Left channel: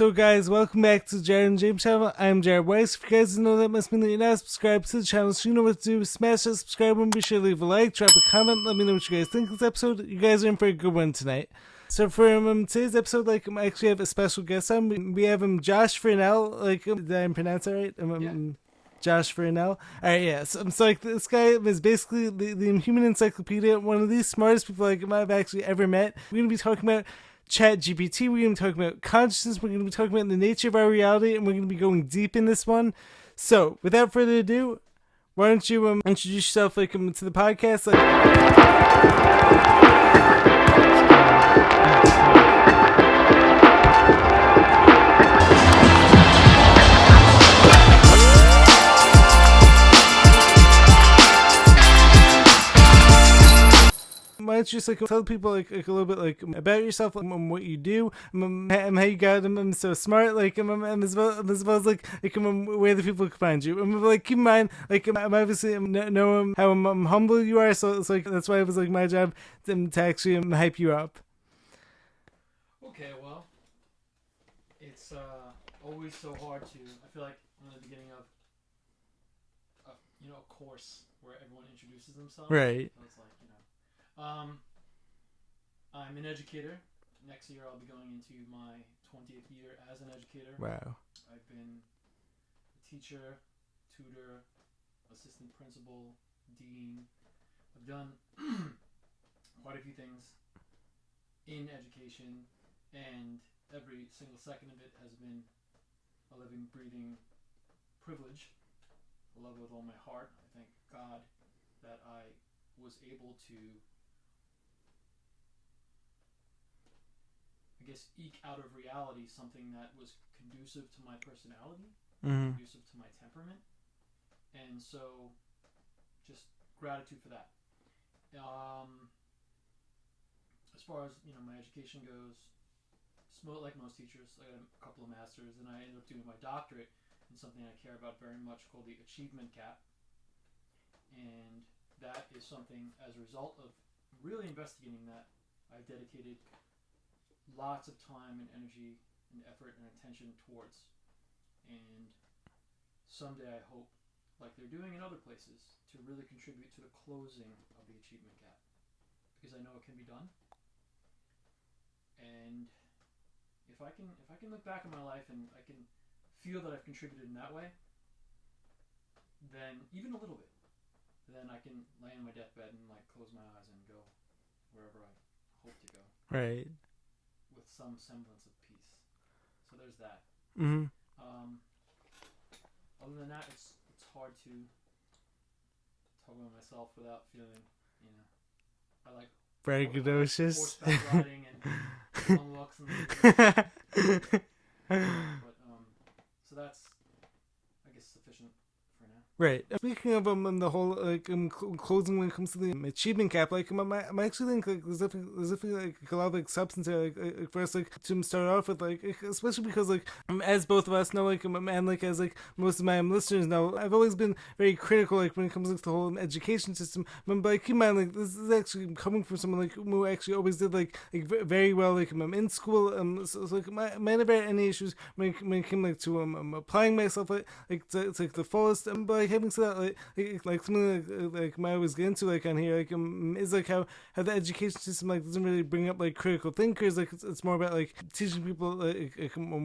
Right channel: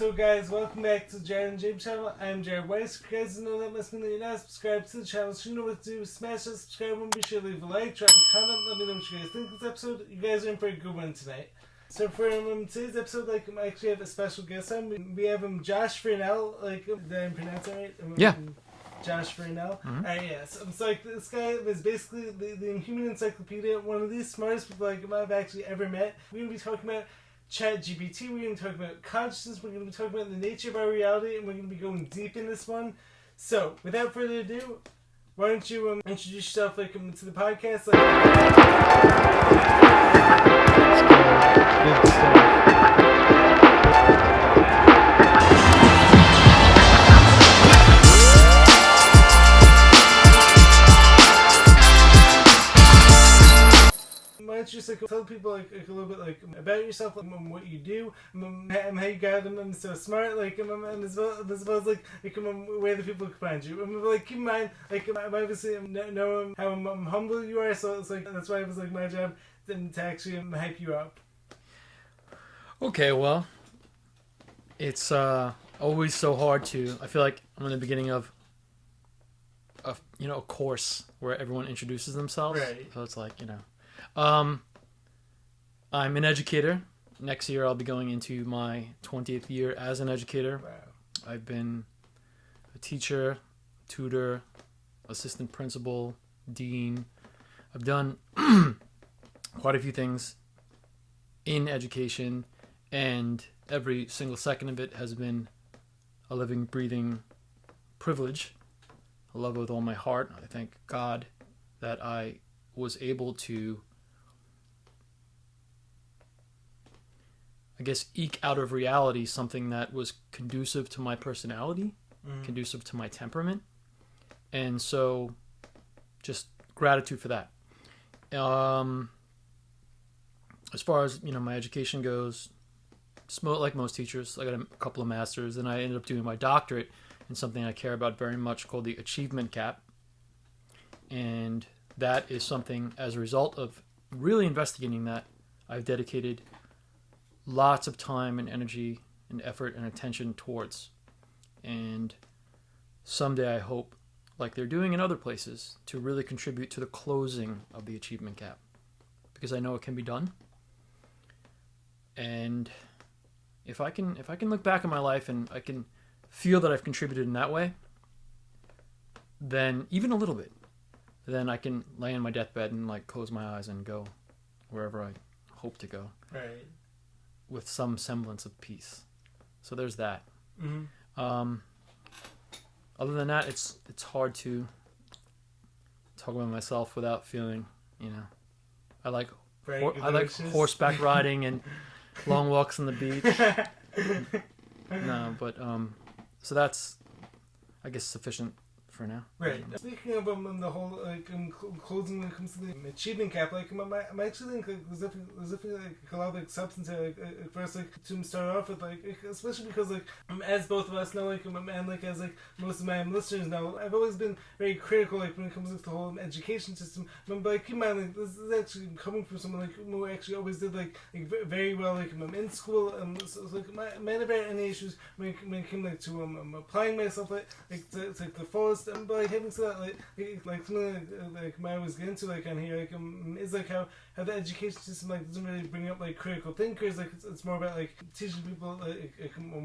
So guys, welcome back to Jared and James channel. I'm Jared Weiss. If you guys didn't know, that must mean that you're not subscribed to the channel, so you know what to do. Smash that subscribe button, be sure to leave a like, drop a comment, let me know what you guys think of this episode. You guys are in for a good one tonight. So for today's episode, I actually have a special guest on. We have Josh Furnell. Did I pronounce that right? Yeah. Josh Furnell. Mm-hmm. Alright, yeah. So this guy is basically the human encyclopedia, one of the smartest people I've actually ever met. We're going to be talking about Chat GPT, we're going to be talking about consciousness, we're going to be talking about the nature of our reality, and we're going to be going deep in this one. So, without further ado, why don't you introduce yourself to the podcast? Why don't you just tell people a little bit about yourself, what you do, and how you got so smart, as well as where the people can find you. Keep in mind, I'm obviously know how humble you are, so it's that's why it was my job to actually hype you up. Okay, well, it's always so hard to. I feel like I'm in the beginning of a course where everyone introduces themselves, right? So it's I'm an educator. Next year I'll be going into my 20th year as an educator. Wow. I've been a teacher, tutor, assistant principal, dean. I've done quite a few things in education, and every single second of it has been a living, breathing privilege. I love it with all my heart. I thank God that I was able to eke out of reality something that was conducive to my personality, conducive to my temperament. And so just gratitude for that. As far as, my education goes, like most teachers, I got a couple of masters, and I ended up doing my doctorate in something I care about very much called the achievement gap. And that is something, as a result of really investigating that, I've dedicated lots of time and energy and effort and attention towards. And someday I hope, like they're doing in other places, to really contribute to the closing of the achievement gap, because I know it can be done. And if I can look back on my life and I can feel that I've contributed in that way, then even a little bit, then I can lay in my deathbed and close my eyes and go wherever I hope to go. Right. With some semblance of peace. So there's that. Mm-hmm. Other than that, it's hard to talk about myself without feeling, I like horseback riding and long walks on the beach. So that's, I guess, sufficient for now. Right. Speaking of the whole closing when it comes to the achievement gap, I actually think there's definitely a lot of substance here, for us to start off with, especially because as both of us know, and as most of my listeners know, I've always been very critical when it comes to the whole education system. But keep in mind, this is actually coming from someone who actually always did very well in school. So I never had any issues when it came to applying myself to the fullest. But having said that, something I always get into on here is how the education system doesn't really bring up critical thinkers. It's more about teaching people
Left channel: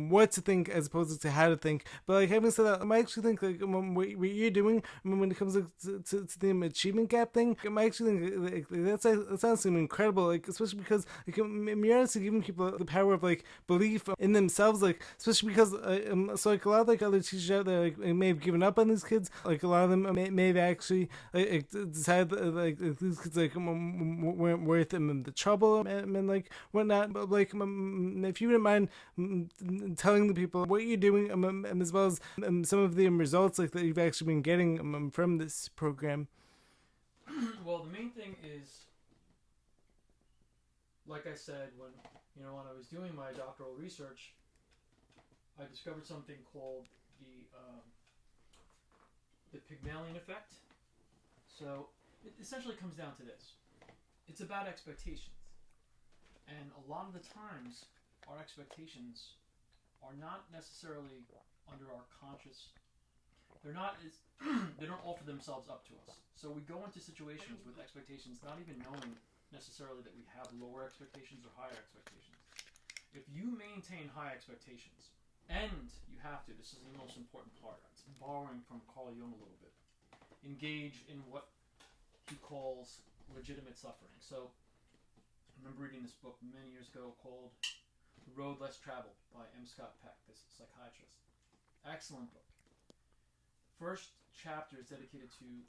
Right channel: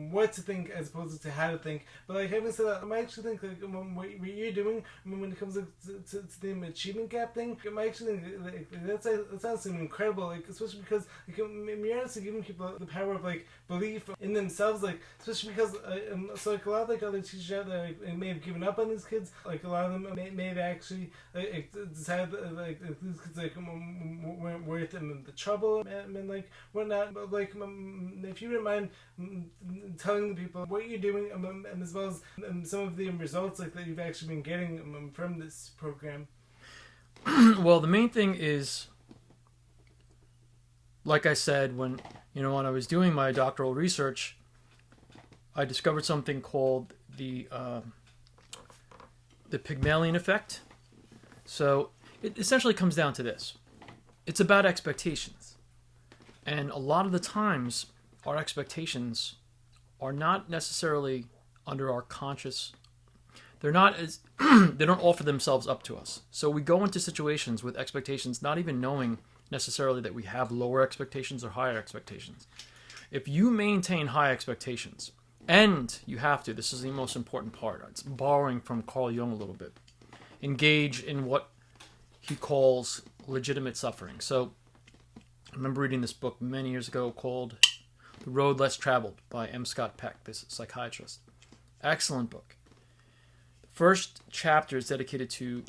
what to think as opposed to how to think. But having said that, I actually think what you're doing when it comes to the achievement gap thing, I actually think that sounds incredible. Especially because you're honestly giving people the power of belief in themselves. Especially because so a lot of other teachers out there may have given up on these kids. A lot of them may have actually decided these kids weren't worth the trouble and whatnot. But if you wouldn't mind telling the people what you're doing, as well as some of the results that you've actually been getting from this program. Well, the main thing is, like I said, when I was doing my doctoral research, I discovered something called the Pygmalion effect. So it essentially comes down to this. It's about expectations. And a lot of the times, our expectations are not necessarily under our conscious. They're not as they don't offer themselves up to us. So we go into situations with expectations, not even knowing necessarily that we have lower expectations or higher expectations. If you maintain high expectations, and you have to, this is the most important part. It's borrowing from Carl Jung a little bit. Engage in what he calls legitimate suffering. So I remember reading this book many years ago called The Road Less Traveled by M. Scott Peck, this psychiatrist. Excellent book. The first chapter is dedicated to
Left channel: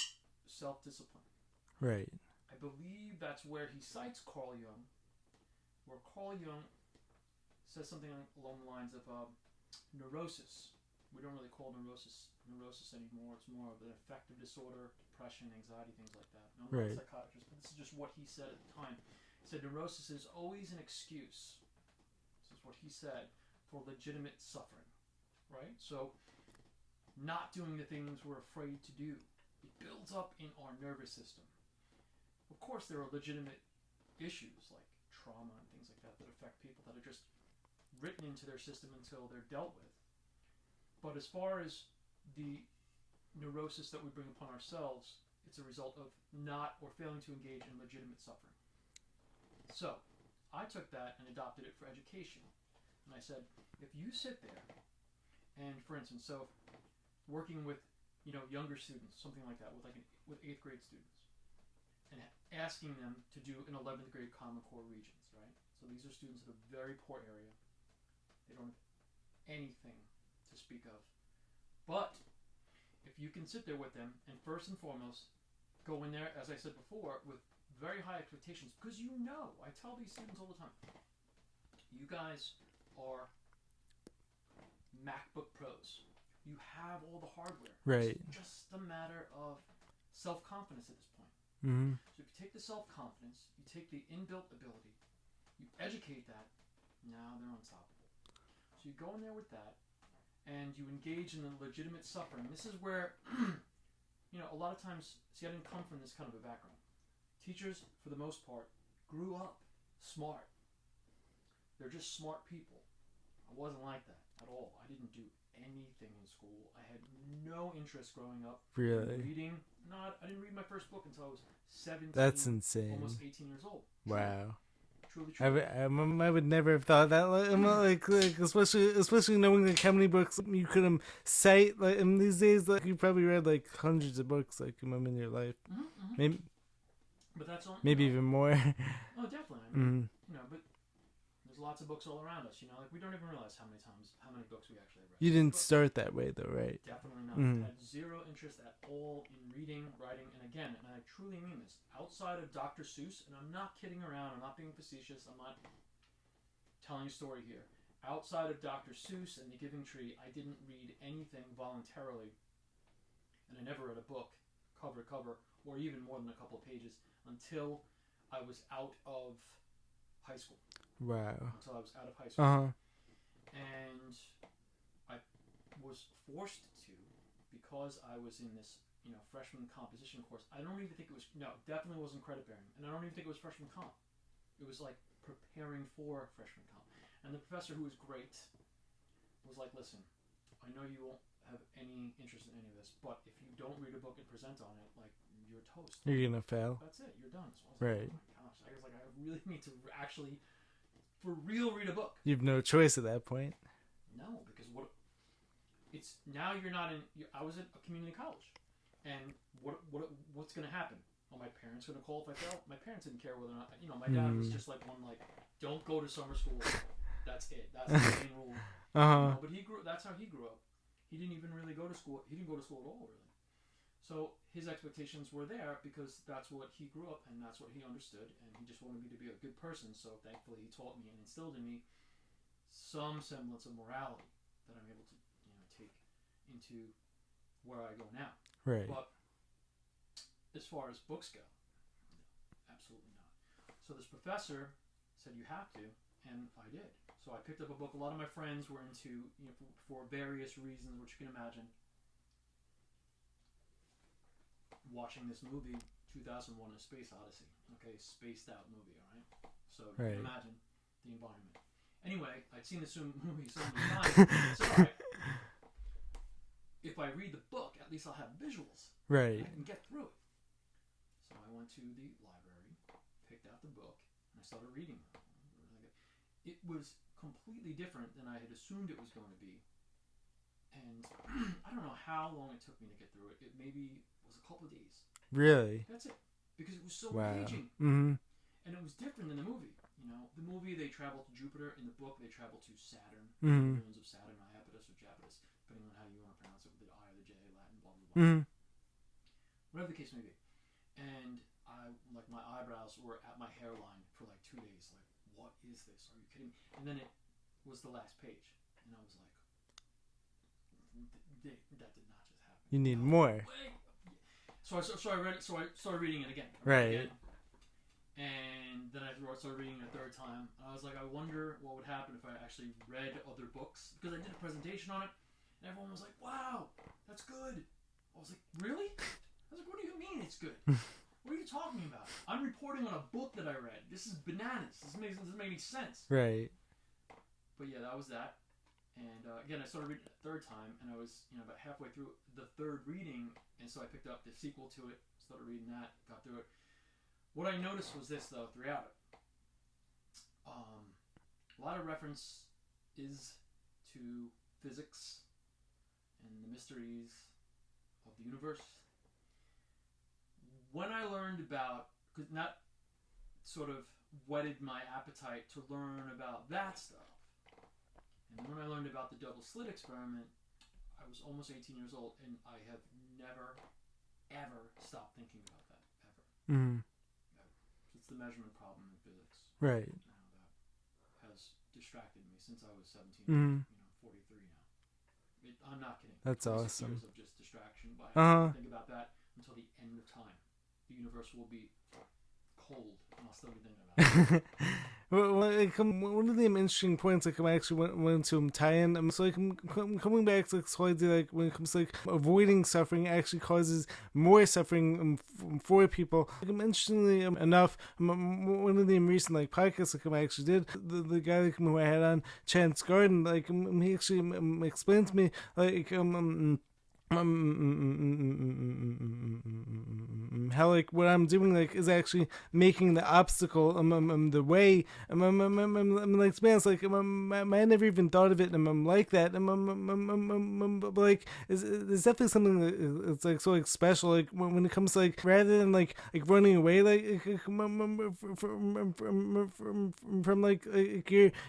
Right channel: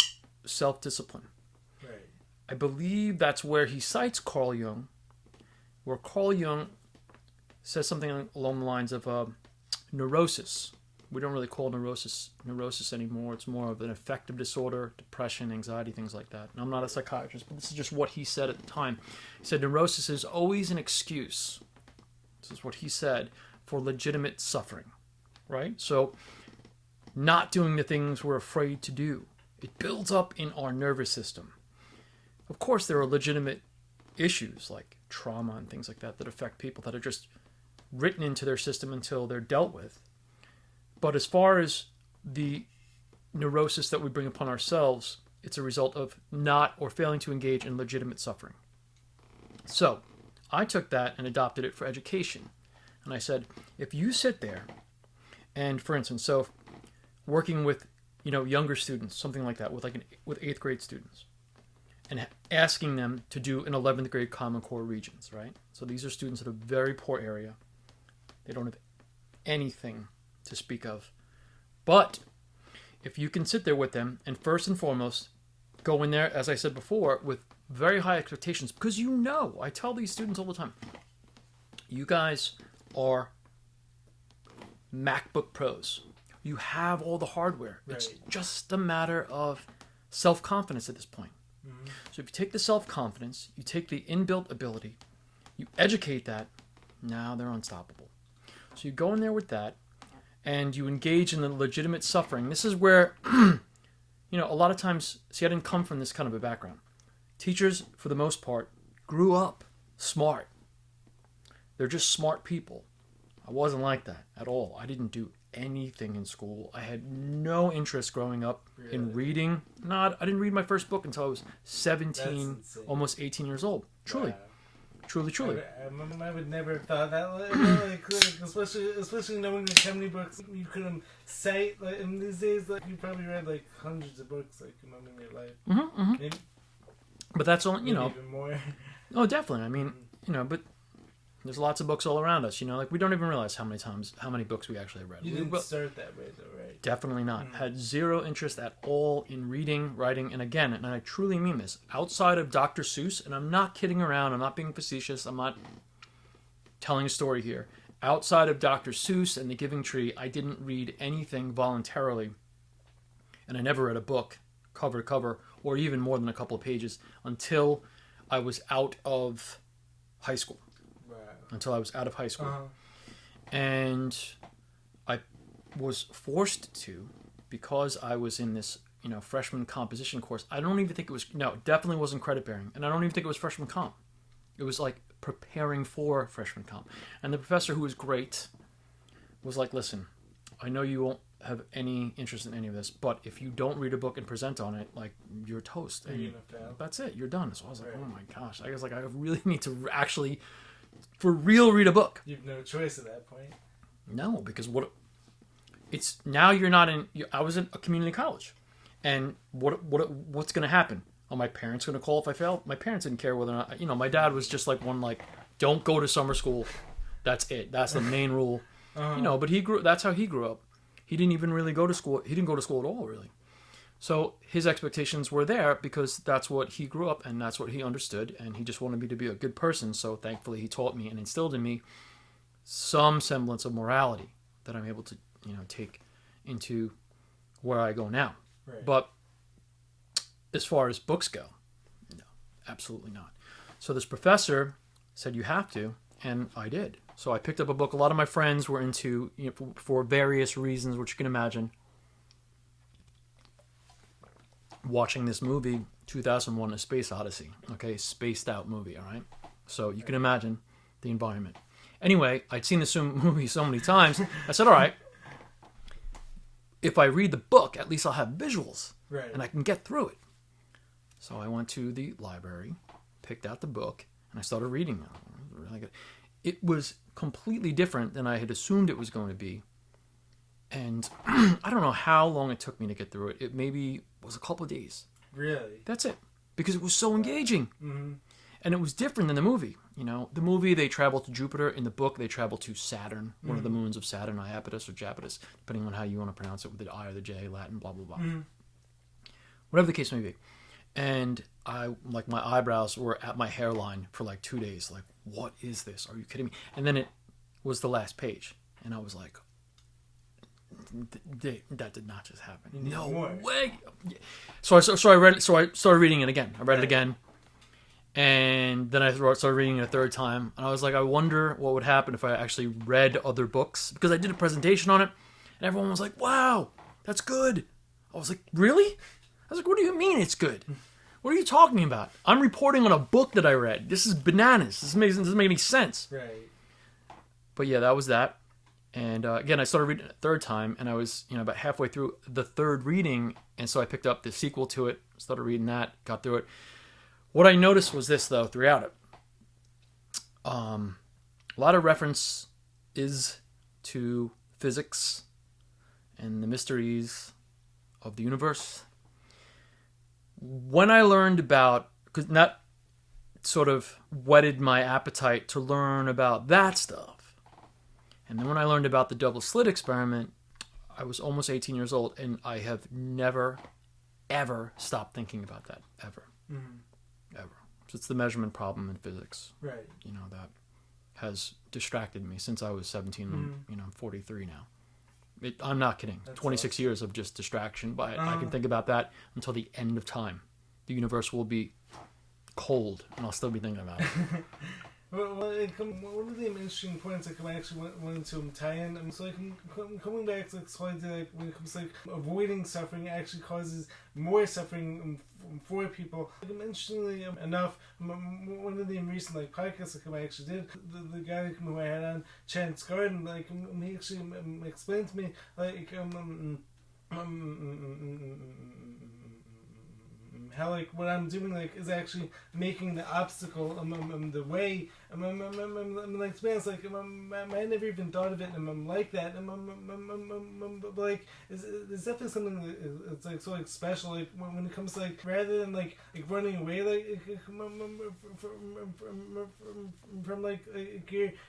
self-discipline. Right. I believe that's where he cites Carl Jung, where Carl Jung says something along the lines of neurosis. We don't really call neurosis anymore. It's more of an affective disorder, depression, anxiety, things like that. And I'm not a psychiatrist, but this is just what he said at the time. He said neurosis is always an excuse. This is what he said for legitimate suffering, right? So not doing the things we're afraid to do. It builds up in our nervous system. Of course, there are legitimate issues like trauma and things like that that affect people that are just written into their system until they're dealt with. But as far as the neurosis that we bring upon ourselves, it's a result of not or failing to engage in legitimate suffering. So I took that and adopted it for education. And I said, if you sit there and, for instance, so working with, younger students, something like that, with 8th grade students, and asking them to do an 11th grade Common Core Regents, right? So these are students in a very poor area. They don't have anything to speak of. But if you can sit there with them and first and foremost go in there, as I said before, with very high expectations, because I tell these students all the time, you guys are MacBook Pros. You have all the hardware. Right. It's just a matter of self-confidence at this point. Mm-hmm. So if you take the self-confidence, you take the inbuilt ability, you educate that, now they're unstoppable. So you go in there with that, and you engage in the legitimate suffering. This is where, a lot of times, I didn't come from this kind of a background. Teachers, for the most part, grew up smart. They're just smart people. I wasn't like that at all. I didn't do anything in school. I had no interest growing up in reading. I didn't read my first book until I was 17, almost 18 years old. Truly. Wow. Truly. I would never have thought that. Like especially knowing like how many books you could cite. Like in these days, like you probably read like hundreds of books like in your life. Mm-hmm, mm-hmm. Maybe, but that's only maybe even more. Oh, definitely. I mean, but there's lots of books all around us. Like we don't even realize how many books we actually read. You didn't start that way though, right? Definitely not. Had zero interest at all in reading, writing, and again, and I truly mean this, outside of Dr. Seuss, and I'm not kidding around, I'm not being facetious, I'm not telling a story here. Outside of Dr. Seuss and The Giving Tree, I didn't read anything voluntarily, and I never read a book cover to cover, or even more than a couple of pages, until I was out of high school. Wow. Until I was out of high school. Uh-huh. And I was forced to, because I was in this, freshman composition course. I don't even think it definitely wasn't credit bearing. And I don't even think it was freshman comp. It was like preparing for freshman comp. And the professor, who was great, was like, listen, I know you won't have any interest in any of this, but if you don't read a book and present on it, like, you're toast. You're going to fail. That's it. You're done. So I was like, right. Oh my gosh. I was like, I really need to actually, for real, read a book. You've no choice at that point. No, because now you're not in. I was in a community college, and what's going to happen? Are my parents going to call if I fail? My parents didn't care whether or not. My dad was just like don't go to summer school. That's it. That's the main rule. Uh-huh. But that's how he grew up. He didn't even really go to school. He didn't go to school at all, really. So his expectations were there because that's what he grew up and that's what he understood, and he just wanted me to be a good person. So thankfully, he taught me and instilled in me some semblance of morality that I'm able to, take into where I go now. Right. But as far as books go, no, absolutely not. So this professor said you have to, and I did. So I picked up a book. A lot of my friends were into, for various reasons, which you can imagine, watching this movie, 2001: A Space Odyssey. Okay, spaced out movie. All right. So you can imagine the environment. Anyway, I'd seen this movie so many times. I said, all right, if I read the book, at least I'll have visuals. Right. And I can get through it. So I went to the library, picked out the book, and I started reading it. It was really good. It was completely different than I had assumed it was going to be. And I don't know how long it took me to get through it. It maybe was a couple of days. Really? That's it. Because it was so engaging. Mm-hmm. And it was different than the movie. You know, the movie, they travel to Jupiter. In the book, they travel to Saturn, one of the moons of Saturn, Iapetus or Japetus, depending on how you want to pronounce it with the I or the J, Latin, blah, blah, blah. Mm-hmm. Whatever the case may be. And my eyebrows were at my hairline for like 2 days. Like, what is this? Are you kidding me? And then it was the last page. And I was like, that did not just happen. You need no more. Way. So I read it. So I started reading it again. I read it again. And then I started reading it a third time. And I was like, I wonder what would happen if I actually read other books. Because I did a presentation on it. And everyone was like, wow, that's good. I was like, really? I was like, what do you mean it's good? What are you talking about? I'm reporting on a book that I read. This is bananas. This doesn't make any sense. Right. But yeah, that was that. And again, I started reading it a third time. And I was about halfway through the third reading. And so I picked up the sequel to it. Started reading that. Got through it. What I noticed was this, though, throughout it. A lot of reference is to physics and the mysteries of the universe. When I learned about, because that sort of whetted my appetite to learn about that stuff. And then when I learned about the double slit experiment, I was almost 18 years old, and I have never, ever stopped thinking about that, ever. Mm-hmm. Ever. So it's the measurement problem in physics. Right. That has distracted me since I was 17. Mm-hmm. I'm 43 now. I'm not kidding. That's 26 awesome. years of just distraction. But I can think about that until the end of time. The universe will be cold, and I'll still be thinking about it. Well, one of the interesting points I actually went to tie in. So coming back to the idea, when it comes to avoiding suffering, actually causes more suffering for people. Interestingly enough, one of the recent podcasts I actually did, the guy who I had on, Chance Garden, he actually explained to me how what I'm doing is actually making the obstacle the way. To be honest, I never even thought of it. I'm like that. But it's definitely something that it's so special. When it comes to rather than running away from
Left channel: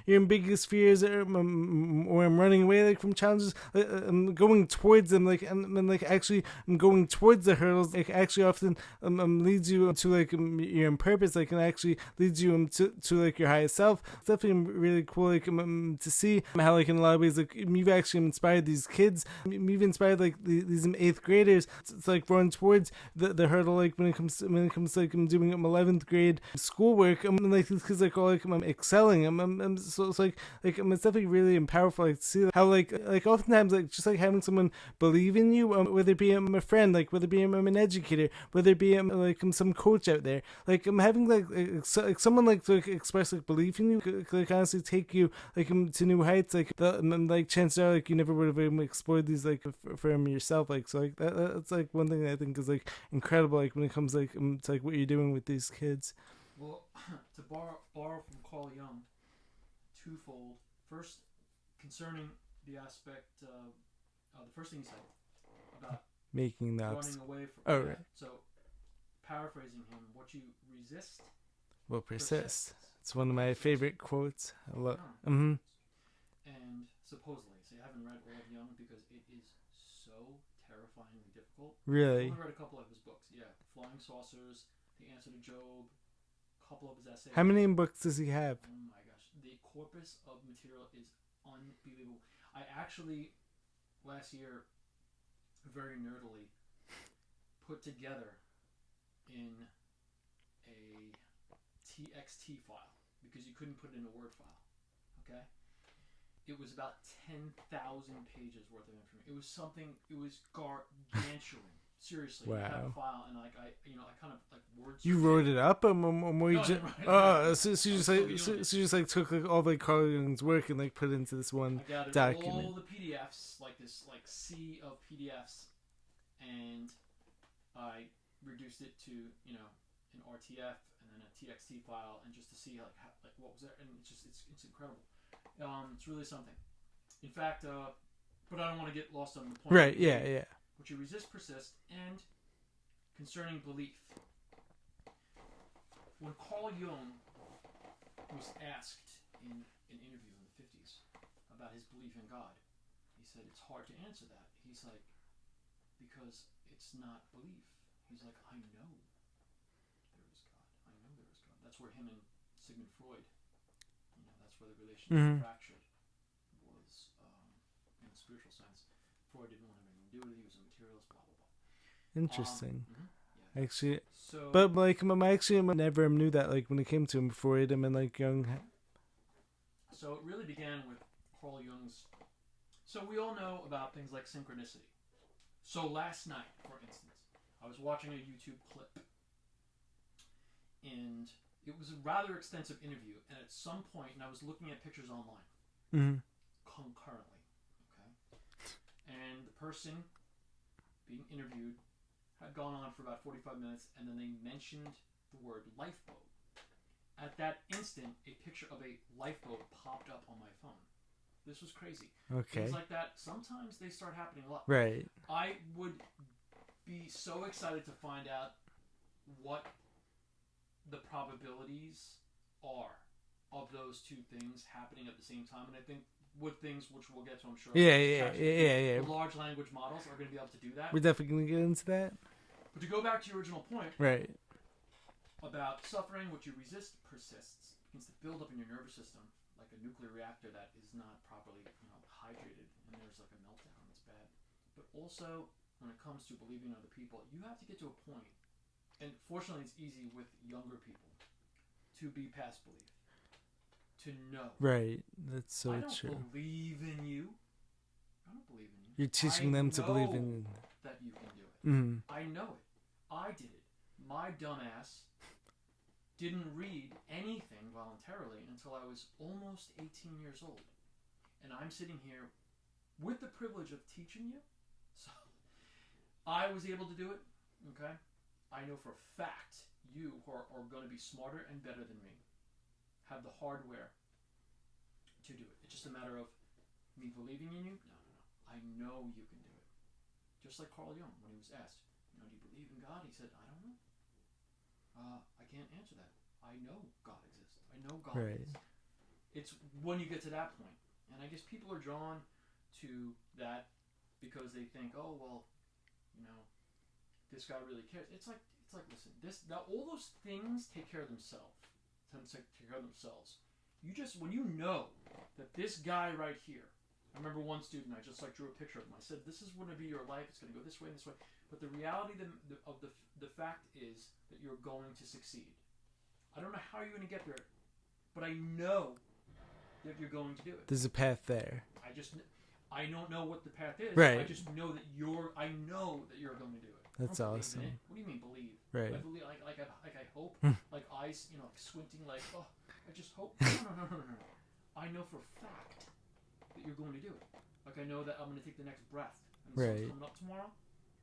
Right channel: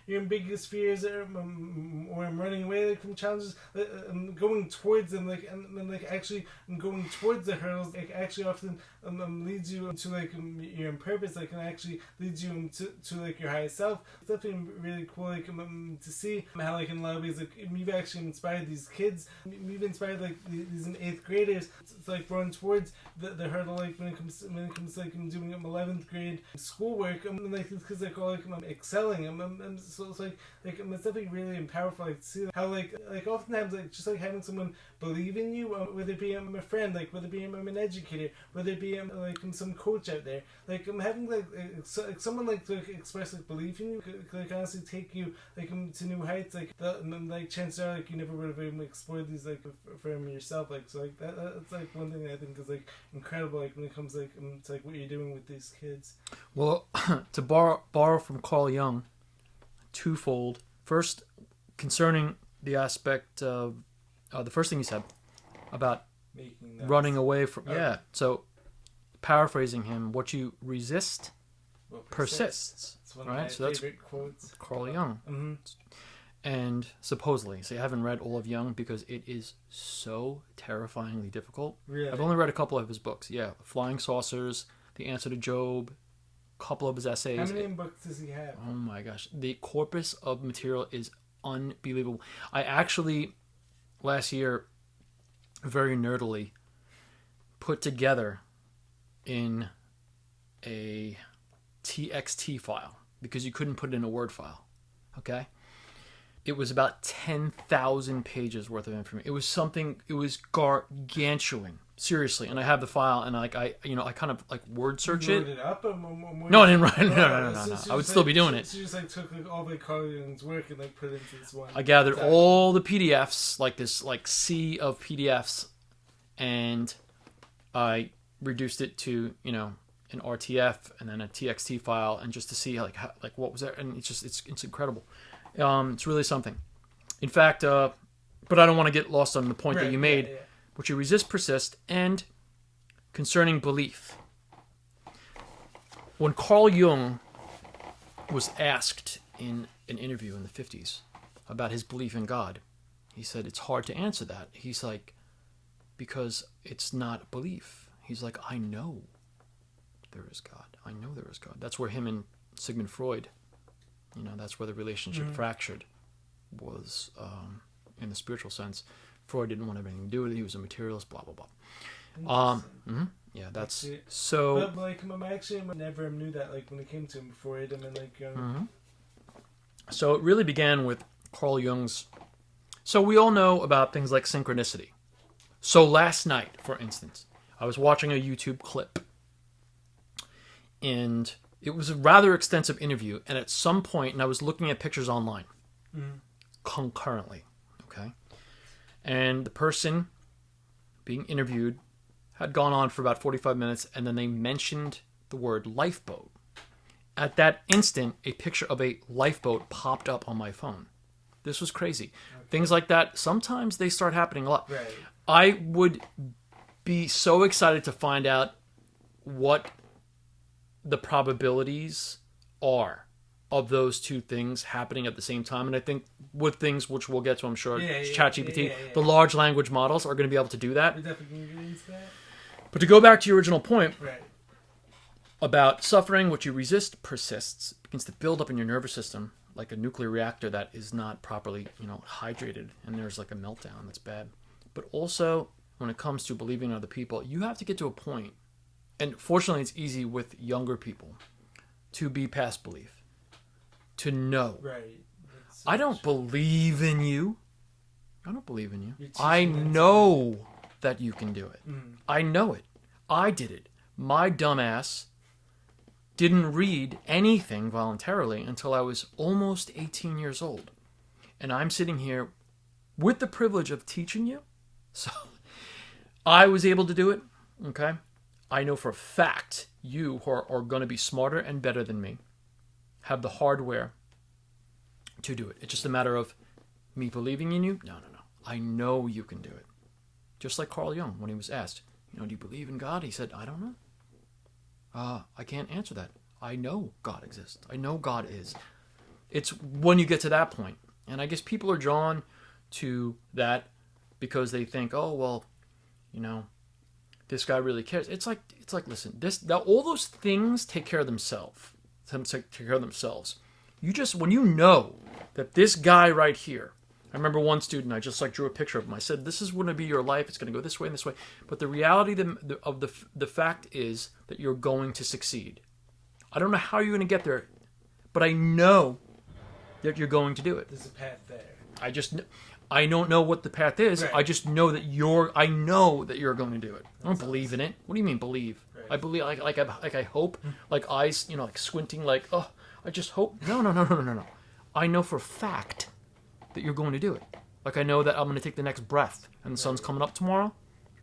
your biggest fears, or I'm running away from challenges. I'm going towards them and actually I'm going towards the hurdles. Actually often leads you to your purpose, and actually leads you to your highest self. It's definitely really cool to see how in a lot of ways you've actually inspired these kids. You've inspired these 8th graders to run towards the hurdle when it comes to doing 11th grade schoolwork. These kids all excelling. So it's it's definitely really powerful to see how oftentimes just having someone believe in you, whether it be a friend, whether it be an educator, whether it be some coach out there, I'm having someone to express belief in you, could honestly take you to new heights. Chances are you never would have explored these for yourself. So that's one thing that I think is incredible. When it comes to what you're doing with these kids. Well, to borrow from Carl Jung, twofold. First, concerning the aspect of the first thing he said about making that running away from So paraphrasing him, what you resist persists. It's one of my favorite quotes. Carl Jung. Mm-hmm. And supposedly, I haven't read all of Jung because it is so terrifyingly difficult. Really? I've only read a couple of his books. Yeah, Flying Saucers, The Answer to Job, a couple of his essays. How many books does he have? Oh my gosh. The corpus of material is unbelievable. I actually, last year, very nerdily, put together in a TXT file because you couldn't put it in a Word file. Okay? It was about 10,000 pages worth of information. It was something. It was gargantuan. Seriously, and I have the file, and I kind of like word search you wrote it. it up? No, I didn't write it. No. So I would still be doing it. So you just like took like all like Carl Jung's work and like put it into this one. I gathered document. all the PDFs, like this like sea of PDFs, and I reduced it to an RTF and then a TXT file, and just to see like what was there, and it's incredible. It's really something. In fact, but I don't want to get lost on the point that you made. Yeah. Which you resist, persist, and concerning belief. When Carl Jung was asked in an interview in the 50s about his belief in God, he said, it's hard to answer that. He's like, because it's not belief. He's like, I know there is God. I know there is God. That's where him and Sigmund Freud, that's where the relationship fractured, was in the spiritual sense. Freud didn't want to have anything to do with it. He was a materialist, blah, blah, blah. Interesting. Yeah, that's... Actually, so... But, like, I actually never knew that, like, when it came to him, Freud, and like, Jung... So it really began with Carl Jung's... So we all know about things like synchronicity. So last night, for instance, I was watching a YouTube clip, and it was a rather extensive interview, and at some point, and I was looking at pictures online concurrently, okay? And the person being interviewed had gone on for about 45 minutes, and then they mentioned the word lifeboat. At that instant, a picture of a lifeboat popped up on my phone. This was crazy. Okay. Things like that, sometimes they start happening a lot. Right. I would be so excited to find out what the probabilities are of those two things happening at the same time. And I think with things which we'll get to, I'm sure, ChatGPT, the large language models are going to be able to do that. We're definitely going to get into that. But to go back to your original point about suffering, which you resist persists, begins to build up in your nervous system like a nuclear reactor that is not properly, hydrated, and there's like a meltdown that's bad. But also, when it comes to believing in other people, you have to get to a point, and fortunately it's easy with younger people, to be past belief. To know. Right. So I don't believe in you. I don't believe in you. I know that you can do it. I know it. I did it. My dumbass didn't read anything voluntarily until I was almost 18 years old. And I'm sitting here with the privilege of teaching you. So I was able to do it. Okay. I know for a fact you who are going to be smarter and better than me have the hardware to do it. It's just a matter of me believing in you. No. I know you can do it. Just like Carl Jung, when he was asked, do you believe in God? He said, I don't know. I can't answer that. I know God exists. I know God is. It's when you get to that point. And I guess people are drawn to that because they think, oh, well, this guy really cares. It's like, listen, all those things take care of themselves. You just, when you know that this guy right here, I remember one student, I just drew a picture of him. I said, this is going to be your life. It's going to go this way and this way. But the reality of the fact is that you're going to succeed. I don't know how you're going to get there, but I know that you're going to do it. There's a path there. I don't know what the path is. Right. I just know that I know that you're going to do it. I don't believe in it. What do you mean believe? Right. I believe, I hope, like eyes, like squinting, like, oh, I just hope. No. I know for a fact that you're going to do it. Like I know that I'm going to take the next breath and the sun's coming up tomorrow.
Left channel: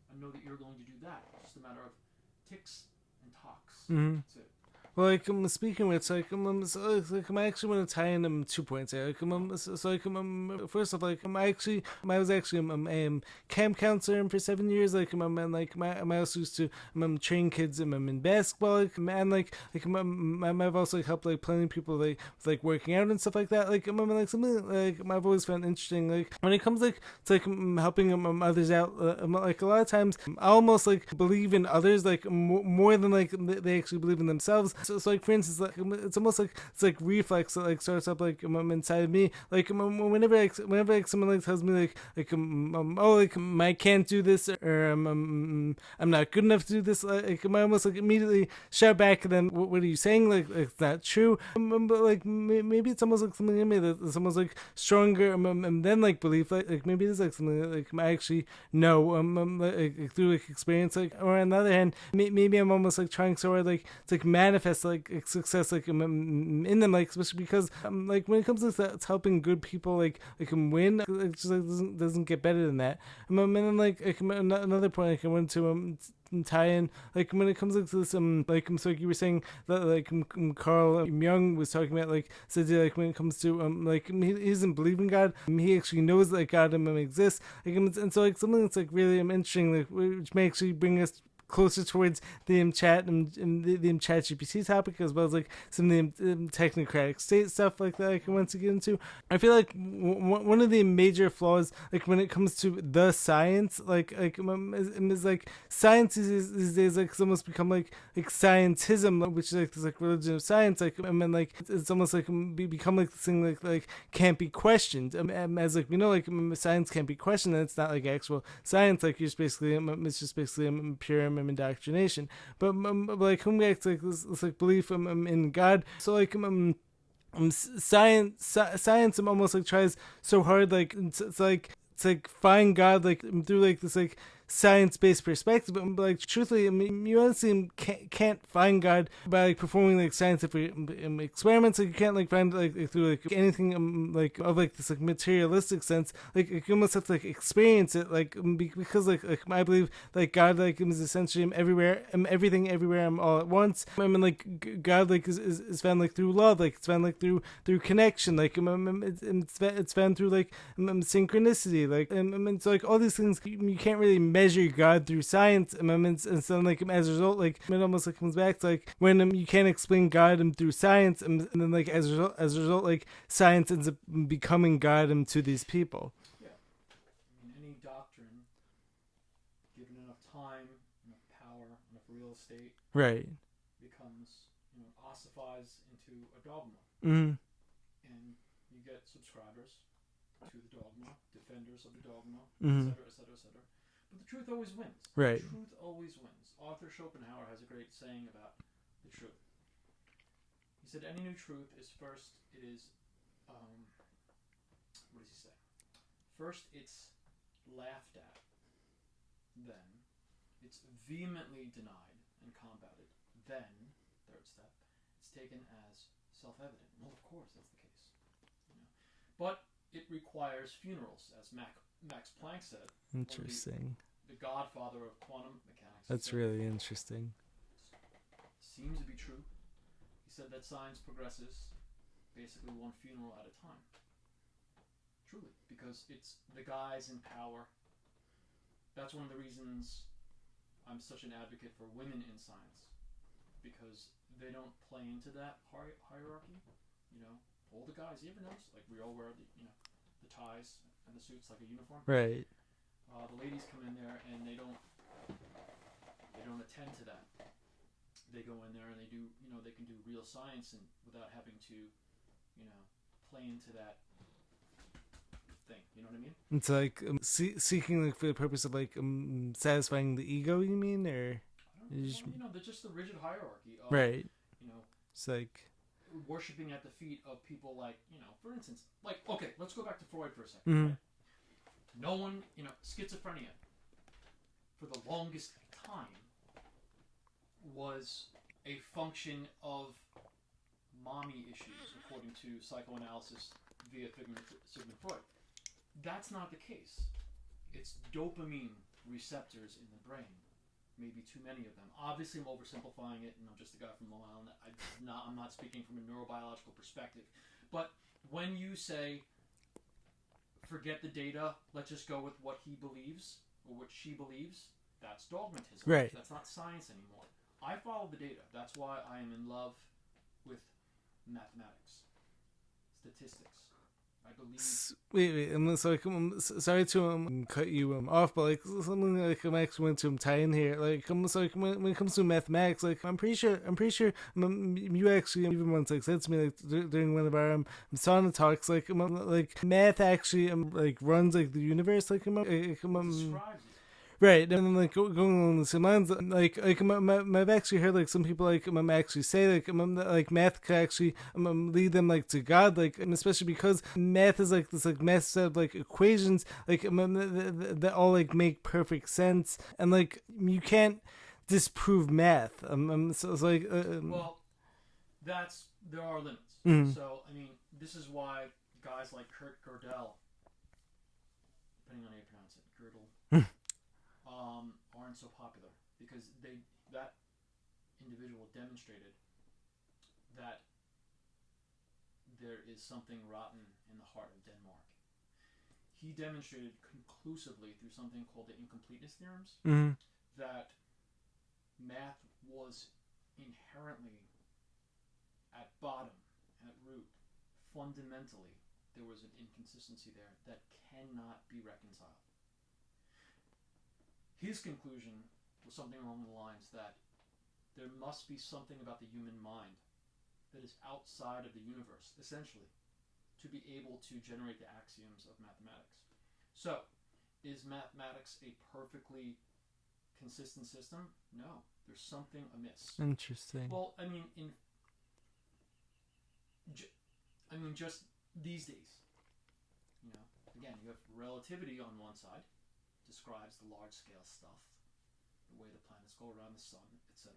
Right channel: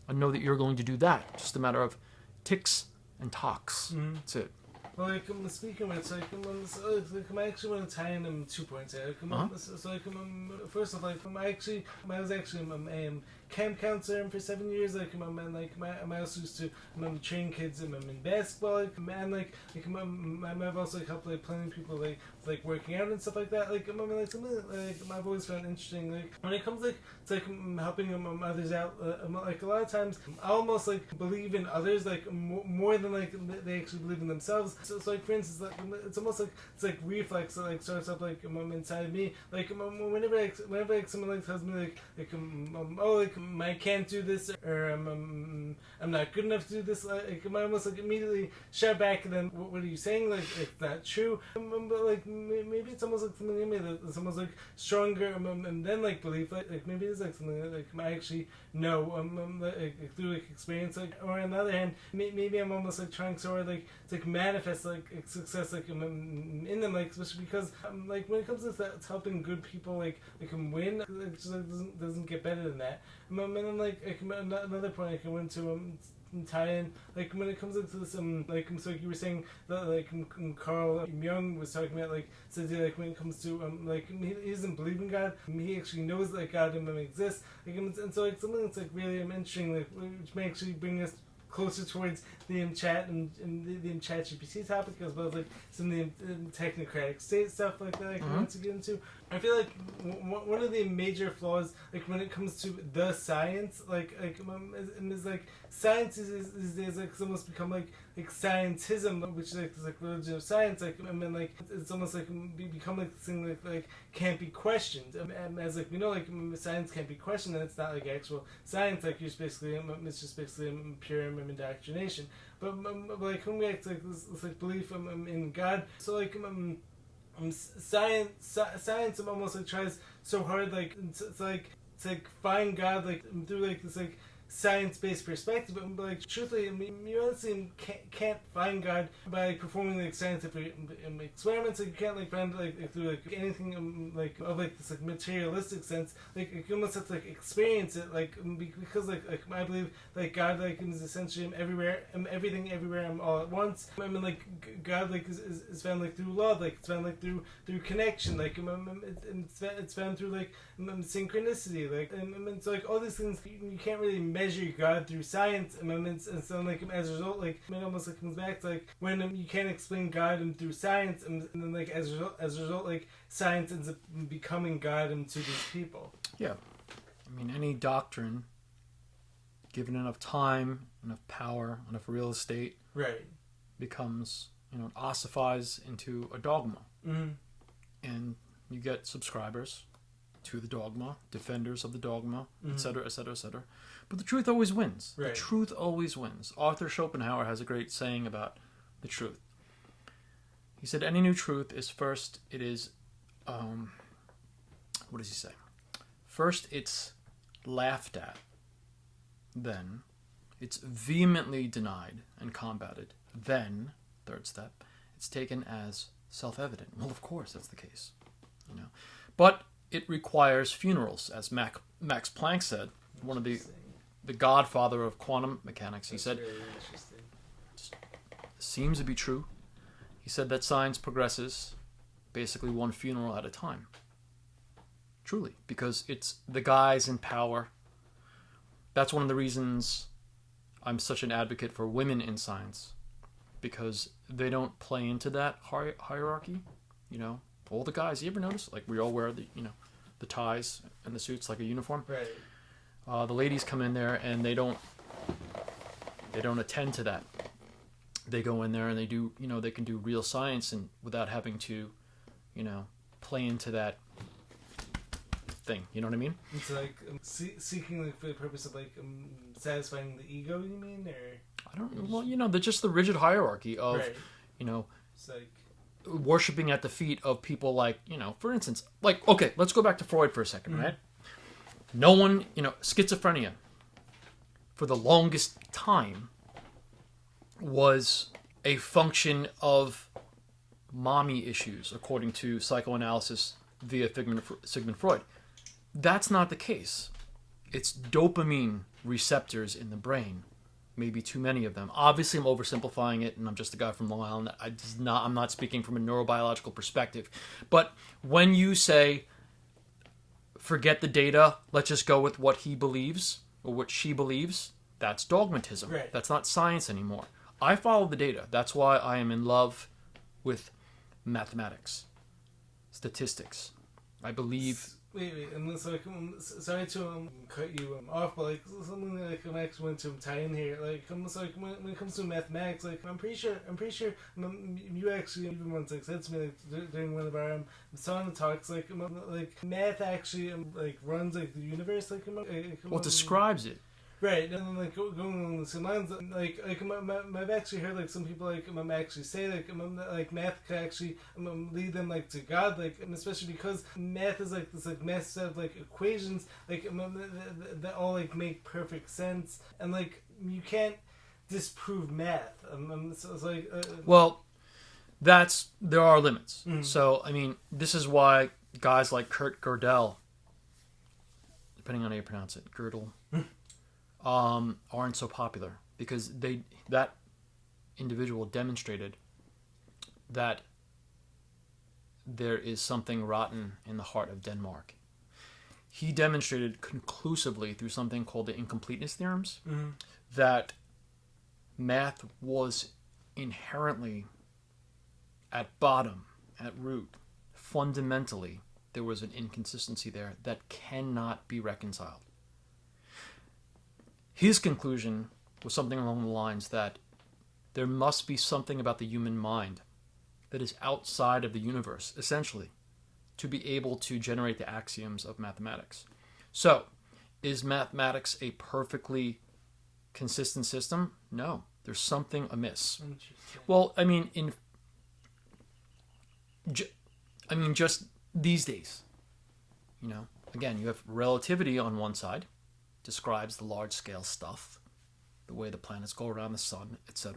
I know that you're going to do that. Just a matter of ticks and talks. That's it. Well, like, speaking of it, I actually want to tie in 2 points here. First off, I was actually camp counselor for 7 years. I also used to train kids in basketball, and I've also helped plenty of people working out and stuff like that. Something I've always found interesting. When it comes to helping others out, a lot of times I almost believe in others more than they actually believe in themselves. So like for instance, like it's almost like it's like reflex that like starts up like inside of me. Like whenever like someone like tells me oh like I can't do this, or I'm not good enough to do this, like I almost like immediately shout back at them, what are you saying? Like it's not true. But like maybe it's almost like something in me that's almost like stronger, and then like belief, like maybe it's like something that, like I actually know like, through like experience, like, or on the other hand, maybe I'm almost like trying so hard like to like manifest like success like in them, like especially because like when it comes to that, it's helping good people like win, like just like doesn't get better than that. And then like another point like I want to tie in, like when it comes to this so like you were saying that like Carl Jung was talking about, like said like when it comes to like he doesn't believe in God, he actually knows that God exists, like, and so like something that's like really interesting, like which may actually bring us closer towards the chat and the chat GPT topic, as well as like some of the technocratic state stuff like that, like I want to get into. I feel like one of the major flaws, like when it comes to the science, is like science is these days like it's almost become like scientism, which is like this like religion of science, like I mean like it's almost like become like this thing like can't be questioned, as like like science can't be questioned, and it's not like actual science, like you're just basically it's just basically pure indoctrination. But like coming back to like this like belief in God, so like science almost like tries so hard like to like find God like through like this like science-based perspective, but like truthfully, I mean, you honestly can't find God by like performing like scientific experiments. Like you can't like find like through like anything like of like this like materialistic sense. Like you almost have to like experience it, like because like I believe like God like is essentially everywhere, everything everywhere, all at once. I mean like God like is found like through love, like it's found like through connection, like it's found through like synchronicity, like and so like all these things you can't really measure God through science, and so like as a result, like it almost like comes back to like when you can't explain God through science, and then like as a result, like science ends up becoming God to these people. Yeah, I mean any doctrine, given enough time, enough power, enough real estate, right, becomes ossifies into a dogma, and you get subscribers to the dogma, defenders of the dogma, mm-hmm. etc., etc., etc. But the truth always wins. Right. The truth always wins. Arthur Schopenhauer has a great saying about the truth. He said, any new truth is first, it is, what does he say? First, it's laughed at. Then, it's vehemently denied and combated. Then, third step, it's taken as self-evident. Well, of course, that's the case. But it requires funerals, as Max Planck said, one of the godfather of quantum mechanics. He said, really interesting. Seems to be true. He said that science progresses basically one funeral at a time. Truly, because it's the guys in power. That's one of the reasons I'm such an advocate for women in science, because they don't play into that hierarchy. All the guys, you ever notice? Like we all wear the ties and the suits like a uniform. Right. The ladies come in there and they don't attend to that. They go in there and they do, they can do real science and without having to, play into that thing. You know what I mean? It's like seeking like for the purpose of like satisfying the ego. You mean, or I don't know. Well, they're just the rigid hierarchy of, right. It's like worshiping at the feet of people like, for instance, like, okay, let's go back to Freud for a second, right? No one, schizophrenia for the longest time was a function of mommy issues, according to psychoanalysis via Sigmund Freud. That's not the case. It's dopamine receptors in the brain. Maybe too many of them. Obviously, I'm oversimplifying it, and I'm just a guy from Long Island. I'm not speaking from a neurobiological perspective. But when you say, forget the data, let's just go with what he believes, or what she believes, that's dogmatism. Right. That's not science anymore. I follow the data. That's why I am in love with mathematics, statistics. I believe Wait, and so sorry to cut you off, but like something like I actually want to tie in here. Like, so like when it comes to mathematics, like I'm pretty sure you actually even once like said to me like during one of our sauna talks, like math actually like runs like the universe, like what describes it. Right, and then like going along the same lines, like I've actually heard like some people like actually say like math could actually lead them like to God, like especially because math is like this like massive set of like equations like that all like make perfect sense, and like you can't disprove math. So it's like well, there are limits. So I mean, this is why guys like Kurt Gödel, depending on how you pronounce it, Gödel. Aren't so popular because that individual demonstrated that there is something rotten in the heart of Denmark. He demonstrated conclusively through something called the incompleteness theorems that math was inherently at bottom, at root, fundamentally, there was an inconsistency there that cannot be reconciled. His conclusion was something along the lines that there must be something about the human mind that is outside of the universe, essentially, to be able to generate the axioms of mathematics. So, is mathematics a perfectly consistent system? No. There's something amiss. Interesting. Well, I mean, just these days, again, you have relativity on one side, describes the large-scale stuff, the way the planets go around the sun, etc.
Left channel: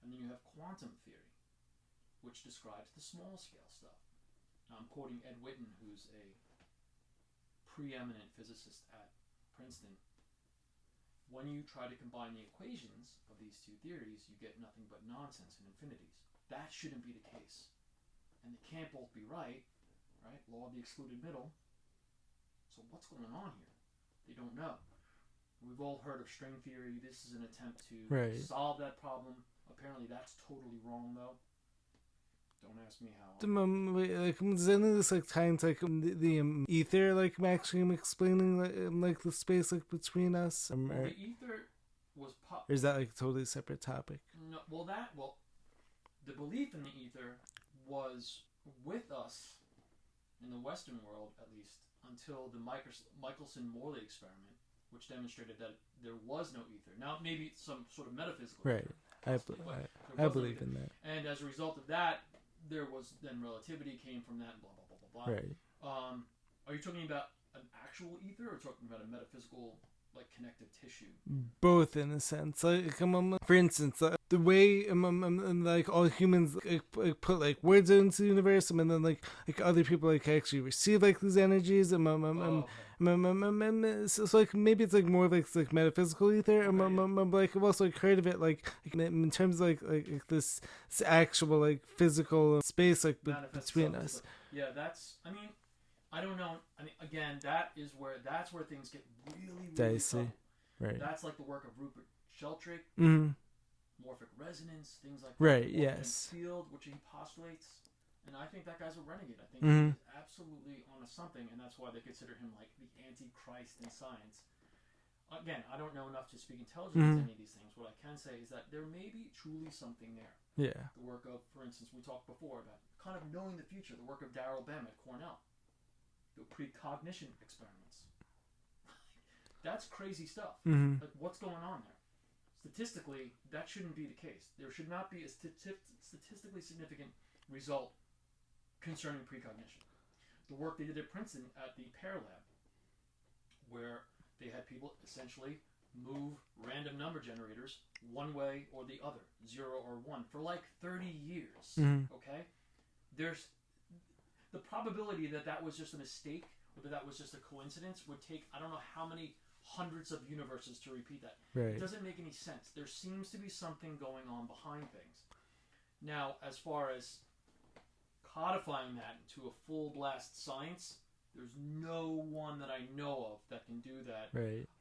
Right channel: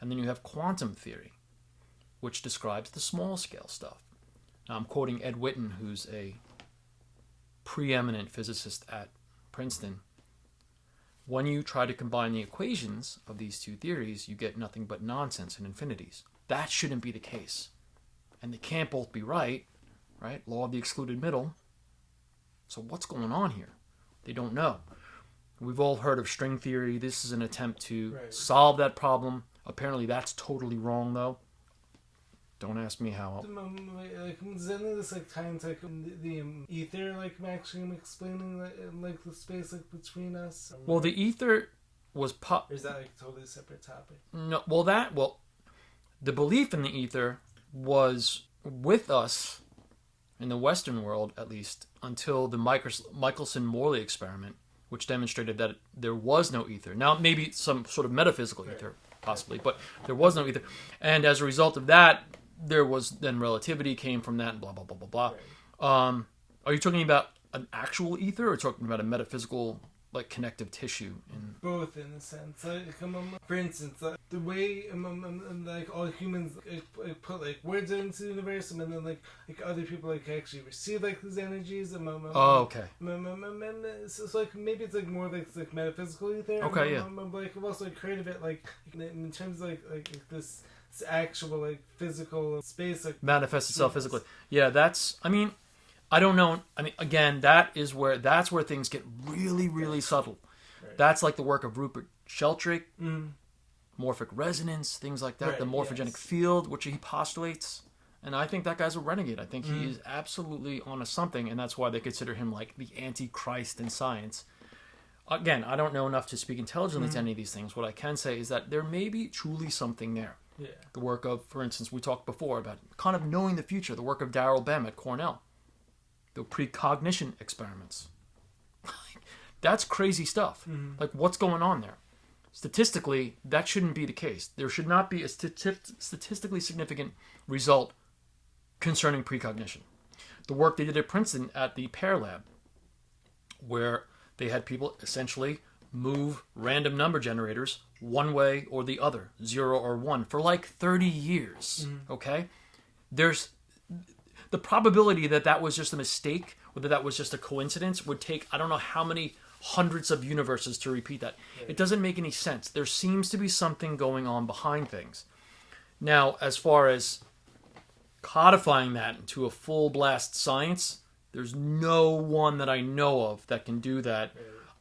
And then you have quantum theory, which describes the small-scale stuff. Now, I'm quoting Ed Witten, who's a preeminent physicist at Princeton. When you try to combine the equations of these two theories, you get nothing but nonsense and infinities. That shouldn't be the case. And they can't both be right? Law of the excluded middle. So what's going on here? They don't know. We've all heard of string theory. This is an attempt to solve that problem. Apparently that's totally wrong, though. Don't ask me how. Does any of this like tie into like the ether, like actually explaining like the space like between us? Well, the ether was or is that like a totally separate topic? No. The belief in the ether was with us in the Western world, at least, until the Michelson-Morley experiment, which demonstrated that there was no ether. Now, maybe some sort of metaphysical ether, possibly, but there was no ether. And as a result of that, there was then relativity came from that, and blah, blah, blah, blah, blah. Are you talking about an actual ether or talking about a metaphysical, like, connective tissue? Both, in a sense. Like, for instance, the way like all humans put like words into the universe, and then like other people like actually receive like these energies. Okay. So like maybe it's like more like metaphysical ether. Okay. But like I've also like heard of it like in terms of like this actual like physical space like manifests itself physically. Yeah, that's. I mean, I don't know. I mean, again, that's where things get really, really subtle. Right. That's like the work of Rupert Sheldrake, morphic resonance, things like that. The morphogenic field, which he postulates. And I think that guy's a renegade. I think he is absolutely onto something, and that's why they consider him like the Antichrist in science. Again, I don't know enough to speak intelligently to any of these things. What I can say is that there may be truly something there. Yeah. The work of, for instance, we talked before about kind of knowing the future, the work of Darrell Bem at Cornell. The precognition experiments. That's crazy stuff. Like, what's going on there? Statistically, that shouldn't be the case. There should not be a statistically significant result concerning precognition. The work they did at Princeton at the Pear Lab, where they had people essentially move random number generators one way or the other, 0 or 1, for like 30 years. Okay? There's the probability that was just a mistake, or that was just a coincidence, would take I don't know how many hundreds of universes to repeat that. It doesn't make any sense. There seems to be something going on behind things. Now, as far as codifying that into a full blast science, there's no one that I know of that can do that.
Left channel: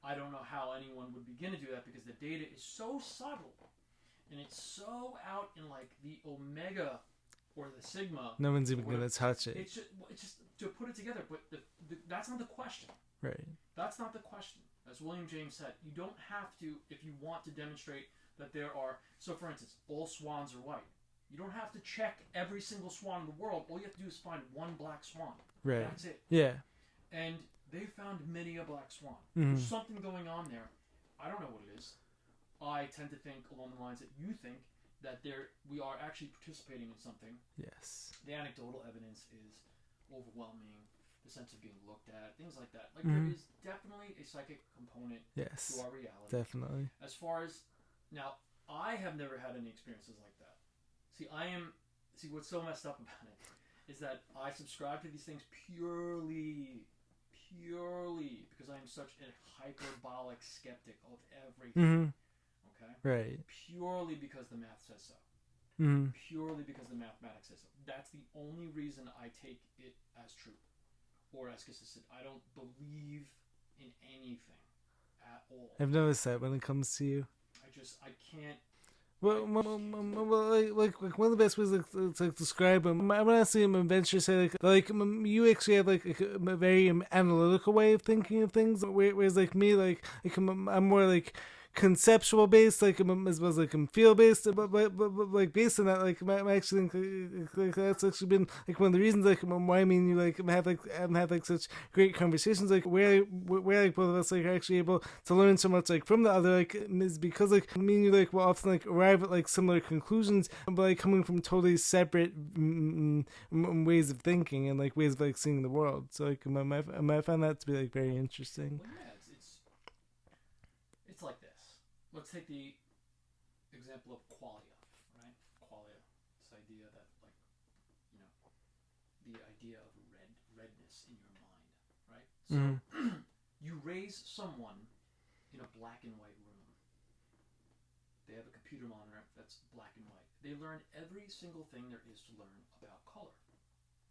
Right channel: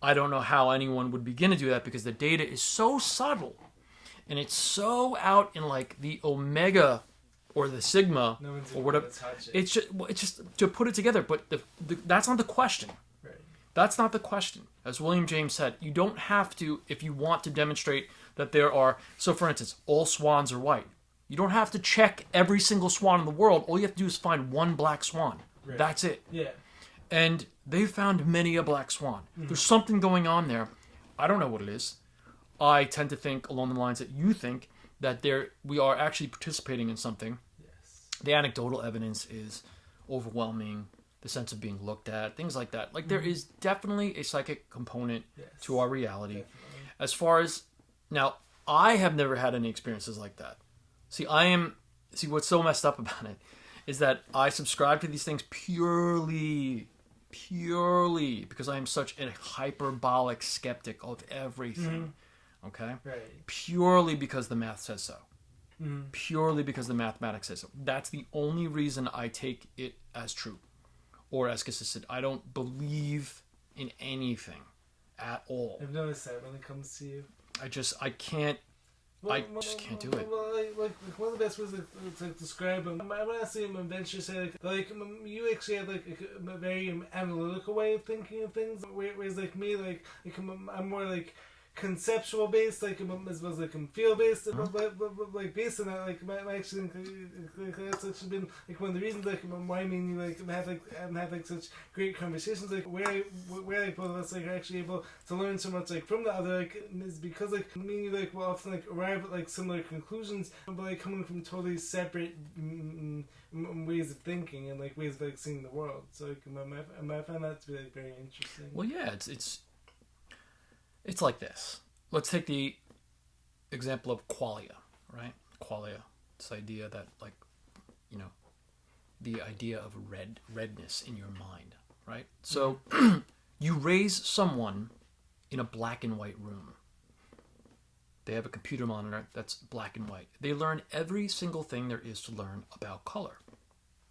I don't know how anyone would begin to do that because the data is so subtle and it's so out in like the omega or the sigma, No one's even or whatever. going to touch it. It's just to put it together. But that's not the question. Right. That's not the question. As William James said, you don't have to, if you want to demonstrate that there are, so for instance, all swans are white. You don't have to check every single swan in the world. All you have to do is find one black swan. Right. That's it. Yeah. And they found many a black swan. There's something going on there. I don't know what it is. I tend to think along the lines that you think, that we are actually participating in something. Yes. The anecdotal evidence is overwhelming. The sense of being looked at, things like that. Like there is definitely a psychic component to our reality. Definitely. As far as now, I have never had any experiences like that. See, what's so messed up about it is that I subscribe to these things purely because I am such a hyperbolic skeptic of everything. Okay? Right. Purely because the math says so. Purely because the mathematics says so. That's the only reason I take it as true or as consistent. I don't believe in anything at all. I've noticed that when it comes to you. I can't. I just can't do it. Well, like one of the best ways to describe him, I want to see him venture say like you actually have like a very analytical way of thinking of things, whereas like me, like I'm more like conceptual based, like as well as like feel based, but like based on that, like I actually think like that's actually been like one of the reasons like why me and you like have like such great conversations, like where like both of us like are actually able to learn so much like from the other, like is because like me and you like will often like arrive at like similar conclusions, but like coming from totally separate ways of thinking and like ways of like seeing the world. So like I find that to be like very interesting. Well, yeah, it's like this. Let's take the example of qualia, right? Qualia, this idea that, like, you know, the idea of redness in your mind, right? So you raise someone in a black and white room. They have a computer monitor that's black and white. They learn every single thing there is to learn about color.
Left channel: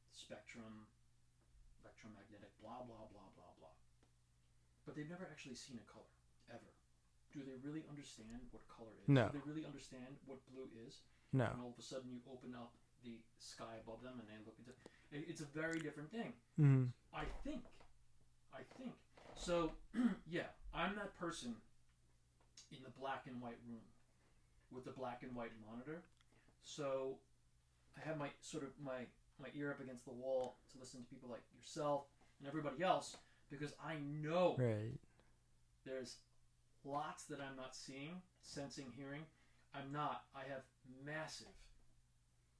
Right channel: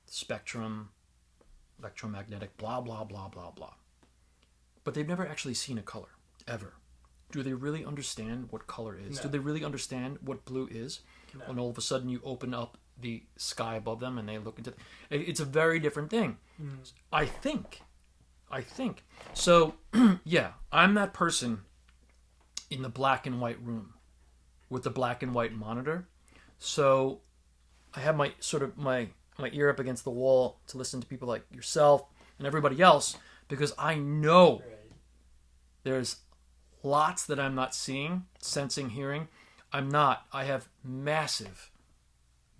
Spectrum, electromagnetic, blah, blah, blah, blah, blah. But they've never actually seen a color, ever. Do they really understand what color is? No. Do they really understand what blue is? No. When all of a sudden you open up the sky above them and they look into it's a very different thing. I think. So, yeah, I'm that person in the black and white room with the black and white monitor. So I have my ear up against the wall to listen to people like yourself and everybody else, because I know there's lots that I'm not seeing, sensing, hearing. I have massive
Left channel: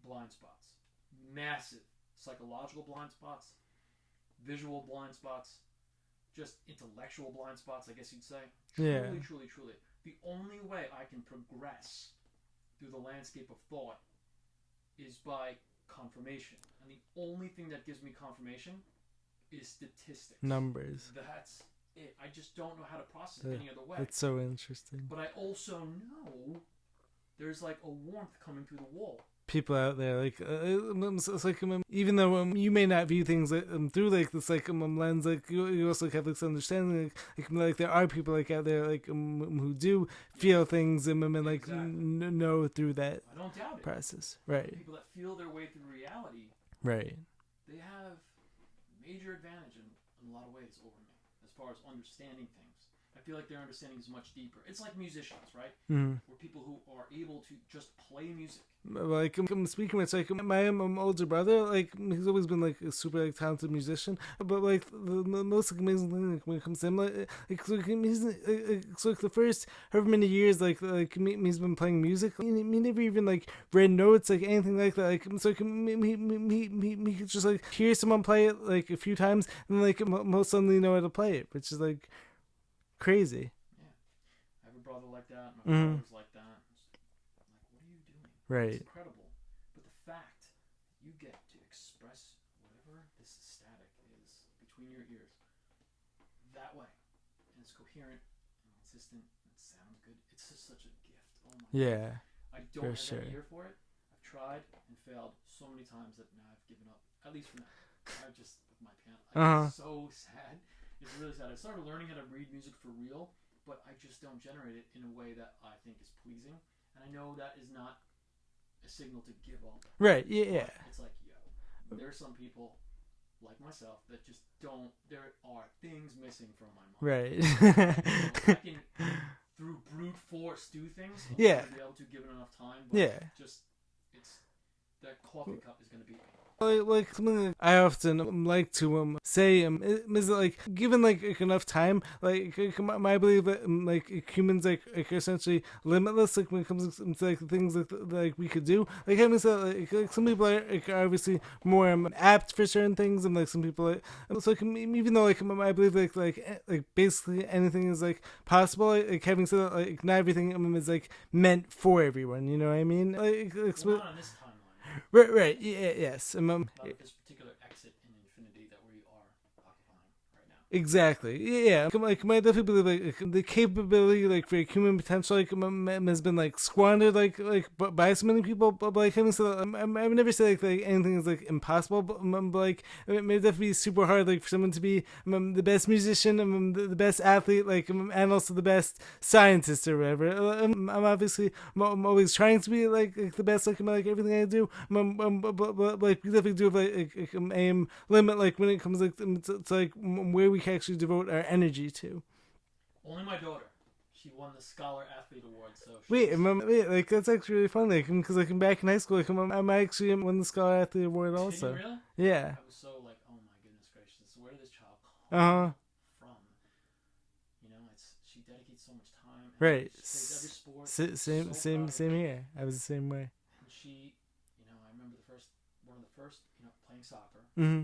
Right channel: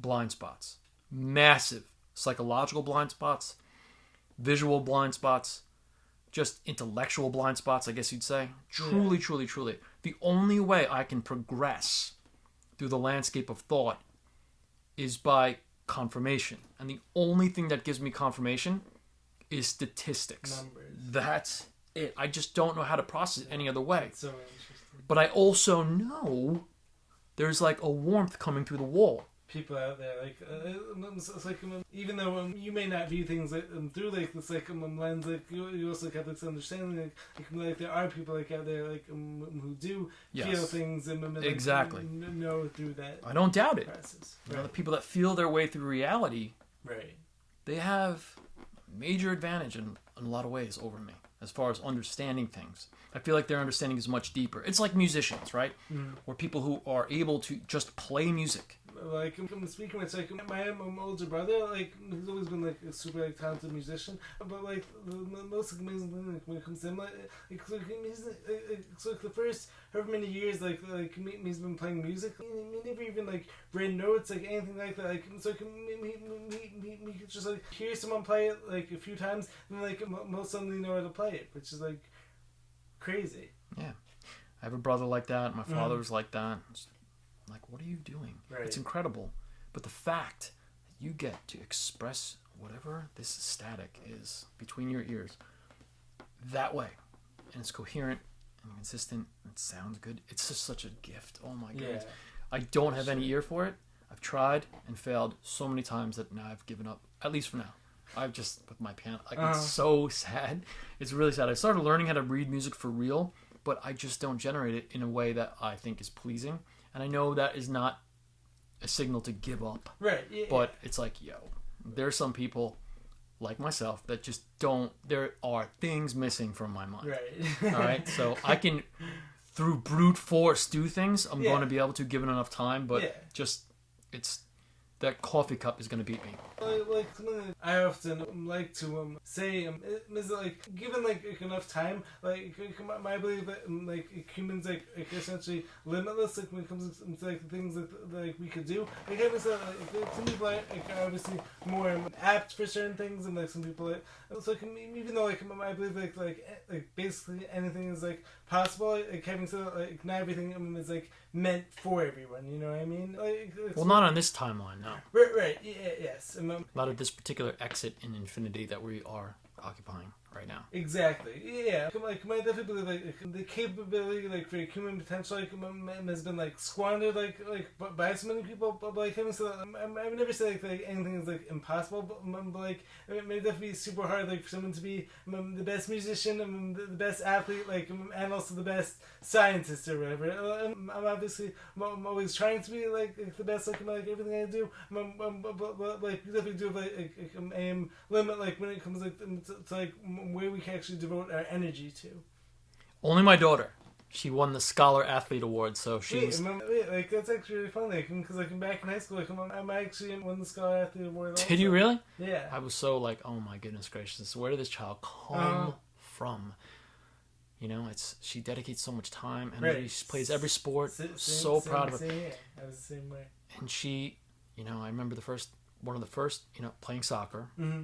blind spots. Massive psychological blind spots, visual blind spots, just intellectual blind spots, I guess you'd say. Truly, truly, truly. The only way I can progress through the landscape of thought is by confirmation. And the only thing that gives me confirmation is statistics. Numbers. That's it. I just don't know how to process it any other way. It's so interesting. But I also know there's like a warmth coming through the wall. People out there, like it's like even though you may not view things like, through like this like lens, like you also have this understanding, like there are people like out there like who do feel things and like exactly know through that. I don't doubt it. Process, right? The people that feel their way through reality, right? They have major advantage in a lot of ways over me as far as understanding things. I feel like their understanding is much deeper. It's like musicians, right? Or people who are able to just play music. Like, I'm speaking with, like, my older brother, like, he's always been, like, a super, like, talented musician. But, like, the most amazing thing, like, when it comes to him, like so the first however many years, he's been playing music, he never even, like, read notes, like, anything like that. Like, so he could just, like, hear someone play it, like, a few times, and, like, most suddenly know how to play it, which is, like, crazy. Yeah. I have a brother like that. My father was like that. It's like, what are you doing? Right. It's incredible. But the fact that you get to express whatever this static is between your ears that way, and it's coherent and consistent and it sounds good, it's just such a gift. Oh my God. I don't have any ear for it. I've tried and failed so many times that now I've given up, at least for now. I've just, with my piano, it's so sad. It's really sad. I started learning how to read music for real, but I just don't generate it in a way that I think is pleasing. And I know that is not a signal to give up. Right. Yeah. But it's like, yo, there are some people like myself that just don't. There are things missing from my mind. Right. All right. So I can, through brute force, do things. I'm going to be able to, given enough time. But just it's. That coffee cup is going to beat me. Like something that I often like to say is like, given like enough time, like my belief that like humans like essentially limitless, like when it comes to like the things like we could do. Like having said, like some people are like obviously more apt for certain things, and like some people so like, even though like I believe like basically anything is like possible. Like having said, like not everything is like meant for everyone. You know what I mean? Well, not on this timeline, no. Right. Yeah, yes. Not at this particular exit in infinity that we are occupying right now. Exactly. Yeah. Like, I definitely believe like the capability like for human potential like has been like squandered like by so many people. But like having said, I would never say like anything is like impossible. But like it may definitely be super hard like for someone to be the best musician, the best athlete, like and also the best scientist or whatever. I'm obviously I'm always trying to be like the best like everything I do. But like we definitely do have like aim limit like when it comes like to like where we can actually devote our energy to. Only my daughter. She won the Scholar Athlete Award, so she's... Wait, like that's actually really fun, like, because like back in high school, like I'm actually won the Scholar Athlete Award also. Did you really? Yeah. I was so like, oh my goodness gracious, where did this child come from? You know, she dedicates so much time, and she plays every sport. So proud of her. Same here. I was the same way. And she, you know, I remember one of the first, you know, playing soccer. Mm-hmm.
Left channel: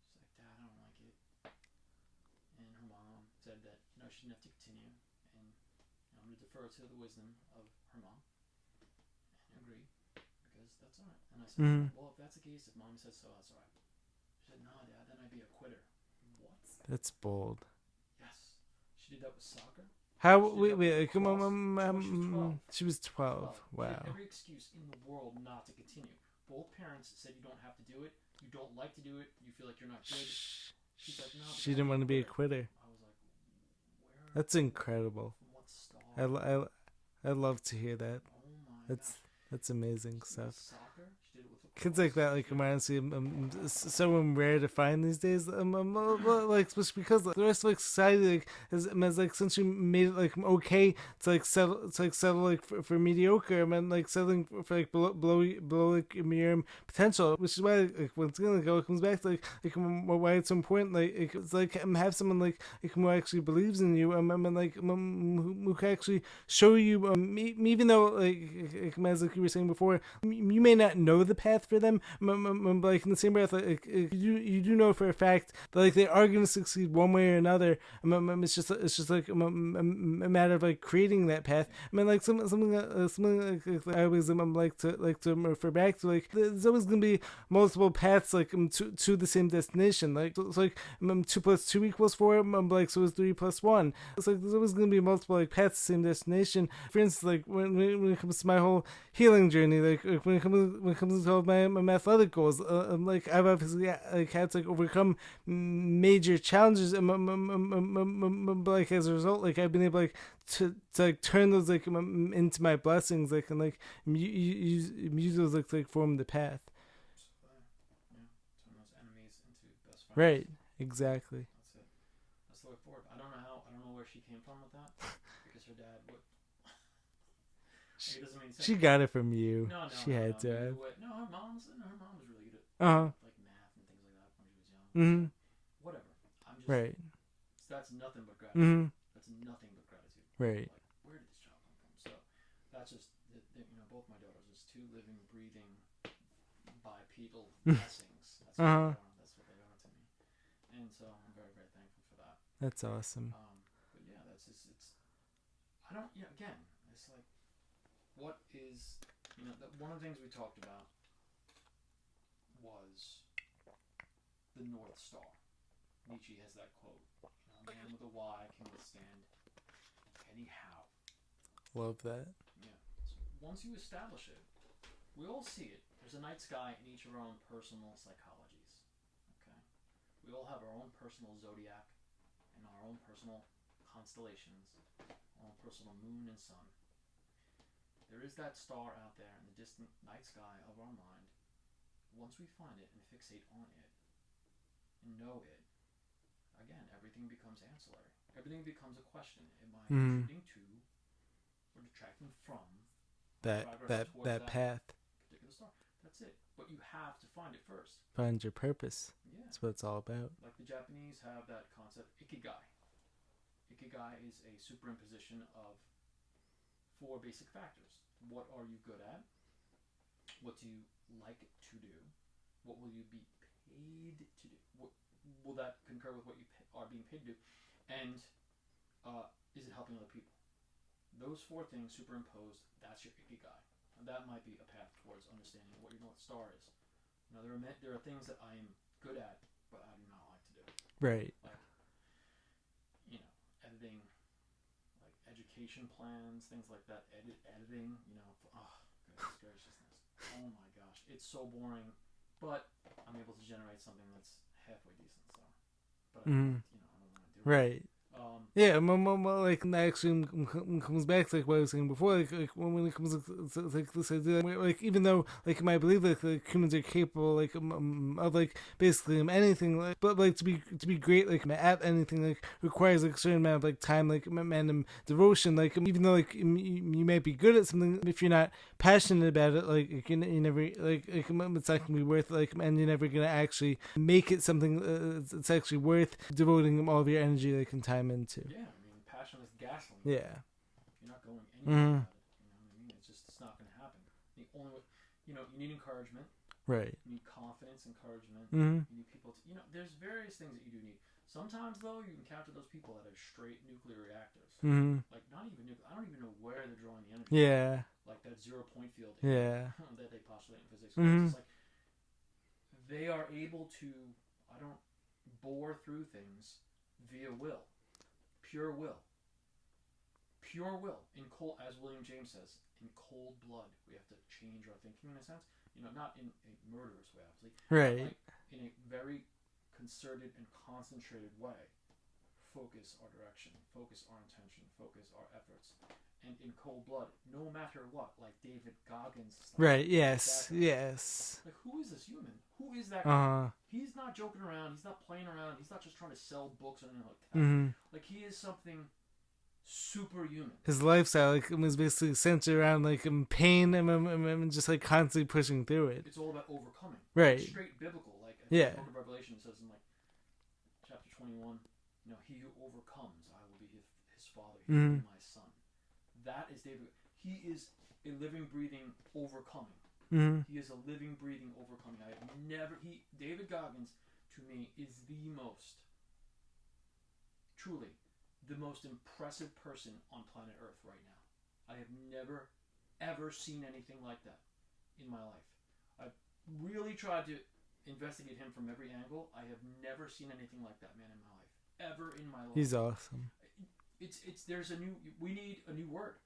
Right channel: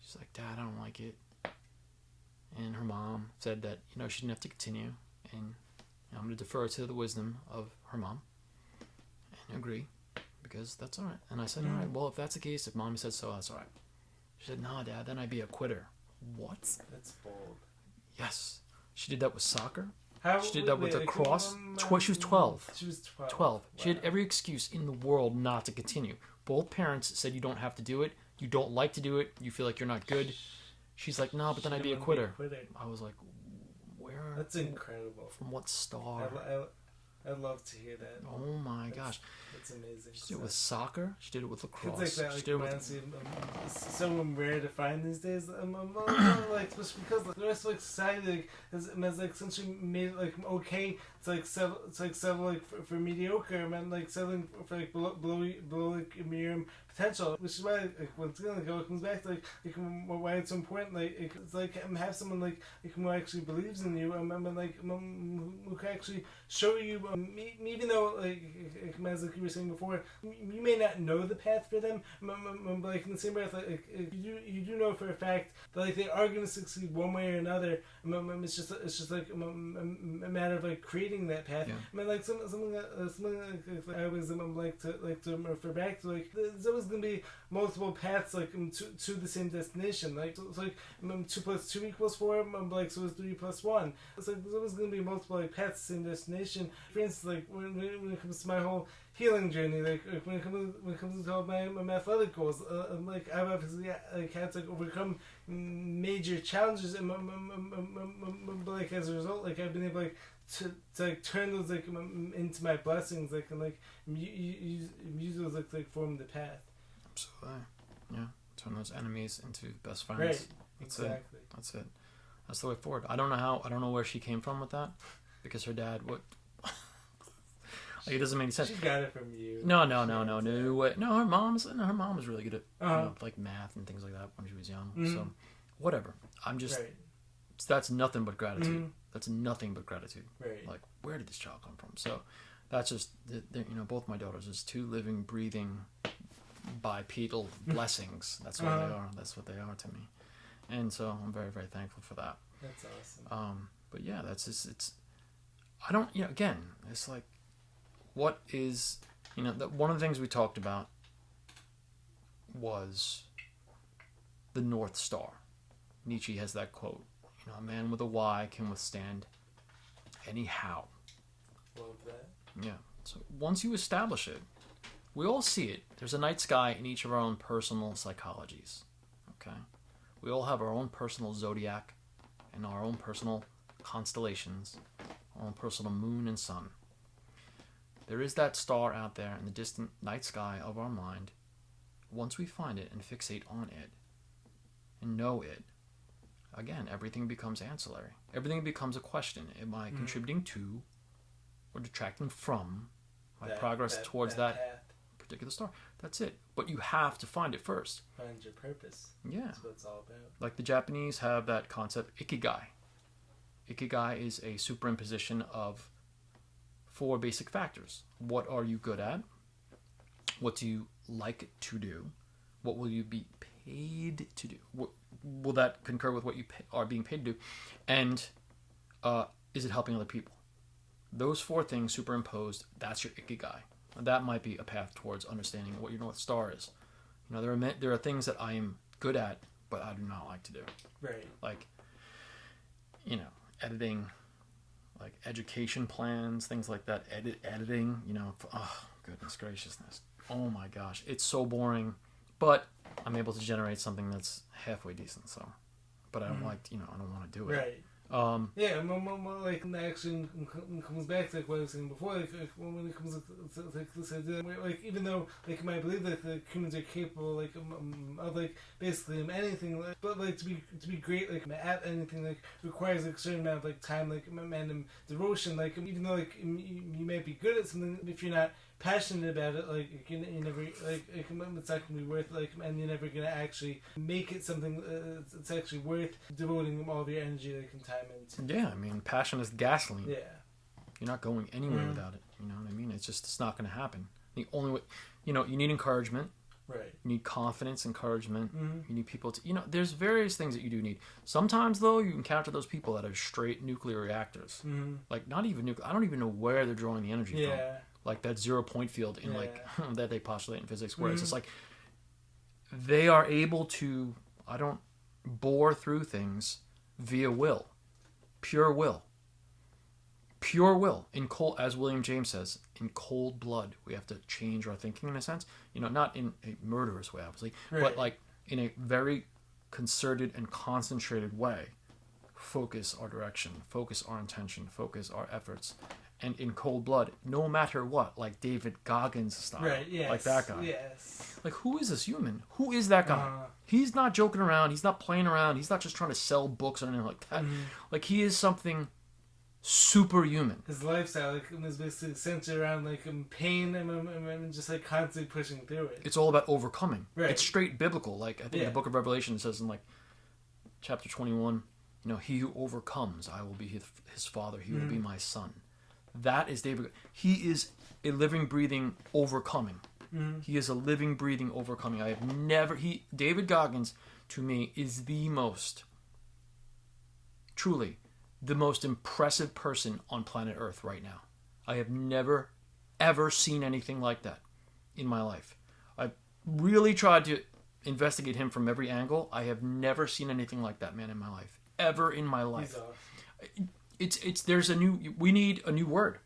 She's like, Dad, I don't like it. And her mom said that, you know, she didn't have to continue. And you know, I'm going to defer to the wisdom of her mom and agree, because that's all right. And I said, all right, well, if that's the case, if Mommy said so, that's all right. She said, no, Dad, then I'd be a quitter. What? That's bold. Yes. She did that with soccer. She did that with lacrosse. She was 12. She was 12. 12. Wow. She had every excuse in the world not to continue. Both parents said you don't have to do it. You don't like to do it. You feel like you're not good. She's like, no, but then I'd be a quitter. I was like, where? That's incredible. From what star? I'd love to hear that. Oh my gosh. That's amazing. She did it with soccer. She did it with lacrosse. Kids like that, like, honestly, so rare to find these days. Like, especially because like, the rest of like society like has like essentially made it like okay to like settle like for mediocre, and like settling for like below like medium potential, which is why like once again like it comes back to like why it's so important. Like it's like have someone like who actually believes in you, and like who can actually show you, even though like as like you were saying before, you may not know the path for them, but like in the same breath, like you do know for a fact that like they are going to succeed one way or another. It's just like a matter of like creating that path. Yeah. I mean, like something like I always like to refer back to, like there's always going to be multiple paths like to the same destination. Like it's like 2 + 2 = 4. Like so is 3 + 1. It's like there's always going to be multiple like paths to the same destination. For instance, like when it comes to my whole healing journey, like when it comes to all my athletic goals, like I've obviously like had to like overcome major challenges, and like as a result, like I've been able like to like turn those like into my blessings, like, and like use those like to form the path. Absolutely, yeah. Turn those enemies into best friends. Right. Exactly. That's it. That's the way forward. I don't know where she came from with that, because her dad would. Like, it doesn't make any sense. She got it from you. No. No, her mom was really good at you know, like math and things like that when she was young. Mm-hmm. So, whatever. I'm just. Right. That's nothing but gratitude. Mm-hmm. That's nothing but gratitude. Right. Like, where did this child come from? So, that's just you know, both my daughters is 2 living, breathing, bipedal blessings. That's what they are. That's what they are to me. And so I'm very, very thankful for that. That's awesome. But yeah, that's just it's. I don't. You know, again, it's like. What is, you know, one of the things we talked about was the North Star. Nietzsche has that quote, you know, a man with a why can withstand any how. Love that. Yeah. So once you establish it, we all see it. There's a night sky in each of our own personal psychologies. Okay? We all have our own personal zodiac and our own personal constellations, our own personal moon and sun. There is that star out there in the distant night sky of our mind. Once we find it and fixate on it and know it, again, everything becomes ancillary. Everything becomes a question. Am I contributing to or detracting from my progress towards that path, particular star? That's it. But you have to find it first. Find your purpose. Yeah. That's what it's all about. Like the Japanese have that concept, ikigai. Ikigai is a superimposition of 4 basic factors. What are you good at? What do you like to do? What will you be paid to do? Will that concur with what you are being paid to do? And is it helping other people? Those 4 things superimposed, that's your ikigai. And that might be a path towards understanding what your North Star is. You know, there are things that I am good at, but I do not like to do. Right. Like, you know, editing, like education plans, things like that. Editing, you know, oh, goodness graciousness. Oh my gosh. It's so boring. But I'm able to generate something that's halfway decent, so. But I don't like, you know, I don't want to do it. Right. Yeah, like that actually comes back to like what I was saying before. Like when it comes to like this idea, like even though like you might believe that like humans are capable like of like basically anything, like, but like to be great like at anything like requires like a certain amount of like time, like and devotion. Like even though like you might be good at something, if you're not passionate about it, like you never like it's not gonna be worth it, like, and you're never gonna actually make it something it's actually worth devoting all of your energy like and time into. Yeah, I mean, passion is gasoline. Yeah, you're not going anywhere without it. You know what I mean? It's not gonna happen. The only way, you know, you need encouragement. Right. You need confidence, encouragement. You need people to, you know, there's various things that you do need. Sometimes though, you encounter those people that are straight nuclear reactors. Like not even nuclear. I don't even know where they're drawing the energy from. Like that 0 point field in like that they postulate in physics, where it's just like they are able to, I don't bore through things via will, pure will, in cold, as William James says, in cold blood. We have to change our thinking in a sense, you know, not in a murderous way, obviously, but like in a very concerted and concentrated way. Focus our direction, focus our intention, focus our efforts. And in cold blood, no matter what, like David Goggins style. Right, yes. Like that guy. Yes. Like, who is this human? Who is that guy? He's not joking around. He's not playing around. He's not just trying to sell books or anything like that. Like, he is something superhuman. His lifestyle like was basically centered around like pain and just like constantly pushing through it. It's all about overcoming. Right. It's straight biblical. Like, I think the book of Revelation says in, like, chapter 21, you know, he who overcomes, I will be his father. He will be my son. That is David. He is a living, breathing overcoming. He is a living, breathing overcoming. I have never... David Goggins, to me, is the most... Truly, the most impressive person on planet Earth right now. I have never, ever seen anything like that in my life. I've really tried to investigate him from every angle. I have never seen anything like that man in my life. Ever in my life. He's awesome. We need a new word.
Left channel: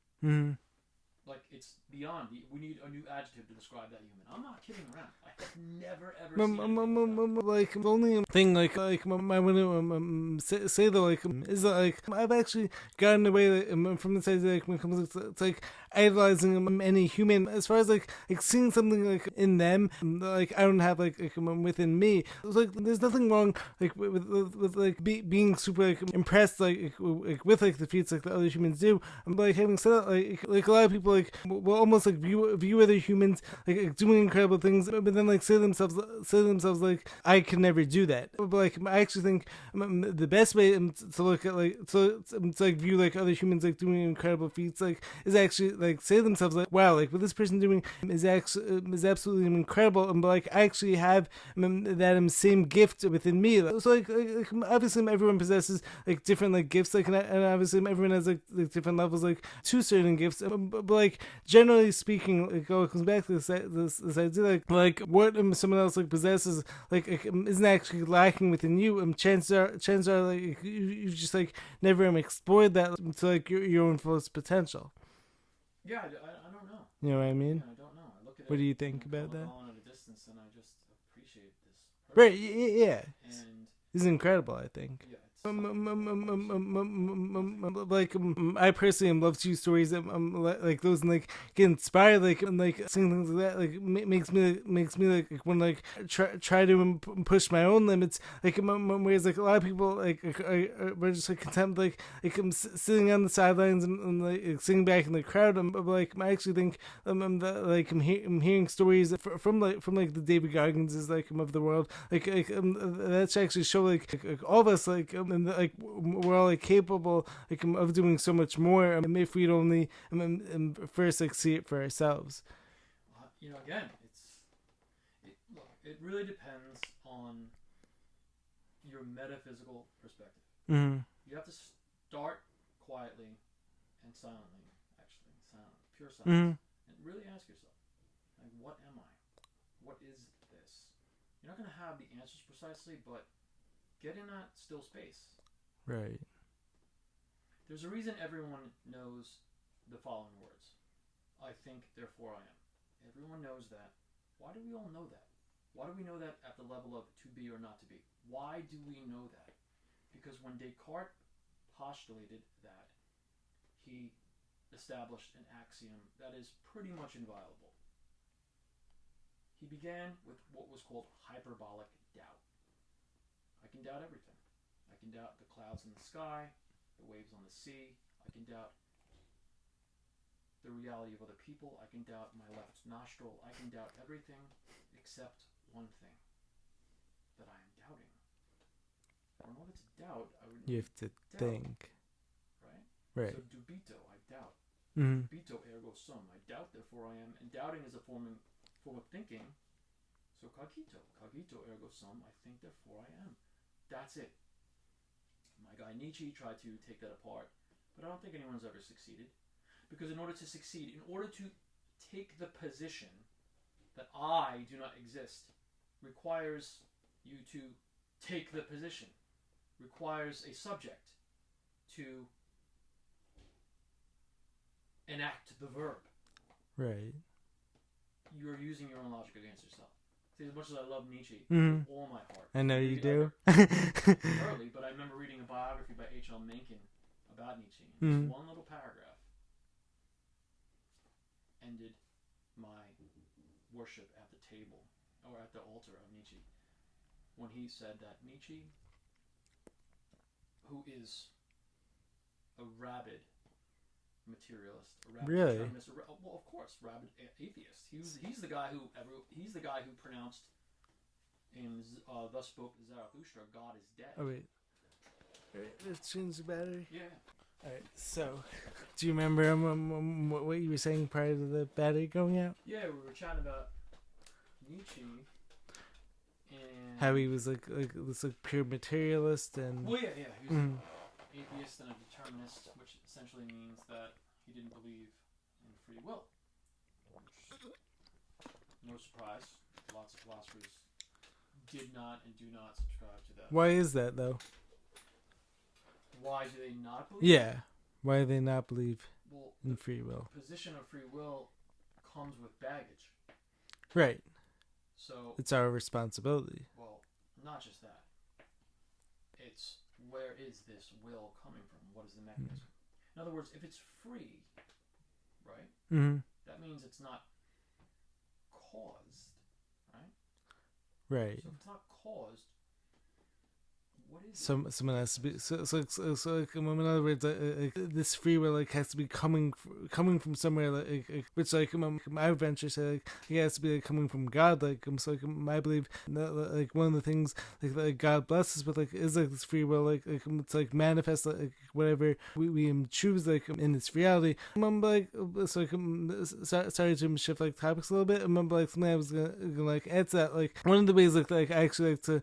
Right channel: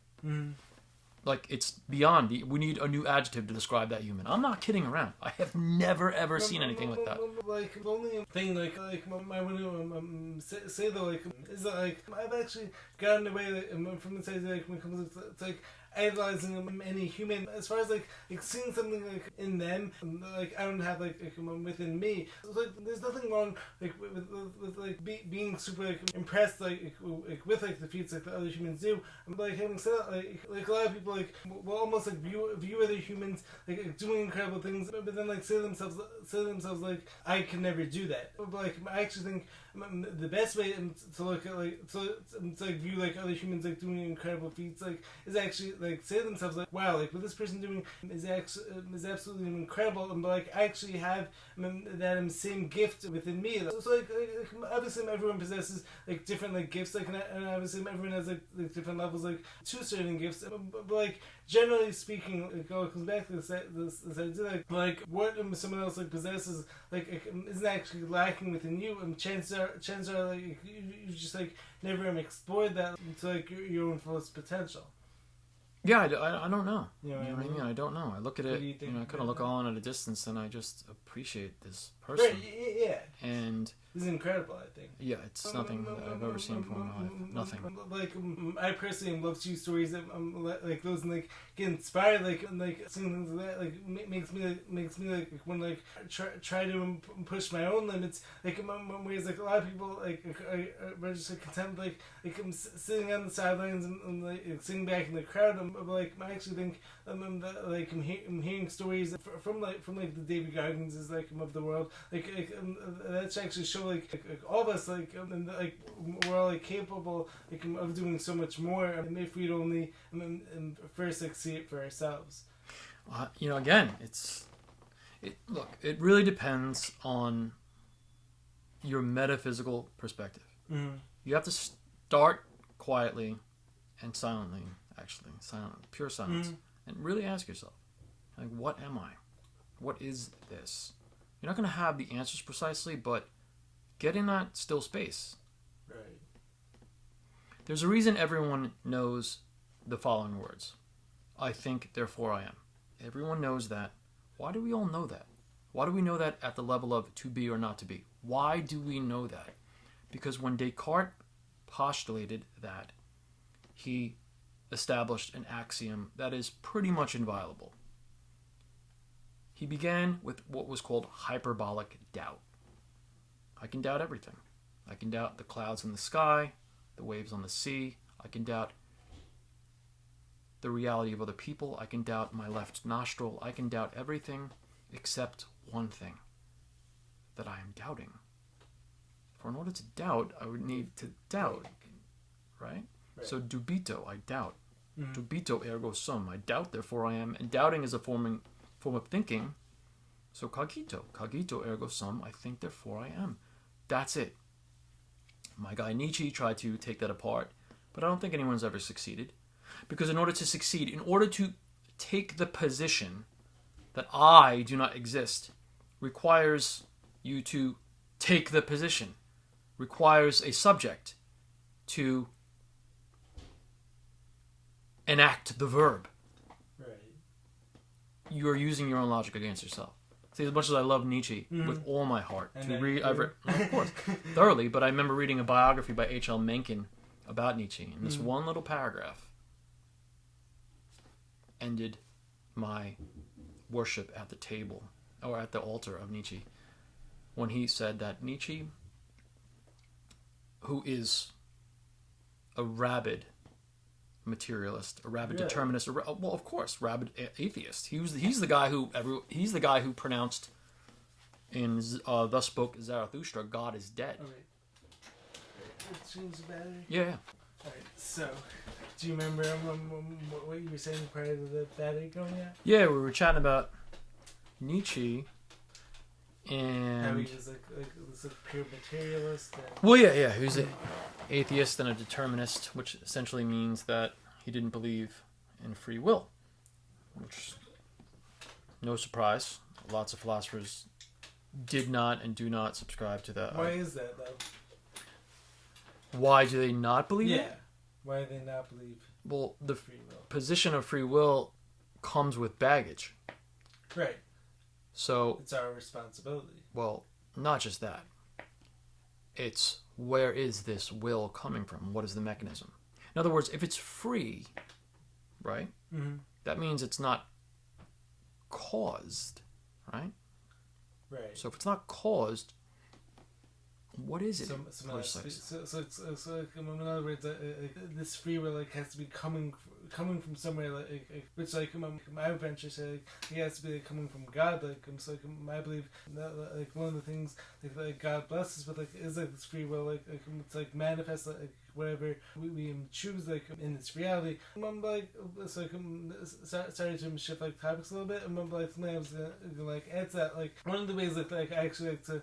Like, it's beyond. We need a new adjective to describe that human. I'm not kidding around. I have never ever seen anything like that. Like the only thing I want to say though, like, is that like I've actually gotten away from the side like when it comes to it's like idolizing any human as far as like seeing something like in them like I don't have like within me. It's like there's nothing wrong like with like being super like impressed like with like the feats like the other humans do. But like having said that, like a lot of people like will almost like view other humans like doing incredible things, but then like say to themselves like I could never do that. But like I actually think the best way to look at like to like view like other humans like doing incredible feats like is actually like say to themselves like wow, like what this person doing is absolutely incredible, but like I actually have that same gift within me. So like obviously everyone possesses like different like gifts like and obviously everyone has like different levels like to certain gifts, but like generally speaking like it comes back to this idea like what someone else like possesses like isn't actually lacking within you, and chances are like you just like never explored that to like your own fullest potential. Yeah, I don't know. You know what I mean? I don't know. I look at it. What do you think? I kind of look on at a distance, and I just appreciate this person. Right? Yeah. And he's incredible, I think. Yeah, it's something that I've ever seen from nothing. Like I personally love to use stories that like those and like get inspired, like and like seeing things like that, like makes me like when like try to push my own limits. Like whereas like a lot of people like are just like content like I'm sitting on the sidelines and like sitting back in the crowd. But like I actually think that, like I'm hearing stories from the David Goggins is like of the world, like that's actually show like all of us and like we're all like capable like of doing so much more. If we'd only first like see it for ourselves. Again, it really depends on your metaphysical perspective. Mm-hmm. You have to start quietly and silently, pure silence, and really ask yourself, like, what am I? What is this? You're not going to have the answers precisely, but get in that still space. Right. There's a reason everyone knows the following words. I think, therefore I am. Everyone knows that. Why do we all know that? Why do we know that at the level of to be or not to be? Why do we know that? Because when Descartes postulated that, he established an axiom that is pretty much inviolable. He began with what was called hyperbolic doubt. I can doubt everything. I can doubt the clouds in the sky, the waves on the sea. I can doubt the reality of other people. I can doubt my left nostril. I can doubt everything except one thing, that I am doubting. For in order to doubt, I would need to doubt. Right? So dubito, I doubt. Dubito ergo sum. I doubt, therefore I am. And doubting is a form of thinking. So cogito ergo sum. I think, therefore I am. That's it. My guy Nietzsche tried to take that apart, but I don't think anyone's ever succeeded. Because in order to succeed, in order to take the position that I do not exist, requires you to take the position, requires a subject to enact the verb. Right. You are using your own logic against yourself. See, as much as I love Nietzsche with all my heart, I've read, of course, thoroughly, but I remember reading a biography by H.L. Mencken about Nietzsche, and this one little paragraph ended my worship at the table, or at the altar of Nietzsche, when he said that Nietzsche, who is a rabid materialist, a rabid determinist, well, of course, rabid atheist. He's the guy who pronounced in Thus Spoke Zarathustra, God is dead. Oh wait, let's change the battery. Yeah. All right. So, do you remember what you were saying prior to the battery going out? Yeah, we were chatting about Nietzsche and how he was like pure materialist and. Well, yeah, he was an atheist and a determinist, which essentially means that he didn't believe in free will, which, no surprise, lots of philosophers did not and do not subscribe to that. Why is that, though? Why do they not believe? Yeah. Why do they not believe the free will? Position of free will comes with baggage. Right. So it's our responsibility. Well, not just that. It's where is this will coming from? What is the mechanism? In other words, if it's free, right? Mm-hmm. That means it's not caused, right? Right. So if it's not caused, what is it? Someone has to be, so in other words, this free will has to be coming from somewhere, which I would venture say it has to be coming from God. I believe that, one of the things that God blesses with is this free will, it's manifest whatever we choose in this reality. Sorry to shift topics a little bit. I remember something I was gonna add to that. One of the ways I actually like to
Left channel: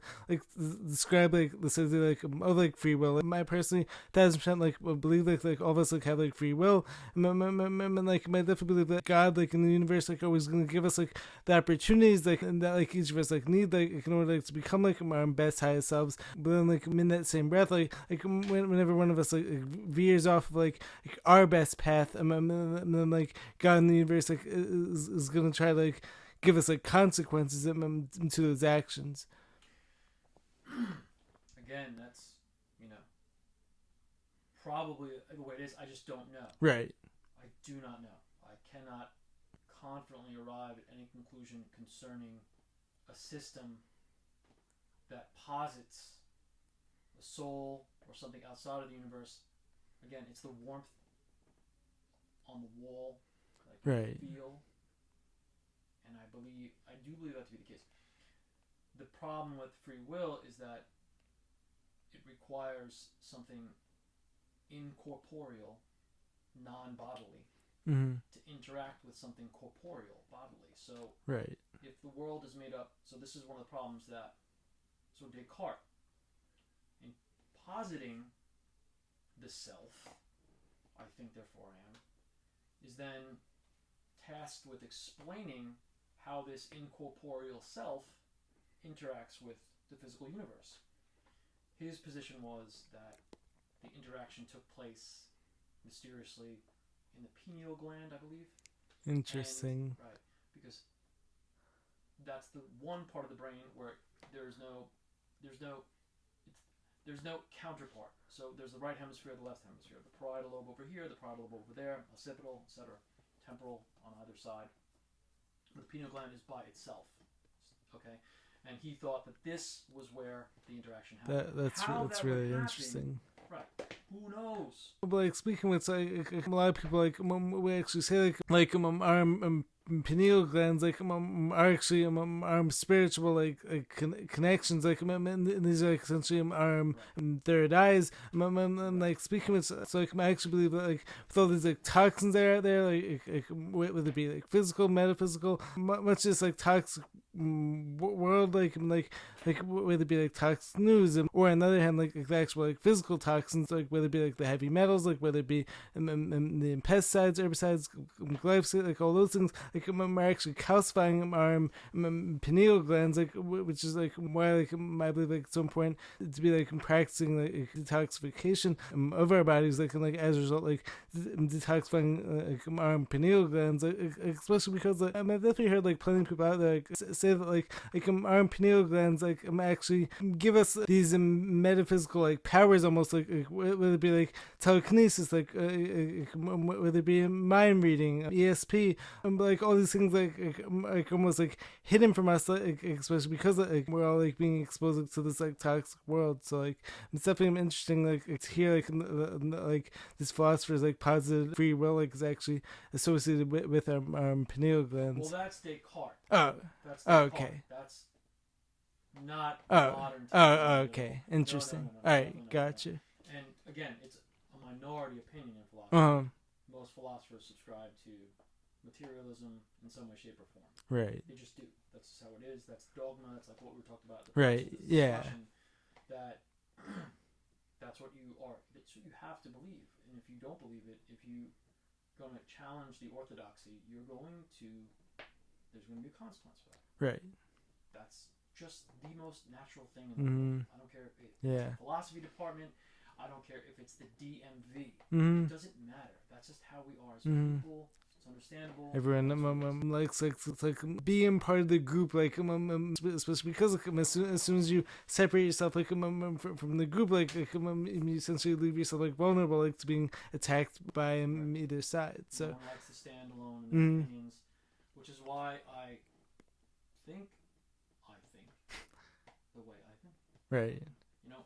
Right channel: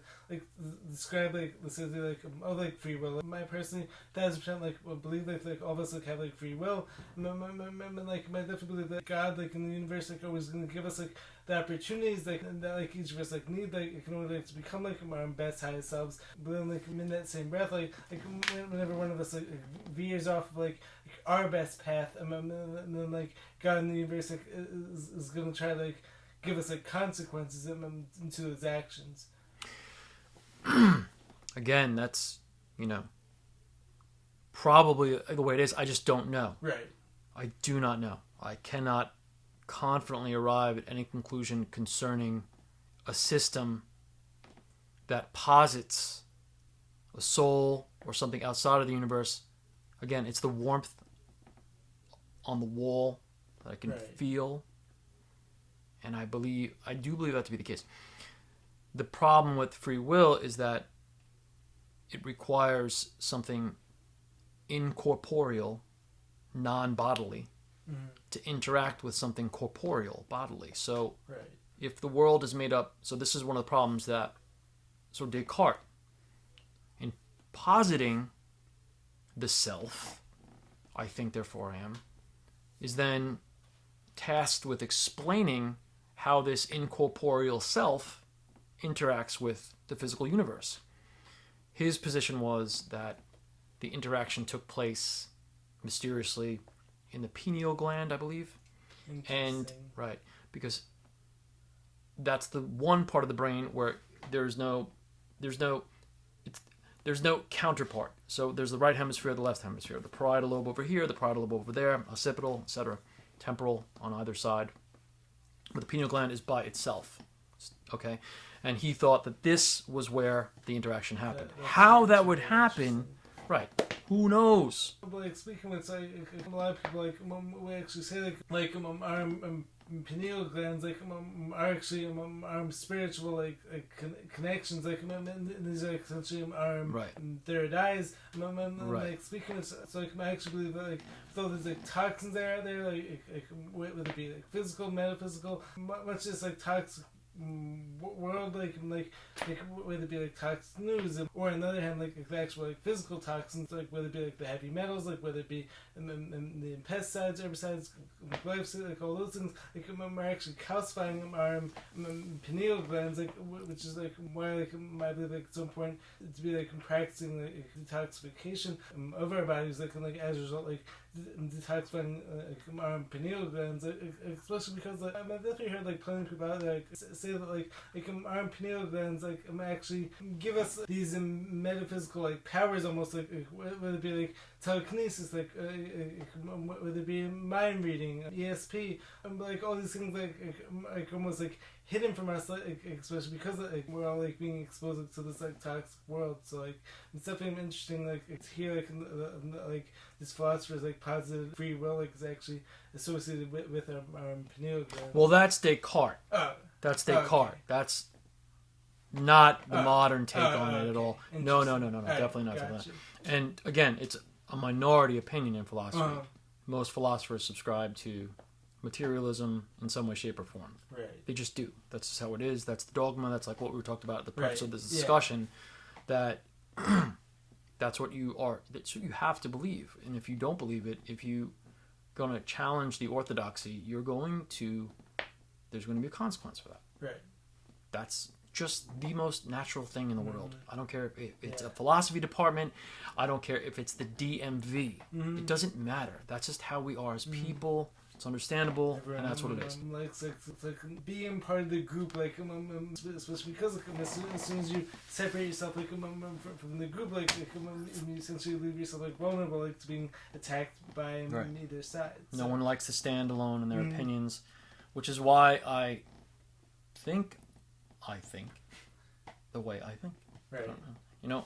describe this idea of free will. I personally 1,000% believe all of us have free will. I definitely believe that God in the universe always gonna give us the opportunities and that each of us need in order to become our best highest selves. But then in that same breath whenever one of us veers off of our best path, and then God in the universe is gonna try give us consequences to those actions. Again, that's, probably the way it is. I just don't know. Right. I do not know. I cannot confidently arrive at any conclusion concerning a system that posits a soul or something outside of the universe. Again, it's the warmth on the wall that I can feel, and I do believe that to be the case. The problem with free will is that it requires something incorporeal, non-bodily, to interact with something corporeal, bodily. So if the world is made up, so this is one of the problems that, so Descartes, in positing the self, I think therefore I am, is then tasked with explaining how this incorporeal self interacts with the physical universe. His position was that the interaction took place mysteriously in the pineal gland, I believe. Interesting. And because that's the one part of the brain where there's no counterpart. So there's the right hemisphere, the left hemisphere, the parietal lobe over here, the parietal lobe over there, occipital, etc., temporal on either side. But the pineal gland is by itself. Okay, and he thought that this was where the interaction happened. How that would happen, who knows? Like speaking with a lot of people, like we actually say our pineal glands are actually spiritual connections, and these are essentially our third eyes. Like speaking with, so I actually believe that with all these toxins that are out there, whether it be physical, metaphysical, much just toxic world, whether it be toxic news, or on the other hand the actual physical toxins, whether it be the heavy metals, whether it be the pesticides, herbicides, glyphosate, all those things are actually calcifying our pineal glands, which is why I believe it's so important to be practicing detoxification of our bodies, as a result detoxifying our pineal glands, especially because I've definitely heard plenty of people out there say that our pineal glands actually give us these metaphysical powers, almost whether it be telekinesis, whether it be mind reading, ESP, all these things almost hidden from us, especially because we're all being exposed to this toxic world. So it's definitely interesting to hear these philosophers positive free will is actually associated with our pineal glands. Well, that's Descartes. That's Descartes. Okay. That's not the modern take on it at all. No, definitely not. Gotcha. And again, it's a minority opinion in philosophy. Most philosophers subscribe to materialism in some way, shape, or form. Right. They just do. That's just how it is. That's the dogma. That's what we talked about at the purpose of this discussion. That that's what you are. That's what you have to believe. And if you don't believe it, if you're going to challenge the orthodoxy, there's going to be a consequence for that. Right. That's just the most natural thing in the world. I don't care if it's a philosophy department. I don't care if it's the DMV. It doesn't matter. That's just how we are as people. It's understandable. Everyone and that's what it is. Likes being part of the group, especially because as soon as you separate yourself from the group, you essentially leave yourself vulnerable to being attacked by either side. So. No one likes to stand alone in their opinions, which is why I think the way I think. Right.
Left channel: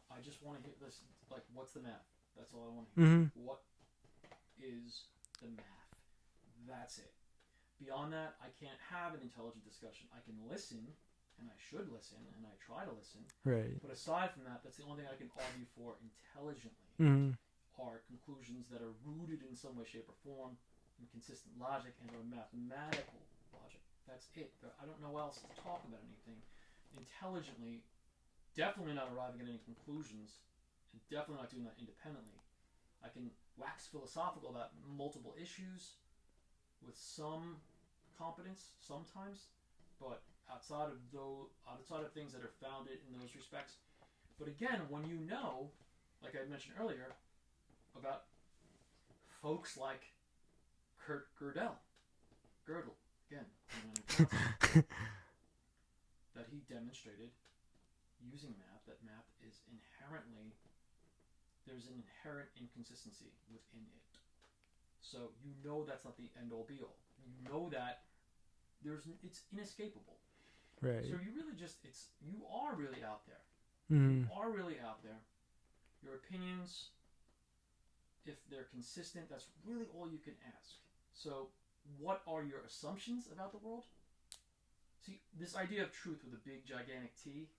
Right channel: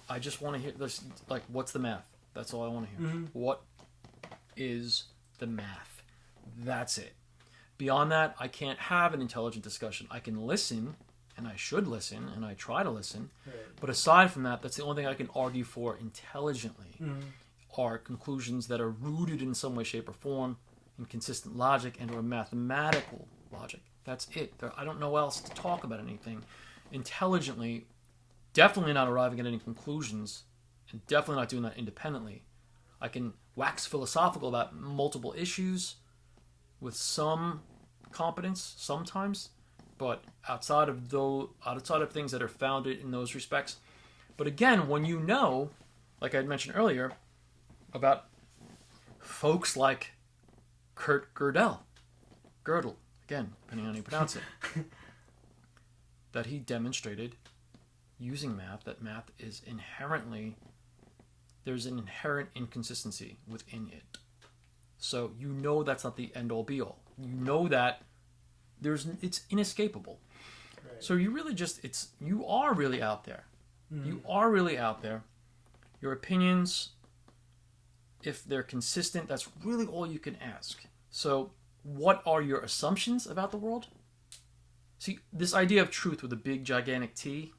I just want to hear this. What's the math? That's all I want to hear. What is the math? That's it. Beyond that, I can't have an intelligent discussion. I can listen, and I should listen, and I try to listen. Right. But aside from that, that's the only thing I can argue for intelligently. Are conclusions that are rooted in some way, shape, or form in consistent logic and or mathematical logic. That's it. I don't know else to talk about anything intelligently. Definitely not arriving at any conclusions, and definitely not doing that independently. I can wax philosophical about multiple issues with some competence sometimes, but outside of things that are founded in those respects. But again, when like I had mentioned earlier, about folks like Kurt Gödel, again, depending on how you pronounce it, that he demonstrated using math that math is inherently, there's an inherent inconsistency within it. So you know that's not the end all be all. You know that it's inescapable. Right. So you really you are really out there. You are really out there. Your opinions, if they're consistent, that's really all you can ask. So what are your assumptions about the world? See, this idea of truth with a big gigantic T,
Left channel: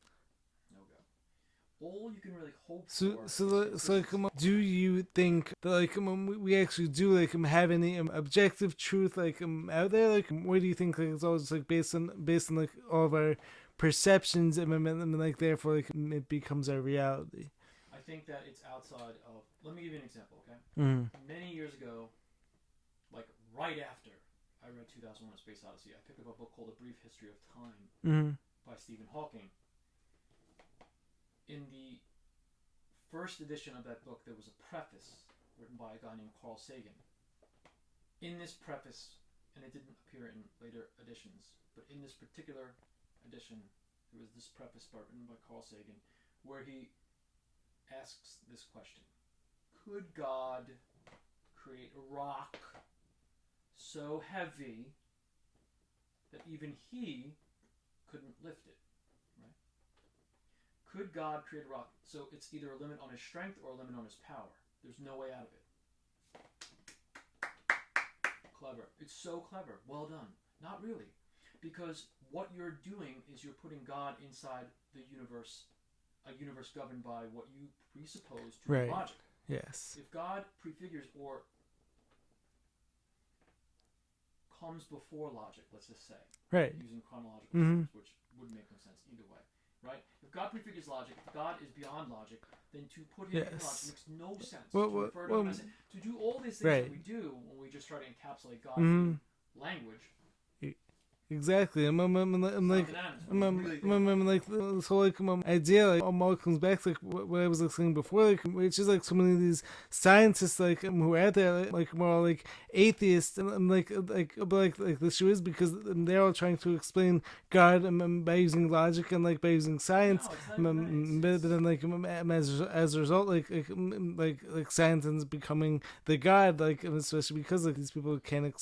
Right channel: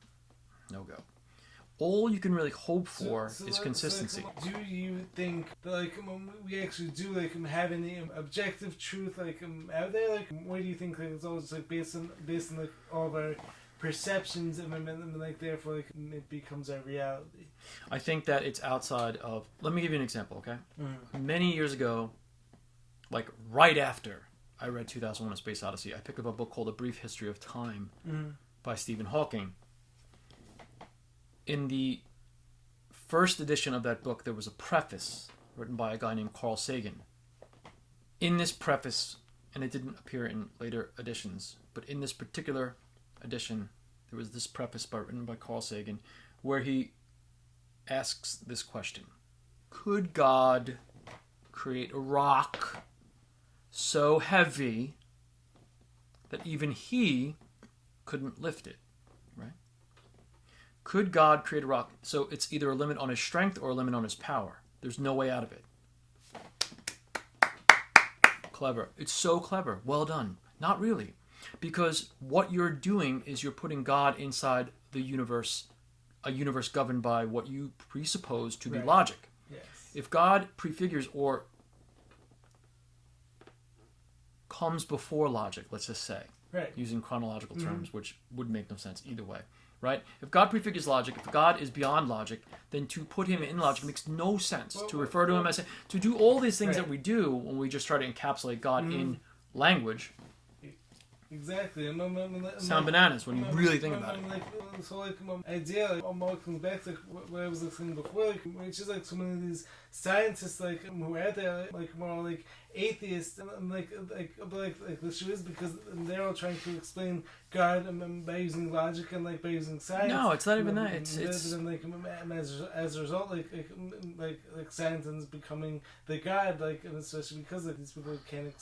no go. All you can really hope for is consistency. Do you think that we actually do have any objective truth out there? Where do you think it's all just based on all of our perceptions and therefore it becomes our reality? I think that it's outside of. Let me give you an example, okay? Many years ago, right after I read 2001: A Space Odyssey, I picked up a book called A Brief History of Time by Stephen Hawking. In the first edition of that book, there was a preface written by a guy named Carl Sagan. In this preface, and it didn't appear in later editions, but in this particular edition, there was this preface written by Carl Sagan, where he asks this question: could God create a rock so heavy that even he couldn't lift it? Right? Could God create a rock? So it's either a limit on his strength or a limit on his power. There's no way out of it. Clever. It's so clever. Well done. Not really. Because what you're doing is you're putting God inside the universe, a universe governed by what you presuppose to be logic. Yes. If God prefigures or comes before logic, let's just say, using chronological terms, which would make no sense either way, right? If God prefigures logic, if God is beyond logic, then to put him in logic makes no sense. To refer to him as... To do all these things that we do when we just try to encapsulate God in language... Exactly. Sound bananas when you really think about it. So idea all comes back to what I was saying before, which is so many of these scientists who are out there more atheists and the issue is because they're all trying to explain God by using logic and by using science. No, it's not even that. As a result, science is becoming the God, especially because these people can't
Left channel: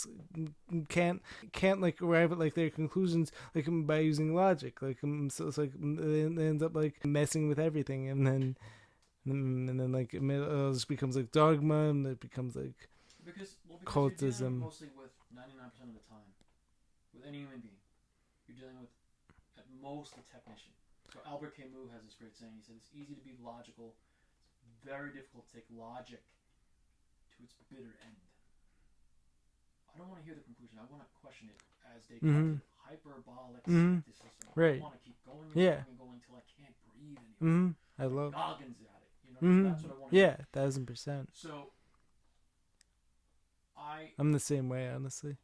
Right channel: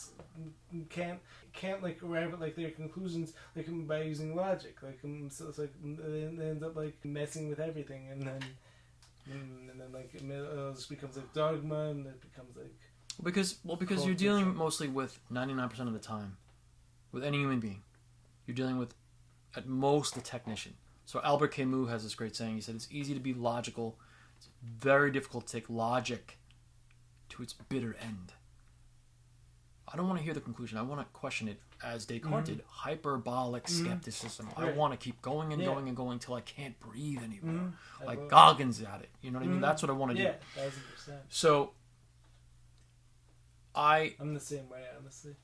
arrive at their conclusions by using logic. So it's it ends up messing with everything, and then it just becomes dogma, and it becomes because you're dealing mostly with 99% of the time with any human being. You're dealing with at most the technician. So Albert Camus has this great saying. He said it's easy to be logical. It's very difficult to take logic to its bitter end. I don't want to hear the conclusion. I want to question it as Descartes did. Hyperbolic skepticism. I want to keep going and going and going until I can't breathe anymore. Goggins at it. You know what I mean? That's what I want to do. Yeah, 1000%. So, I'm the same way, honestly.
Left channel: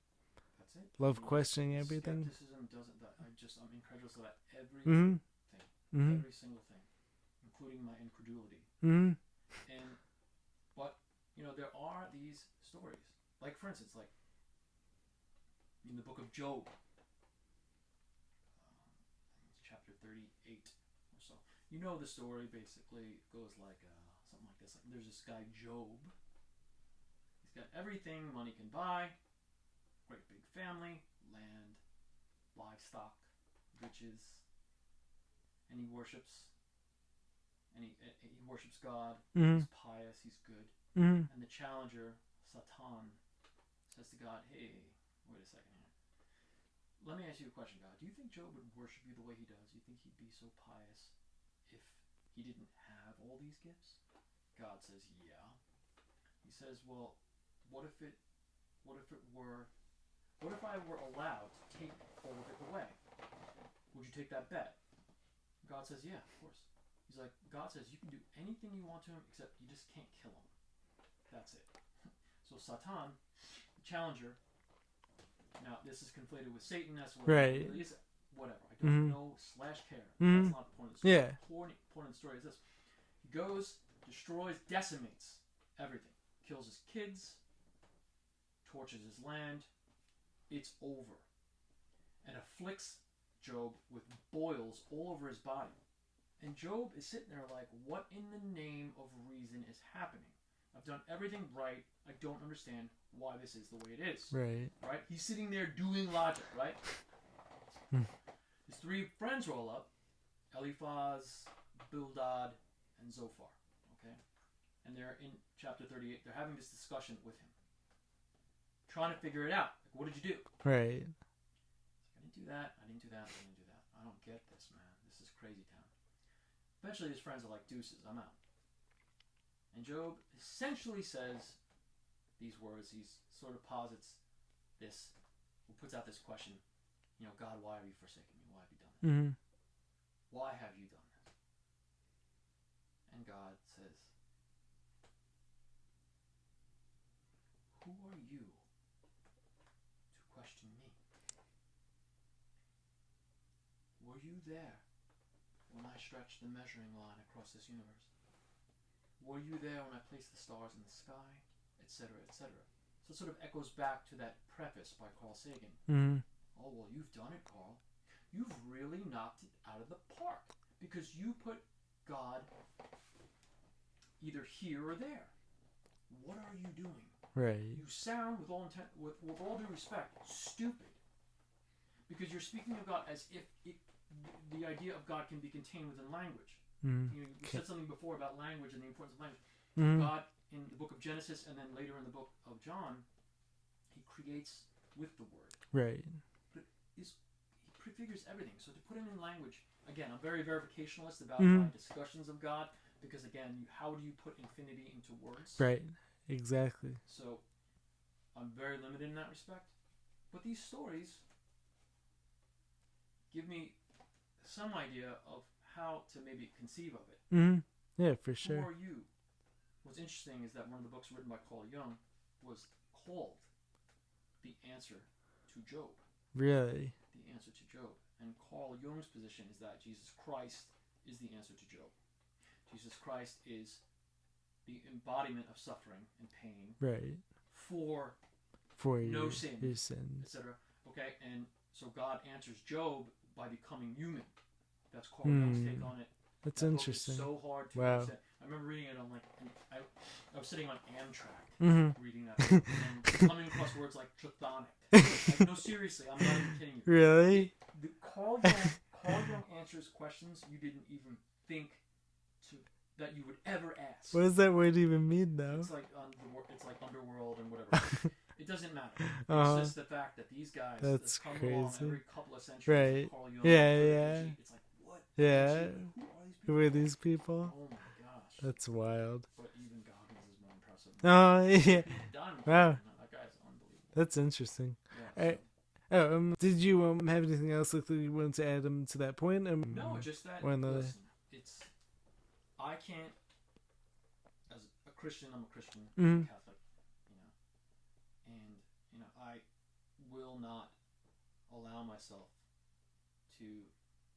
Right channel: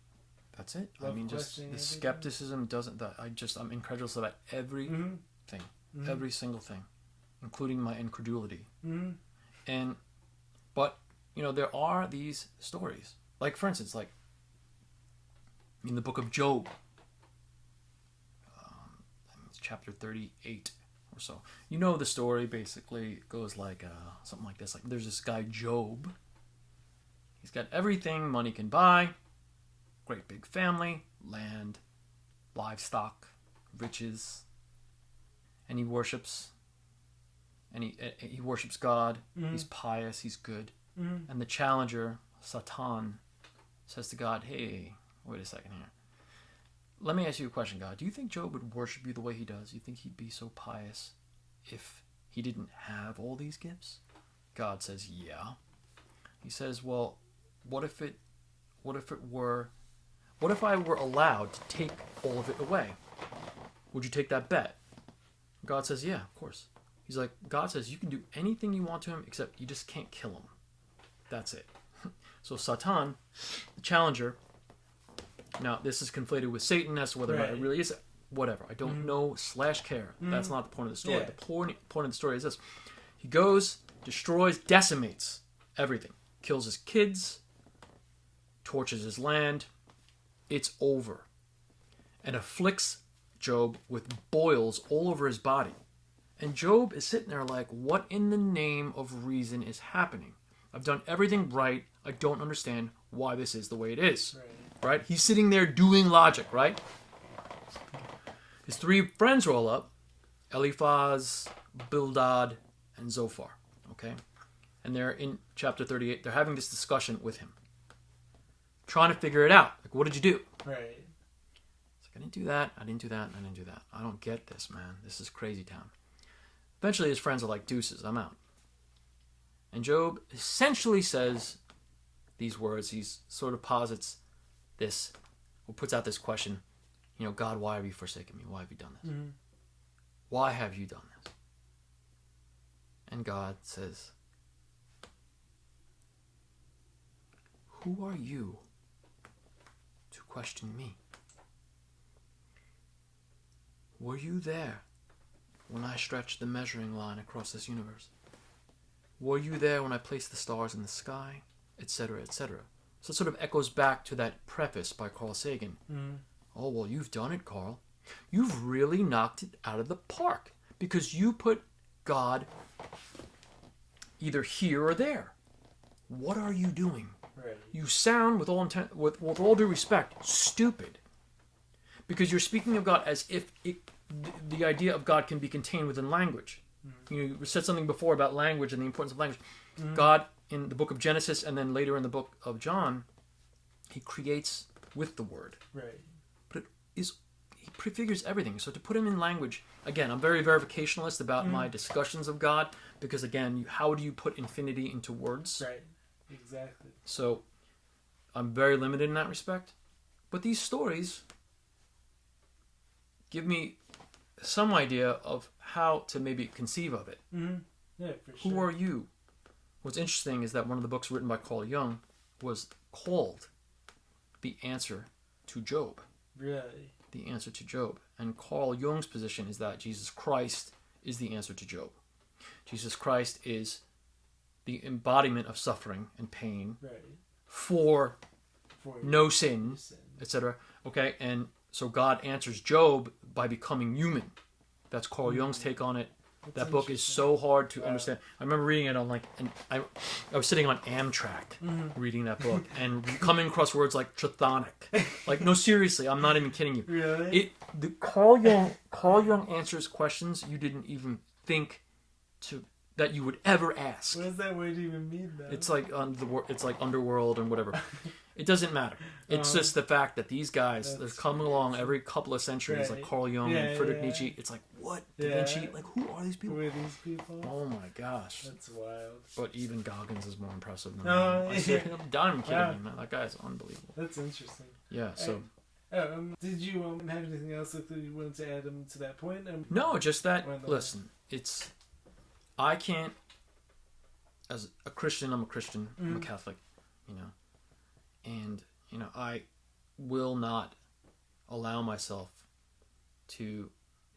That's it. Love questioning everything. Skepticism doesn't... I'm incredulous about everything. Every single thing. Including my incredulity. But, there are these stories. For instance, in the book of Job, it's chapter 38 or so. You know the story, basically. It goes something like this. There's this guy, Job. He's got everything money can buy. Great big family, land, livestock, riches. And he worships. And he worships God. He's pious. He's good. And the challenger, Satan, says to God, hey, wait a second here. Let me ask you a question, God. Do you think Job would worship you the way he does? Do you think he'd be so pious if he didn't have all these gifts? God says, yeah. He says, well, what if I were allowed to take all of it away? Would you take that bet? God says, yeah, of course. He's like, God says, you can do anything you want to him, except you just can't kill him. That's it. So Satan, the challenger, now this is conflated with Satan as to whether it really is, whatever. I don't know / care. That's not the point of the story. The point of the story is this. He goes, destroys, decimates everything. Kills his kids, torches his land. It's over. And afflicts Job with boils all over his body. And Job is sitting there like, what in the name of reason is happening? I've done everything right. I don't understand why this is the way it is. Right? He's sitting there doing logic, right? His three friends roll up, Eliphaz, Bildad, and Zophar. Okay? And they're in chapter 38. They're having this discussion with him. Trying to figure it out. Like, what did you do? Right. It's like, I didn't do that. I didn't do that. I didn't do that. I don't get this, man. This is crazy town. Eventually, his friends are like, deuces, I'm out. And Job essentially says these words. He sort of posits this, or puts out this question, you know, God, why have you forsaken me? Why have you done this? Mm-hmm. Why have you done this? And God says, who are you to question me? Were you there when I stretched the measuring line across this universe? Were you there when I placed the stars in the sky? Etc., etc. So it sort of echoes back to that preface by Carl Sagan. Mm-hmm. Oh, well, you've done it, Carl. You've really knocked it out of the park because you put God either here or there. What are you doing? Right. You sound, with all due respect, stupid. Because you're speaking of God as if the idea of God can be contained within language. Mm-hmm. You said something before about language and the importance of language. Mm-hmm. God, in the book of Genesis and then later in the book of John, he creates with the word. Right. But he prefigures everything. So to put him in language, again, I'm very verificationalist about my discussions of God because, again, how do you put infinity into words? Right. Exactly. So I'm very limited in that respect. But these stories give me some idea of how to maybe conceive of it. Mm-hmm. Yeah, for sure. Who are you? What's interesting is that one of the books written by Carl Jung was called The Answer to Job. Really? The Answer to Job. And Carl Jung's position is that Jesus Christ is the answer to Job. Jesus Christ is the embodiment of suffering and pain for no sin, etc. Okay, and so God answers Job by becoming human. That's Carl Jung's take on it. That book is so hard to understand. I remember reading it on I was sitting on Amtrak reading that book and coming across words like chthonic. Like, no, seriously, I'm not even kidding you. Really? Carl Jung answers questions you didn't even think that you would ever ask. What does that word even mean, though? It's like it's like underworld and whatever. It doesn't matter. It's just the fact that these guys that's coming along every couple of centuries, like Carl Jung, Friedrich Nietzsche. It's like, what? Da Vinci? Like, who are these people? Who are these people? Oh my gosh, that's wild. But even Goggins is more impressive than I'm done kidding, man. That guy is unbelievable. That's interesting. Yeah. So, did you have anything else that you wanted to add to that point? No, just that. Listen, I can't. As a Christian, I'm a Christian. I'm a Catholic. You know. And, you know, I will not allow myself to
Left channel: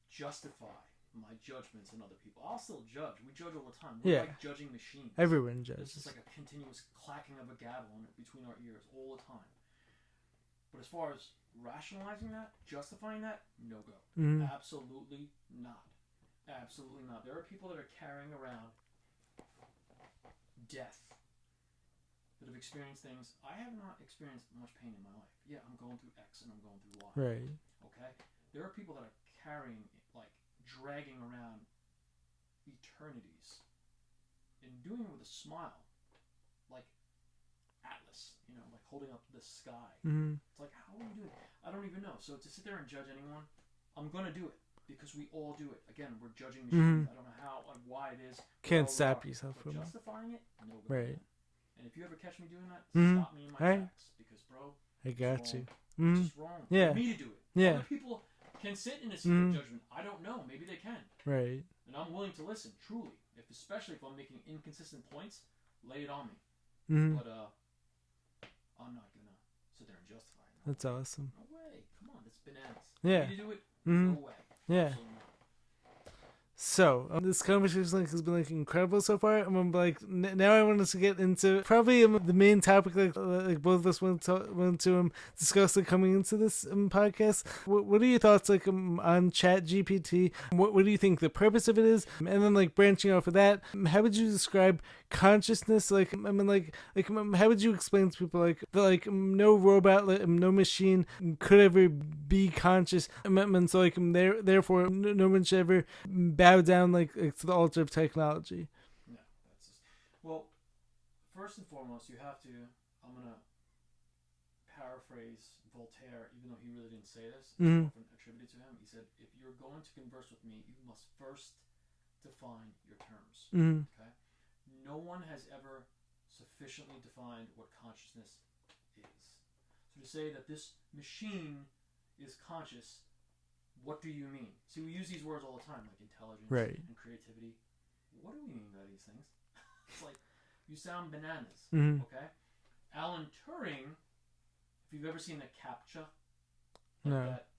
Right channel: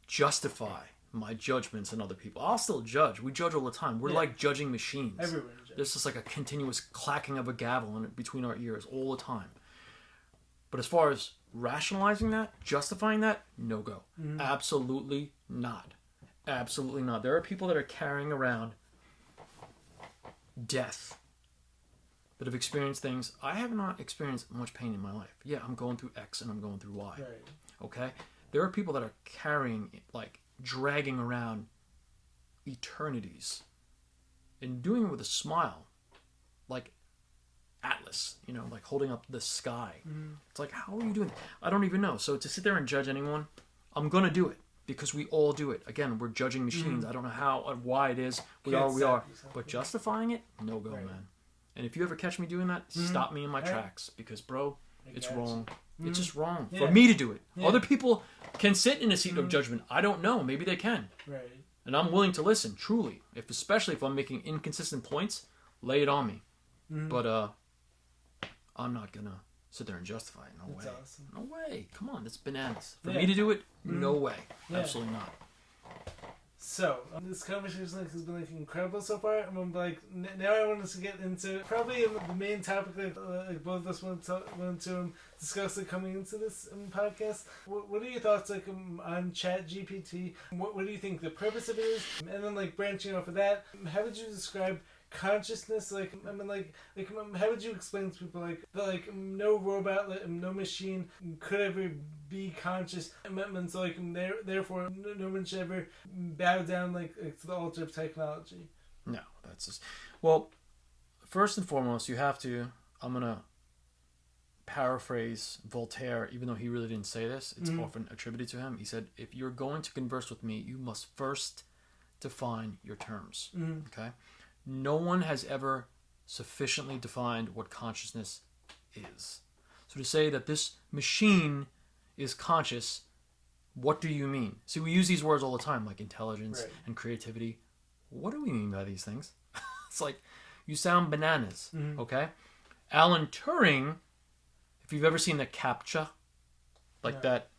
justify my judgments in other people. I'll still judge. We judge all the time. We're like judging machines. Everyone judges. There's just like a continuous clacking of a gavel between our ears all the time. But as far as rationalizing that, justifying that, no go. Absolutely not. Absolutely not. There are people that are carrying around death, that have experienced things. I have not experienced much pain in my life. Yeah, I'm going through X and I'm going through Y. Right. Okay? There are people that are carrying, dragging around eternities and doing it with a smile. Like Atlas, like holding up the sky. It's like, how are you doing that? I don't even know. So to sit there and judge anyone, I'm going to do it because we all do it. Again, we're judging machines. I don't know how or why it is. We are. But justifying it, no go, man. And if you ever catch me doing that, stop me in my tracks. Because, bro, it's wrong. It's just wrong for me to do it. Yeah. Other people can sit in a seat of judgment. I don't know. Maybe they can. Right. And I'm willing to listen, truly. Especially if I'm making inconsistent points, lay it on me. But I'm not going to sit there and justify it. No way. That's awesome. No way. Come on. That's bananas. For me to do it, no way. Absolutely not. So, this conversation has been incredible so far. Now I want us to get into probably the main topic both of us want to discuss coming into this podcast. What are your thoughts on Chat GPT? What do you think the purpose of it is? And then branching off of that, how would you describe consciousness? How would you explain to people that no robot, no machine could ever be conscious, and so therefore no one should ever bow down to the altar of technology? No, that's just, well, first and foremost, you have to, I'm gonna paraphrase Voltaire, even though he really didn't say this, it's often attributed to him. He said, if you're going to converse with me, you must first define your terms. Okay, no one has ever sufficiently defined what consciousness is. So to say that this machine is conscious, what do you mean? See, we use these words all the time, like intelligence and creativity. What do we mean by these things? It's like, you sound bananas, okay? Alan Turing, if you've ever seen the CAPTCHA, that,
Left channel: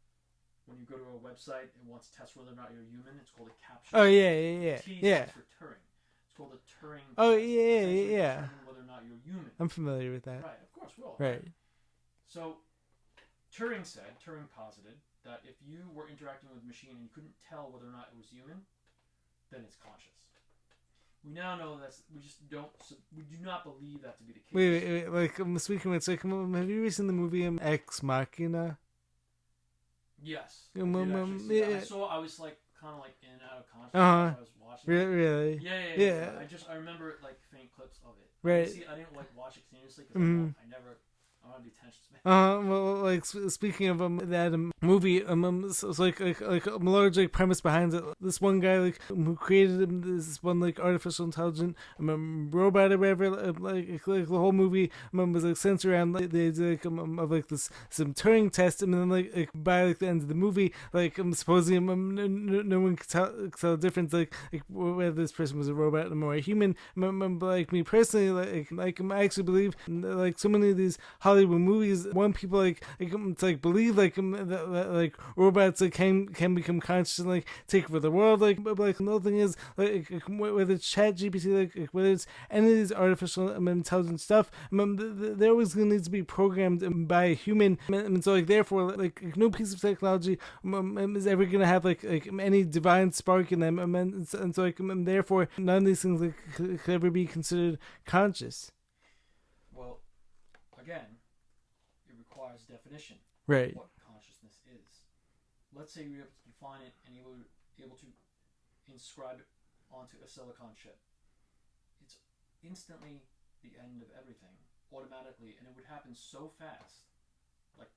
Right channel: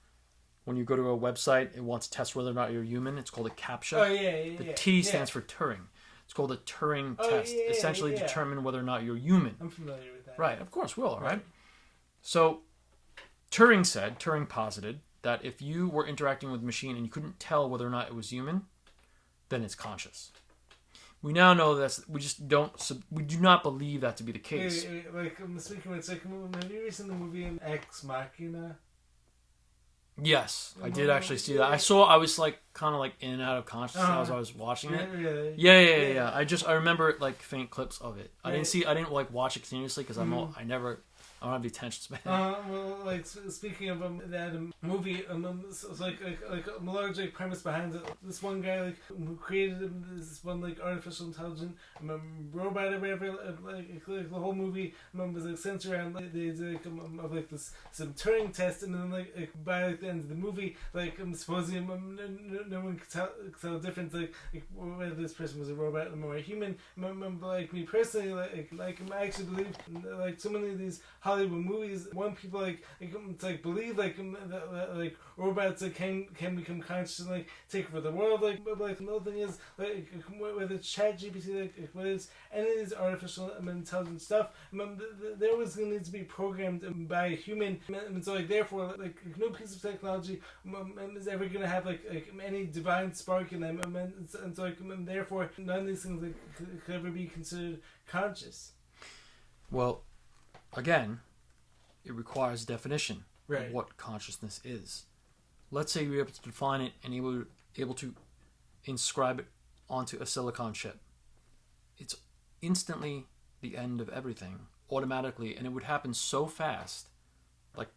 when you go to a website, it wants to test whether or not you're human, it's called a CAPTCHA. Oh, yeah. The T stands for Turing. It's called a Turing test. Essentially determine whether or not you're human. I'm familiar with that. Right, of course, we all, right? So, Turing posited that if you were interacting with a machine and you couldn't tell whether or not it was human, then it's conscious. We now know that we do not believe that to be the case. Wait, speaking of have you ever seen the movie Ex Machina? Yes, I did actually see that. I was kind of in and out of consciousness as I was watching it. Really? Yeah. I remember faint clips of it. I didn't watch it continuously because I don't have the attention span. Speaking of that movie, it's a large premise behind it. This one guy who created this one artificial intelligent robot or whatever. The whole movie was centered around the idea of this some Turing test, and then by the end of the movie, supposedly no one could tell the difference whether this person was a robot or a human. Me personally, I actually believe so many of these Hollywood movies want people believe that robots can become conscious and take over the world. But another thing is whether it's Chat GPT, whether it's any of these artificial intelligence stuff, they're always going to need to be programmed by a human, and so therefore no piece of technology is ever going to have any divine spark in them, and so therefore none of these things could ever be considered conscious. Well, again, it requires definition of what consciousness is. Let's say you're able to define it and able to inscribe it onto a silicon chip. It's instantly the end of everything, automatically, and it would happen so fast.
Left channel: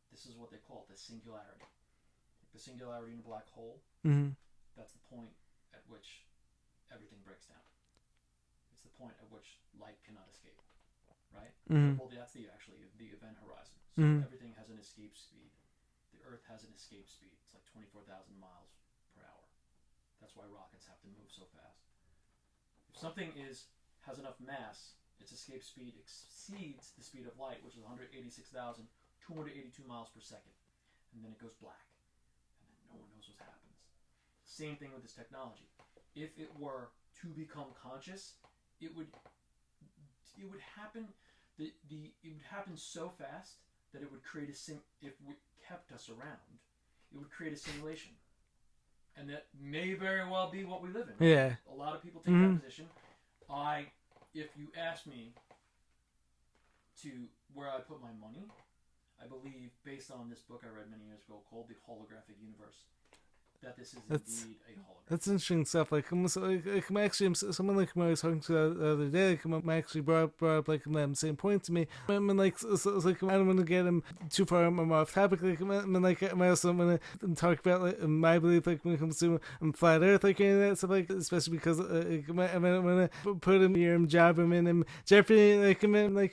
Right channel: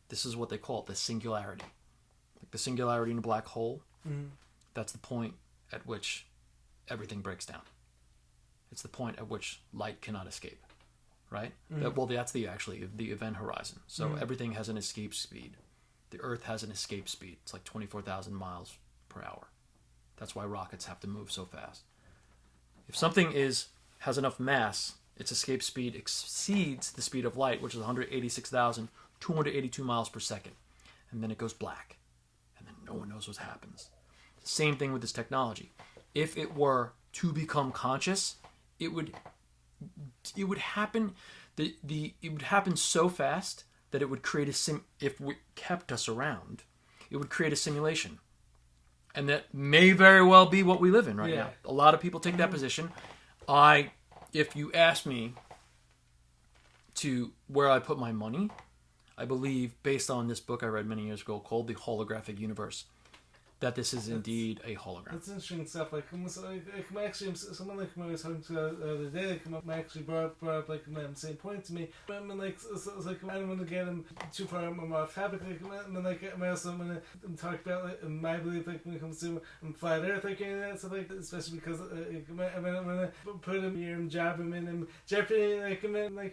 This is what they call it, the singularity. The singularity in a black hole, that's the point at which everything breaks down. It's the point at which light cannot escape. Right? Well, that's the event horizon. So everything has an escape speed. The Earth has an escape speed. It's 24,000 miles per hour. That's why rockets have to move so fast. If something has enough mass, its escape speed exceeds the speed of light, which is 186,282 miles per second. And then it goes black. And then no one knows what happens. Same thing with this technology. If it were to become conscious, it would happen. It would happen so fast that it would create if we kept us around, it would create a simulation, and that may very well be what we live in right now. A lot of people take that position. If you ask me to where I put my money, I believe, based on this book I read many years ago called The Holographic Universe, that this is indeed a hologram. That's interesting stuff. Someone when I was talking to the other day, actually brought up the same point to me. I don't want to get him too far off topic. I also want to talk about my belief when it comes to flat Earth, any of that stuff, especially because I want to put him here and job him in jeopardy,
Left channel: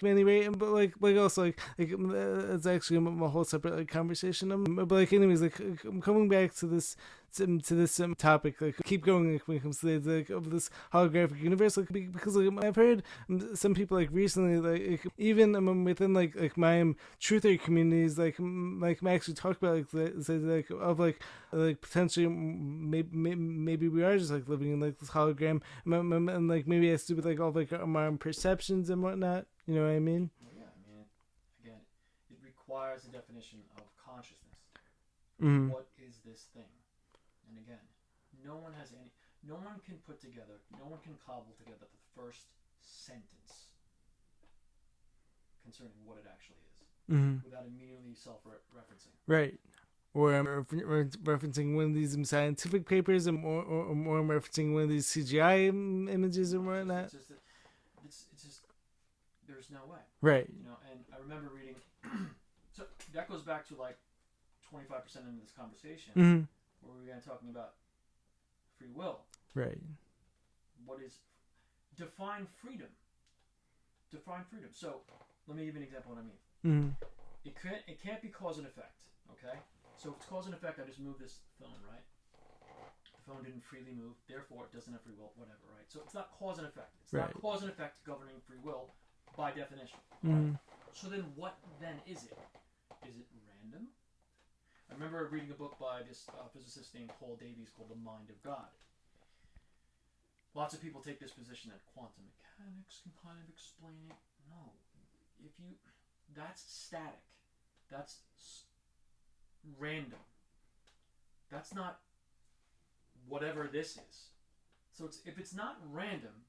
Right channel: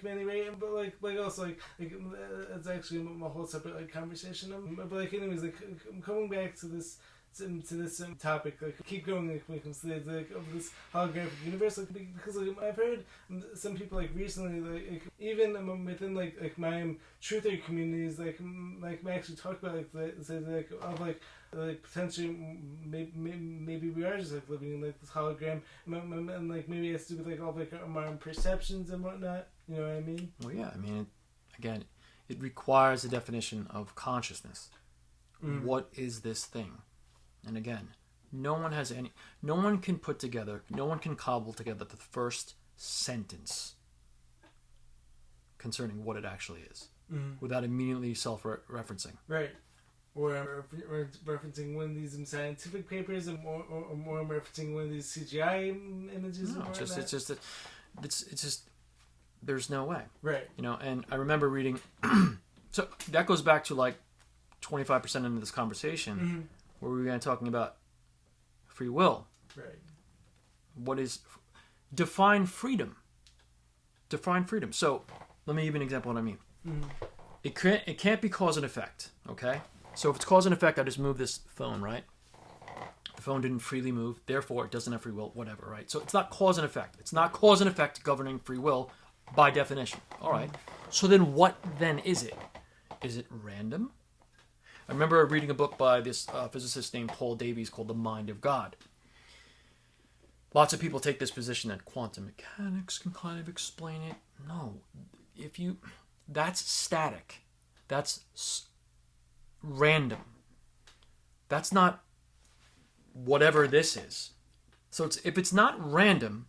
many rate, but also it's actually a whole separate conversation. But anyways, coming back to this to this topic, like keep going like, when it comes to like of this holographic universe, like because like I've heard some people like recently like even within like my truther communities like actually talk about like like of like potentially maybe we are just like living in like this hologram and like maybe it has to do with like all like our own perceptions and whatnot. You know what I mean? Well, yeah. I mean, again, it requires a definition of consciousness. What is this thing? And again, no one can put together, no one can cobble together the first sentence concerning what it actually is without immediately self-referencing. Right. Or referencing one of these scientific papers, or referencing one of these CGI images or whatnot. It's just, there's no way. Right. You know, and I remember reading, so that goes back to like 25% into this conversation where we began talking about free will. Right. What is, define freedom. Define freedom. So let me give you an example of what I mean. It can't be cause and effect, okay? So if it's cause and effect, I just move this phone, right? The phone didn't freely move, therefore it doesn't have free will, whatever, right? So it's not cause and effect. It's not cause and effect governing free will by definition. All right. So then what then is it? Is it random? I remember reading a book by this physicist named Paul Davies called The Mind of God. Lots of people take this position that quantum mechanics can kind of explain it. No. That's static. That's random. That's not whatever this is. So if it's not random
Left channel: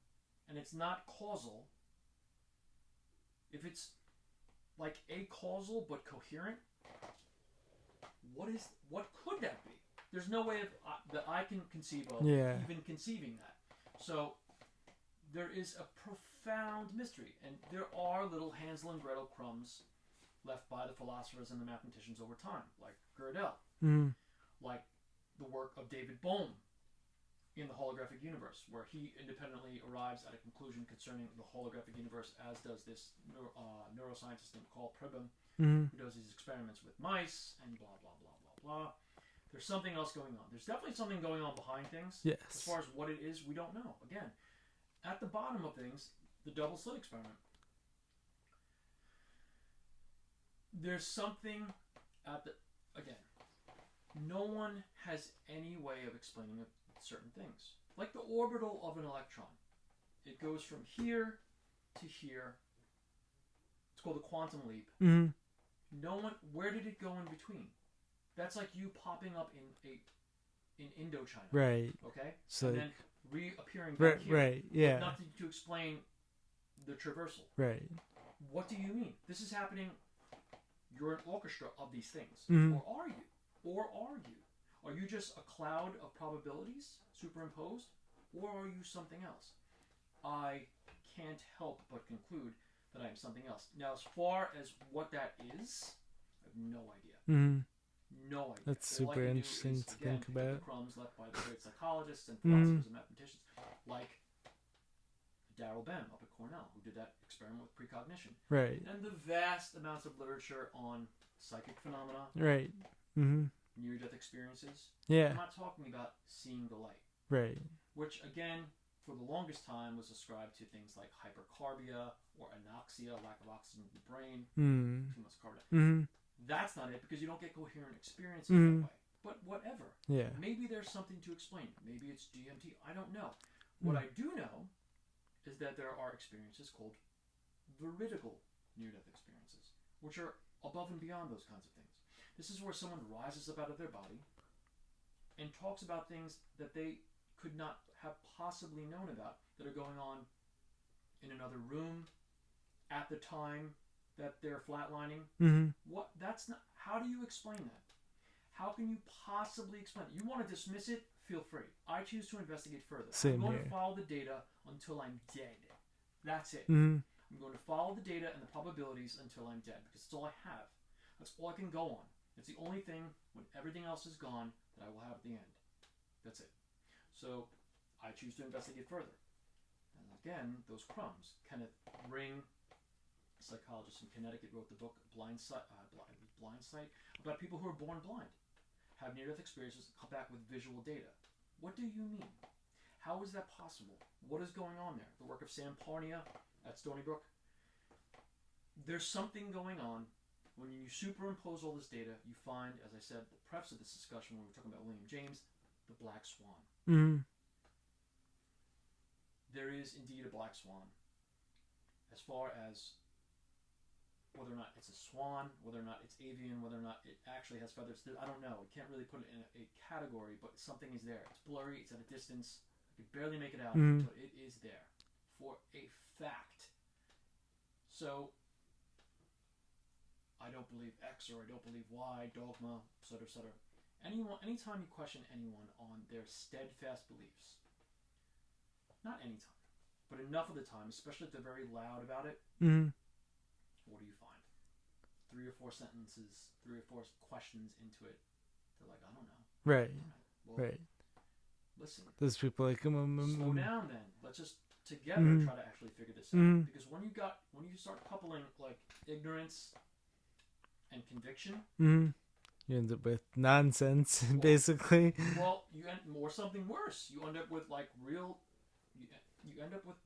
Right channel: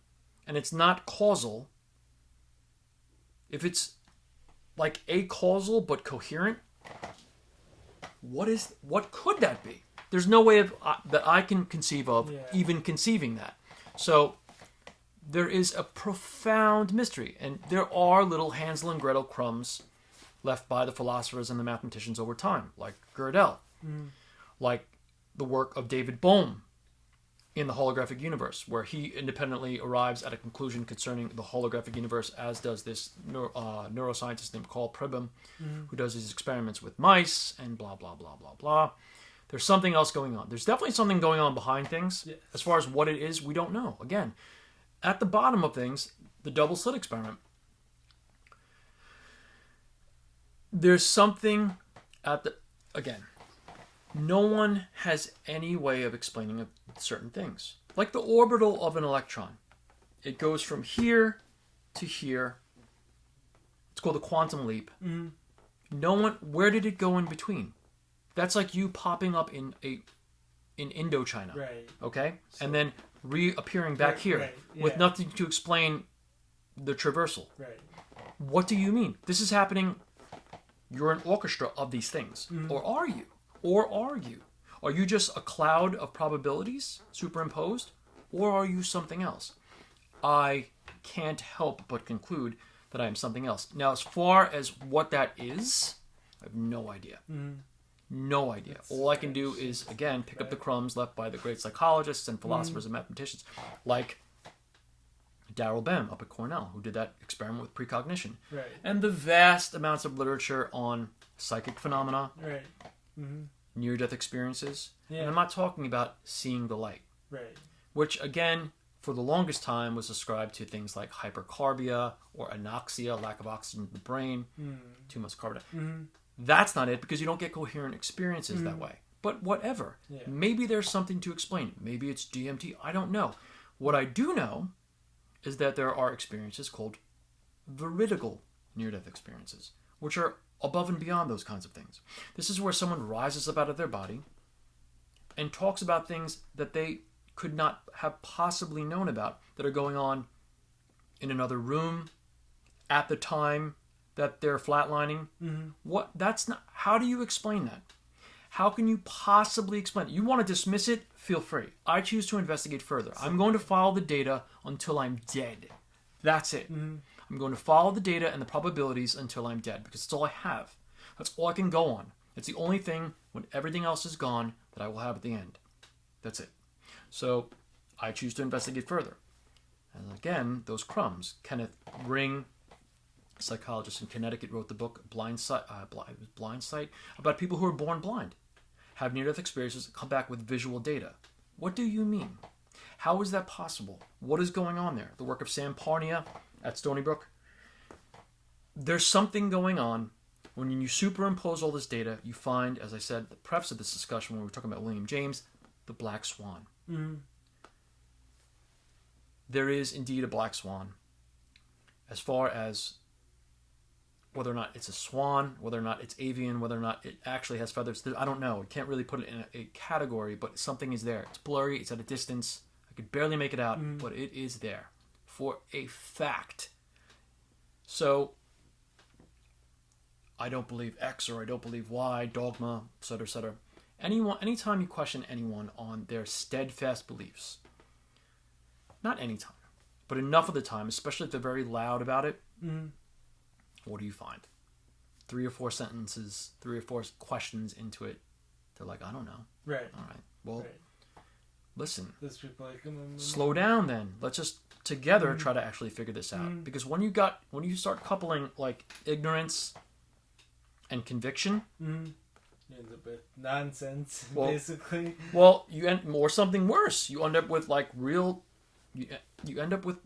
and it's not causal, if it's like acausal but coherent, what could that be? There's no way that I can conceive of even conceiving that. So there is a profound mystery, and there are little Hansel and Gretel crumbs left by the philosophers and the mathematicians over time, like Gödel, like the work of David Bohm in the holographic universe, where he independently arrives at a conclusion concerning the holographic universe, as does this neuroscientist named Carl Pribben, who does his experiments with mice and blah, blah, blah, blah, blah. There's something else going on. There's definitely something going on behind things. Yes. As far as what it is, we don't know. Again, at the bottom of things, the double slit experiment, there's something again, no one has any way of explaining certain things. Like the orbital of an electron. It goes from here to here. It's called a quantum leap. Where did it go in between? That's like you popping up in Indochina. Right. Okay? So, and then reappearing back here with nothing to explain the traversal. Right. What do you mean? This is happening. You're an orchestra of these things. Or are you? Are you just a cloud of probabilities superimposed? Or are you something else? I can't help but conclude that I am something else. Now, as far as what that is, I have no idea. No idea. All I can do is, again, pick up the crumbs left by the great psychologists and philosophers and mathematicians, like Darrell Bem up at Cornell, who did that experiment with precognition. Right. And the vast amounts of literature on psychic phenomena. Right. Near-death experiences. Yeah. And I'm not talking about seeing the light. Right. Which, again, for the longest time was ascribed to things like hypercarbia or anoxia, lack of oxygen in the brain, too much carbon dioxide. That's not it, because you don't get coherent experiences that way. But whatever. Yeah. Maybe there's something to explain. Maybe it's DMT. I don't know. What I do know is that there are experiences called veridical near-death experiences, which are above and beyond those kinds of things. This is where someone rises up out of their body and talks about things that they could not have possibly known about that are going on in another room at the time that they're flatlining. How do you explain that? How can you possibly explain it? You want to dismiss it? Feel free. I choose to investigate further. I'm going to follow the data until I'm dead. That's it. I'm going to follow the data and the probabilities until I'm dead, because it's all I have. That's all I can go on. It's the only thing, when everything else is gone, that I will have at the end. That's it. So I choose to investigate further. And again, those crumbs. Kenneth Ring, psychologist in Connecticut, wrote the book Blind Sight, about people who are born blind. have near-death experiences and come back with visual data. What do you mean? How is that possible? What is going on there? The work of Sam Parnia at Stony Brook. There's something going on. When you superimpose all this data, you find, as I said, the preface of this discussion when we were talking about William James, the black swan. Mm-hmm. There is indeed a black swan. As far as whether or not it's a swan, whether or not it's avian, whether or not it actually has feathers, I don't know. I can't really put it in a category, but something is there. It's blurry. It's at a distance. I could barely make it out, but it is there for a fact. So I don't believe X or I don't believe Y, dogma, etc., etc. Anytime you question anyone on their steadfast beliefs, not anytime, but enough of the time, especially if they're very loud about it, what do you find? 3 or 4 sentences, 3 or 4 questions into it, they're like, I don't know. Right. All right. Well, listen. Those people like, slow down then. Let's just together try to actually figure this out. Because when you start coupling like ignorance and conviction, you end up with nonsense, basically. Well, or something worse. You end up with like real. You end up with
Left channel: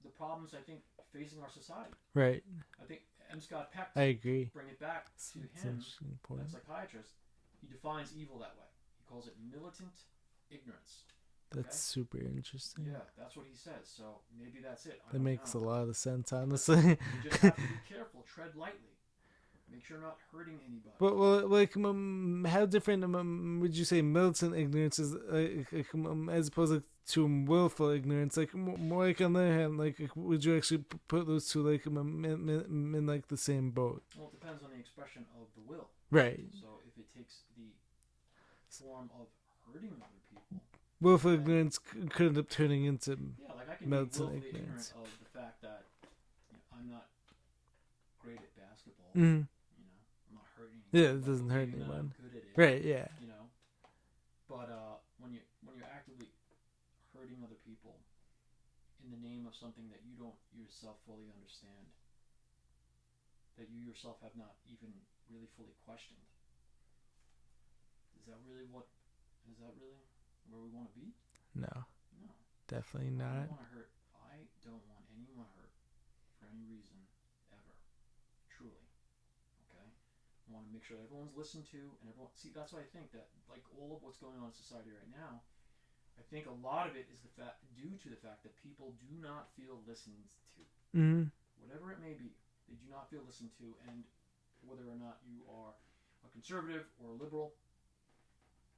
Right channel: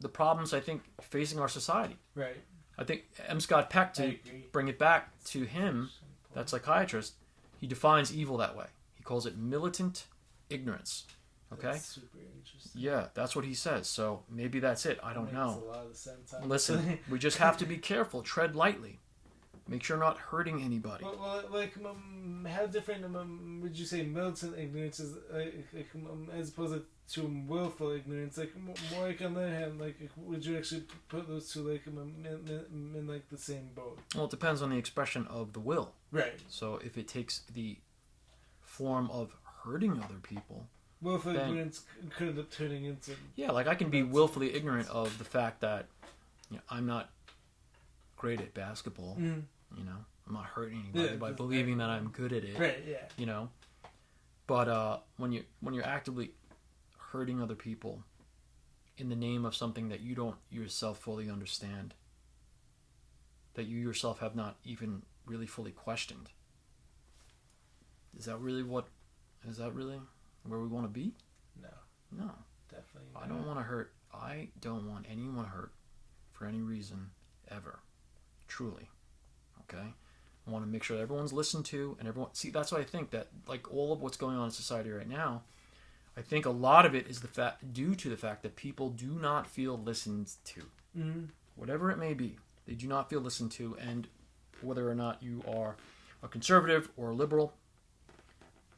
the problems I think facing our society. Right. I think M. Scott Peck, to bring it back to him, that psychiatrist, he defines evil that way. He calls it militant ignorance. Okay. That's super interesting. Yeah, that's what he says. So maybe that's it. I don't know. That makes a lot of sense. Honestly. Listen, we just have to be careful. Tread lightly. Make sure you're not hurting anybody. Well, like, how different would you say militant ignorance is, as opposed to willful ignorance? Like, more like on the other hand, like, would you actually put those two like in like the same boat? Well, it depends on the expression of the will. Right. So if it takes the form of hurting other people, willful ignorance could end up turning into like I can be willfully ignorant of the fact that I'm not great at basketball. I'm not hurting anybody by believing that I'm good at it. Right, yeah. But when you're actively hurting other people in the name of something that you don't yourself fully understand, that you yourself have not even really fully questioned, is that really where we want to be? No, definitely not. I don't want to hurt. I don't want anyone hurt for any reason ever. Truly. Okay? I want to make sure that everyone's listened to and everyone... See, that's why I think that, like, all of what's going on in society right now, I think a lot of it is due to the fact that people do not feel listened to. Whatever it may be, they do not feel listened to, and whether or not you are a conservative or a liberal,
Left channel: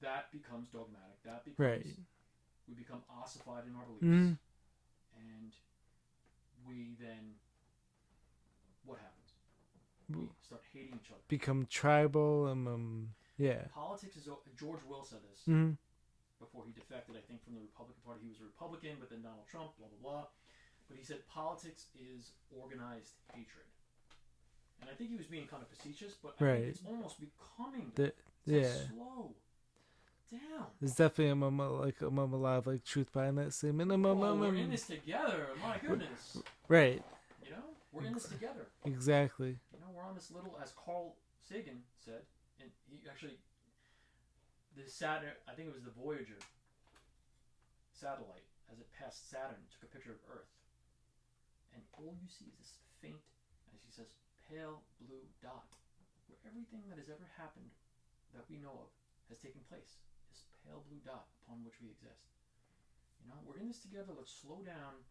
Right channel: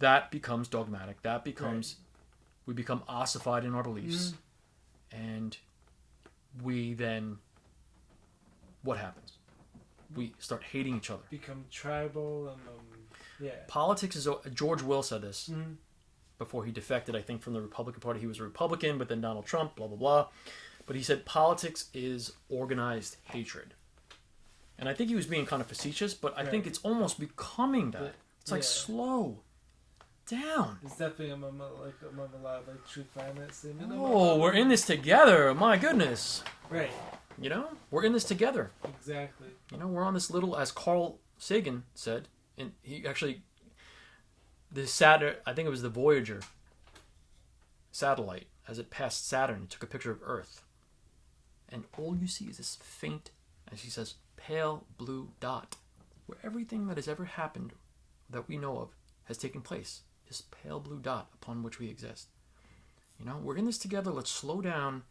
that becomes dogmatic. That becomes... We become ossified in our beliefs. And we then... What happens? We start hating each other. Become tribal and Politics is... George Will said this before he defected, I think, from the Republican Party. He was a Republican, but then Donald Trump, blah, blah, blah. But he said politics is organized hatred. And I think he was being kind of facetious, but I think it's almost becoming that. It's like, slow down. It's definitely a lot of like truth behind that statement. Oh, we're in this together. My goodness. Right. We're in this together. Exactly. We're on this little, as Carl Sagan said, and he actually, I think it was the Voyager satellite, as it passed Saturn, it took a picture of Earth. And all you see is this faint, as he says, pale blue dot, where everything that has ever happened that we know of has taken place. This pale blue dot upon which we exist. We're in this together. Let's slow down.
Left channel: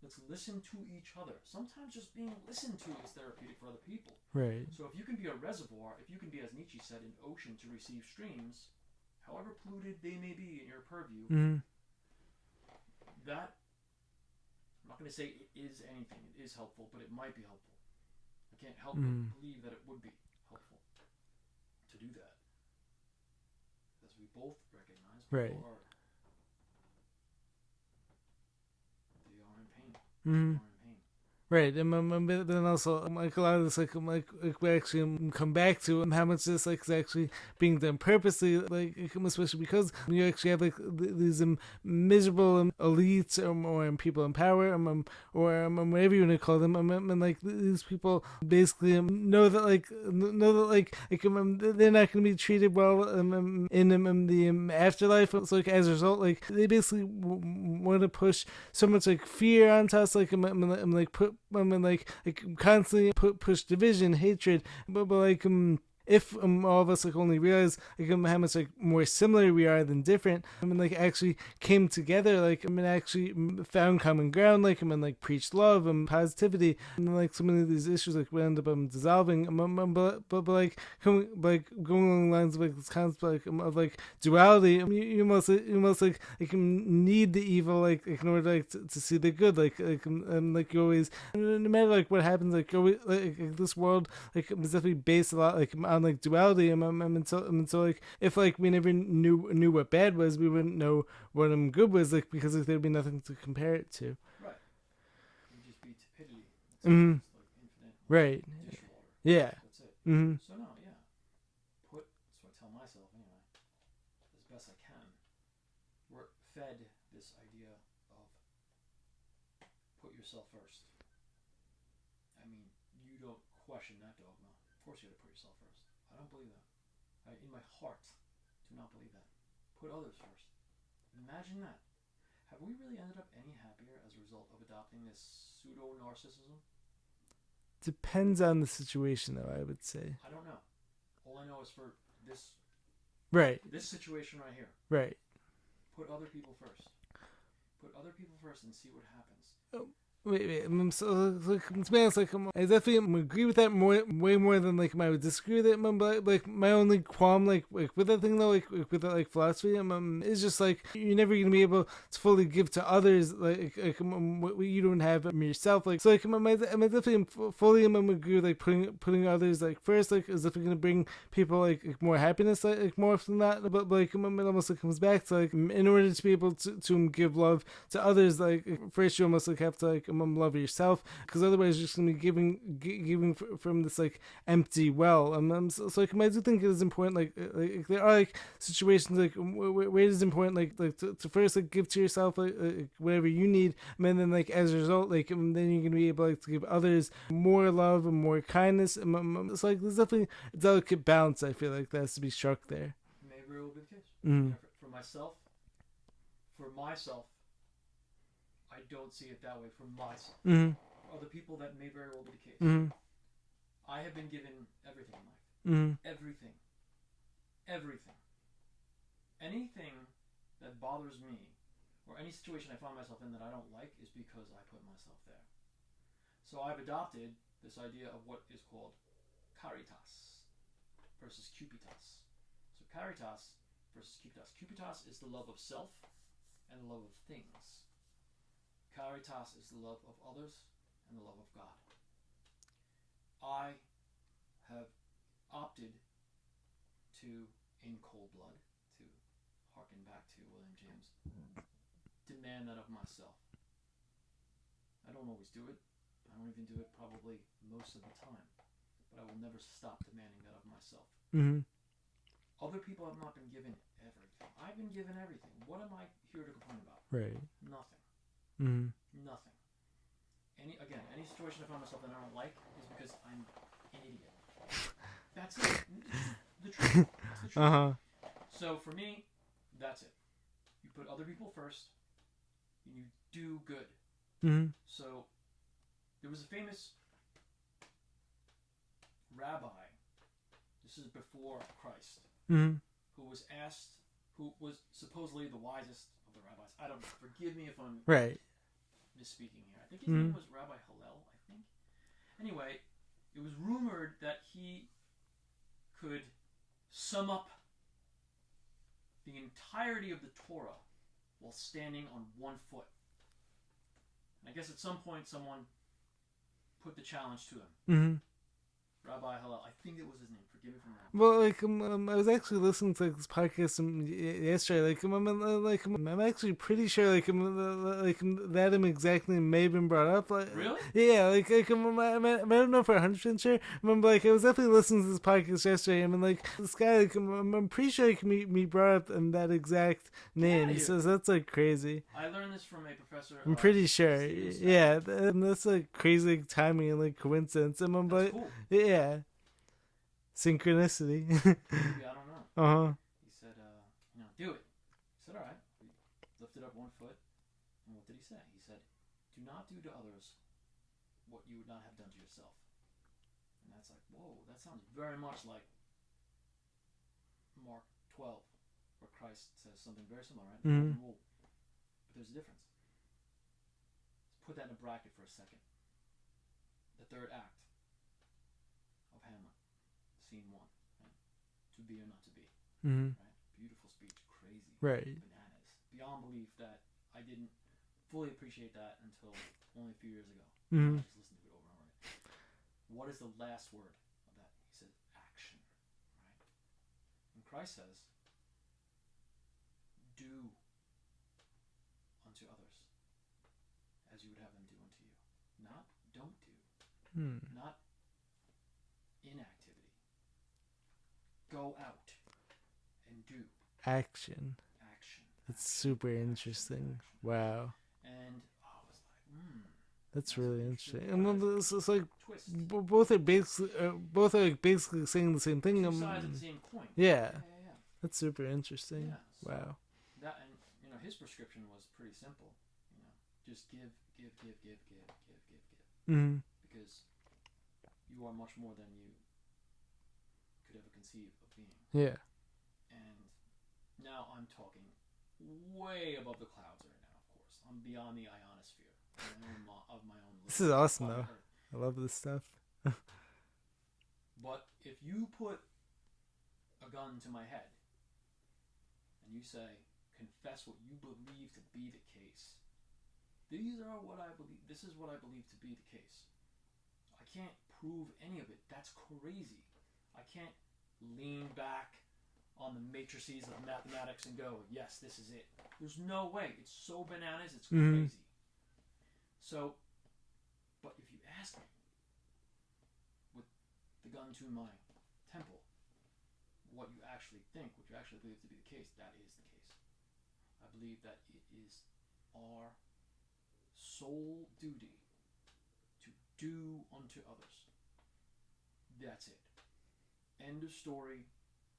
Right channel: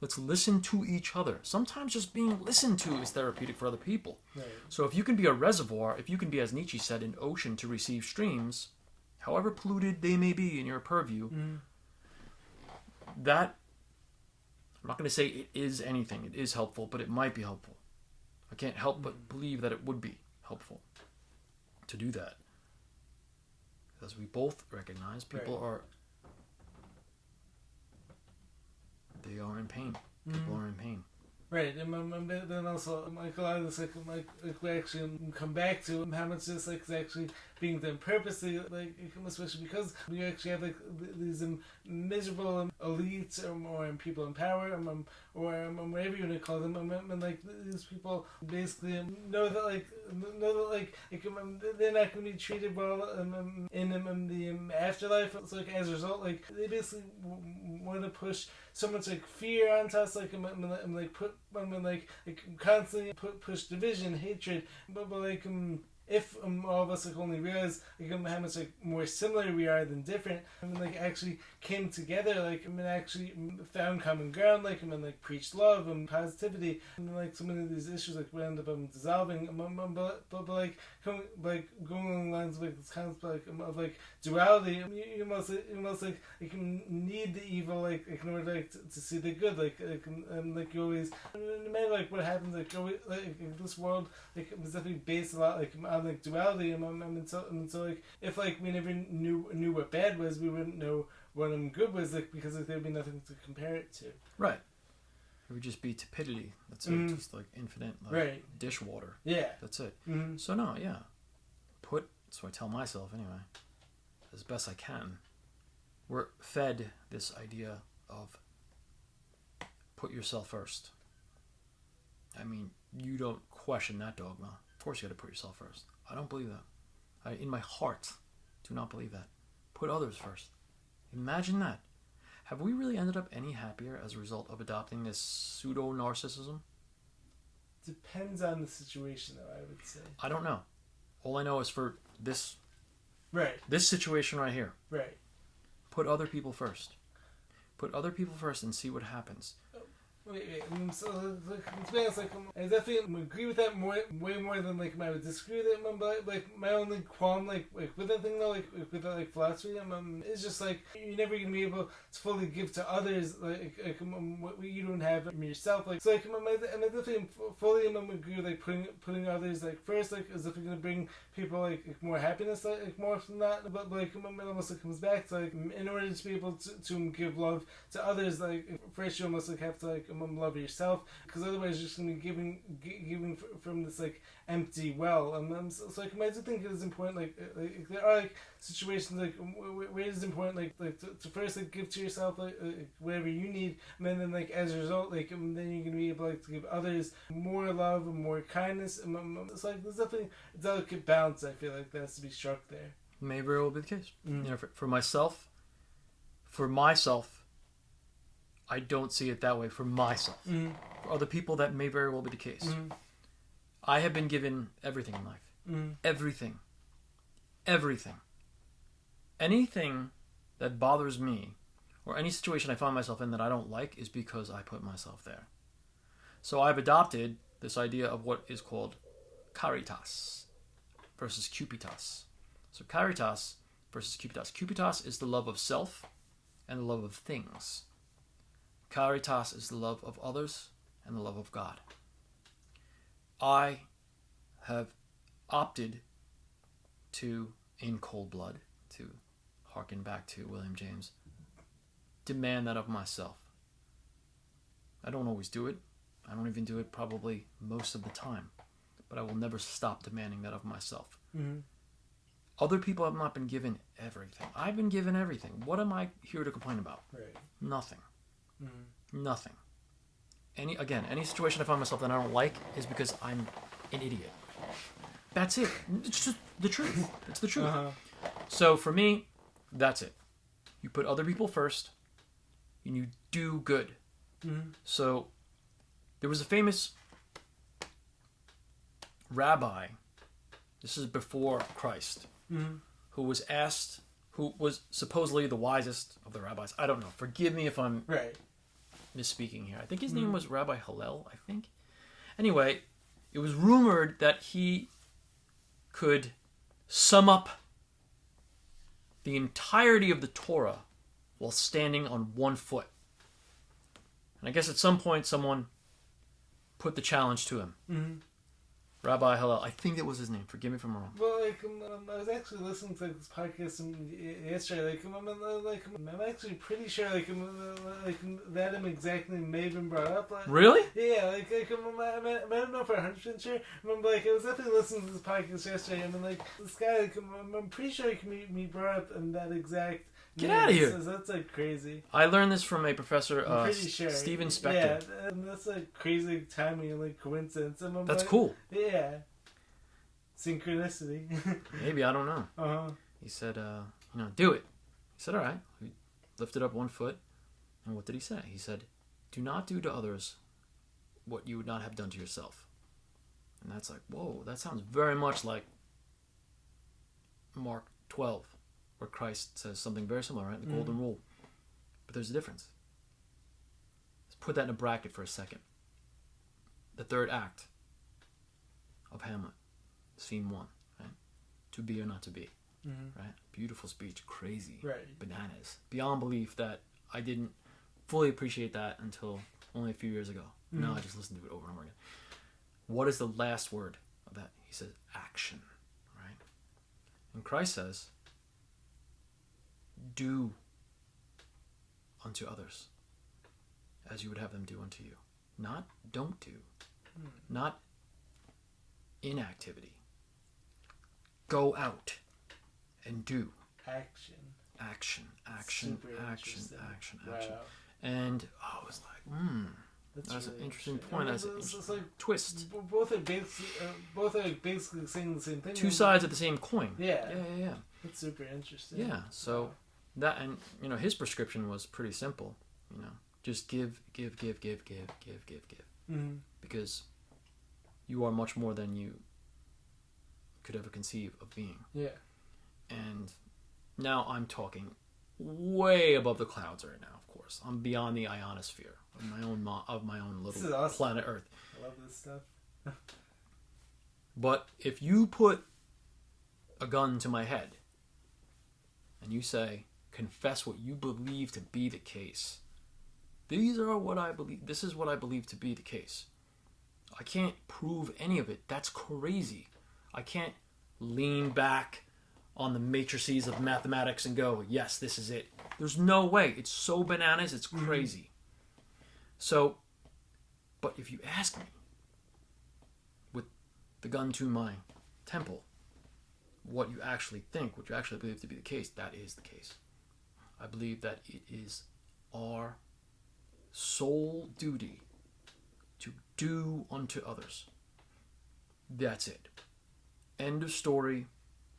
Let's listen to each other. Sometimes just being listened to is therapeutic for other people. Right. So if you can be a reservoir, if you can be, as Nietzsche said, an ocean to receive streams, however polluted they may be in your purview, that, I'm not going to say it is anything. It is helpful, but it might be helpful. I can't help but believe that it would be helpful to do that. As we both recognize, people are in pain. People are in pain. Right, but then also like a lot of this like we actually come back to how much this like is actually being done purposely, like especially because you actually have like these miserable elites or people in power or whatever you want to call them, and like these people basically know that they're not going to be treated well in the afterlife. So like as a result, like they basically want to push so much like fear onto us, like constantly push division, hatred, but like if all of us like only realize like how much like more similar we are than different, like actually came together, like actually found common ground, like like preached love and positivity, and like so many of these issues like we end up dissolving, but like going along the lines of like this concept of like duality, you almost like need the evil like in order like to see the good, like you always, no matter like what happens, like this world like is definitely based a lot like on like duality, and so like if like we never knew what bad was, we wouldn't know what good was, like because like there'd be nothing to compare it to. Right. It would just be tepidity. That's it. Just like infinite right dishwater. Yeah. That's it. So no, yeah. So I tell myself anyway, as best I can, we're fed this idea of put yourself first. I mean, you don't question that dogma. Of course you got to put yourself first. I don't believe that. In my heart, do not believe that. Put others first. Imagine that. Have we really ended up any happier as a result of adopting this pseudo-narcissism? Depends on the situation, though, I would say. I don't know. All I know is for this situation right here. Right. Put other people first. Put other people first and see what happens. Wait. So, to be honest, I definitely agree with that way more than I would disagree with it. But my only qualm, with that thing though, with that philosophy, is just you're never gonna be able to fully give to others what you don't have yourself. So I definitely fully agree with putting others first, is definitely gonna bring people more happiness more often than that. But it almost comes back to in order to be able to give love to others, first you almost have to love yourself, because otherwise you're just gonna be giving from this empty well. So I do think it is important there are situations where it is important to first give to yourself whatever you need, and then as a result then you're gonna be able to give others more love and more kindness. It's there's definitely a delicate balance I feel that has to be struck there. Maybe it will be the case. For myself, I don't see it that way for myself. For other people, that may very well be the case. I have been given everything in life. Everything. Anything that bothers me, or any situation I find myself in that I don't like, is because I put myself there. So I've adopted this idea of what is called caritas versus cupitas. So caritas versus cupitas. Cupitas is the love of self and the love of things. Caritas is the love of others and the love of God. I have opted to, in cold blood, to harken back to William James, demand that of myself. I don't always do it. I don't even do it probably most of the time. But I will never stop demanding that of myself. Other people have not been given everything. I've been given everything. What am I here to complain about? Right. Nothing. Nothing. Any situation I find myself that I don't like is because I'm an idiot. That's it. It's just the truth. It's the truth. So for me, that's it. You put other people first, and you do good. So there was a famous rabbi, this is before Christ, who was supposedly the wisest of the rabbis. I don't know. Forgive me if I'm misspeaking here. I think his name was Rabbi Hillel, I think. Anyway, it was rumored that he could sum up the entirety of the Torah while standing on one foot. And I guess at some point someone put the challenge to him. Rabbi Hillel. I think that was his name. Forgive me if I'm wrong. Well, like, I was actually listening to like, this podcast yesterday. I'm actually pretty sure, that exactly may have been brought up. Like, Really? Yeah, I don't know for 100% sure. I was definitely listening to this podcast yesterday, and this guy, I'm pretty sure he can brought up in that exact Get name. out of here. So that's like crazy. I learned this from a professor. I'm pretty sure. Stephen Spector. Yeah, and that's like crazy timing and like coincidence. And That's cool. Yeah. Synchronicity. Maybe, I don't know. Uh-huh. He said, do it. He said, all right. He lifted up one foot. And what did he say? He said, do not do to others what you would not have done to yourself. And that's like, whoa, that sounds very much like Mark 12, where Christ says something very similar, right? The golden rule. But there's a difference. Let's put that in a bracket for a second. The third act of Hamlet, scene 1, right? To be or not to be, right? Beautiful speech, crazy, right? Bananas, beyond belief that I didn't fully appreciate that until only a few years ago. Now I just listen to it over and over again. What is the last word of that? He says action, right? And Christ says, do unto others as you would have them do unto you. Not don't do. Not inactivity. Go out and do. Action. Super interesting. Wow. And I was like, that's really really interesting interesting. point. It's like twist. Both are basically saying the same thing. Two sides of the same coin. Yeah. Yeah. That's super interesting. Yeah. So that, and his prescription was pretty simple. Just give. Because you are much more than you could ever conceive of being. Yeah. And now I'm talking way above the clouds right now, of course. I'm beyond the ionosphere of my own this little is awesome. planet Earth. I love this stuff. But if you put a gun to my head and you say, confess what you believe to be the case, these are what I believe. This is what I believe to be the case. I can't prove any of it. That's crazy. I can't lean back on the matrices of mathematics and go, yes, this is it. There's no way. It's so bananas, it's crazy. So, but if you ask me, with the gun to my temple, what you actually think, what you actually believe to be the case, that is the case. I believe that it is our sole duty to do unto others. That's it. End of story.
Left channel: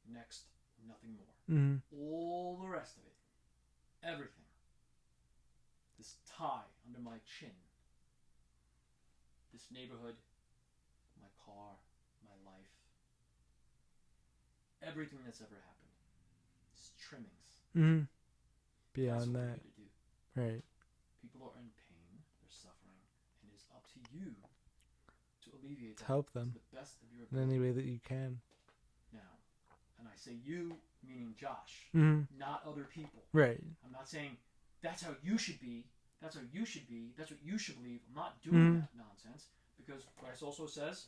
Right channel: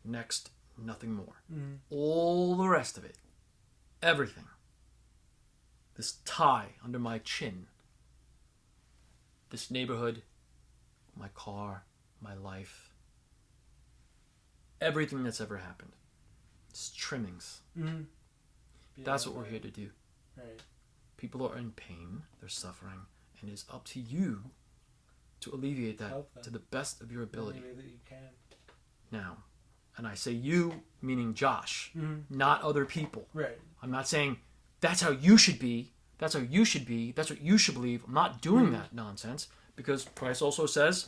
Next, nothing more. All the rest of it, everything, this tie under my chin, this neighborhood, my car, my life, everything that's ever happened, it's trimmings. That's what we're here to do. Right. People are in pain, they're suffering, and it's up to you to alleviate that Help them to the best of your ability. Any way that you can. Now, and I say you, meaning Josh, not other people. Right. I'm not saying that's how you should be, that's how you should be, that's what you should believe. I'm not doing that nonsense, because Christ also says,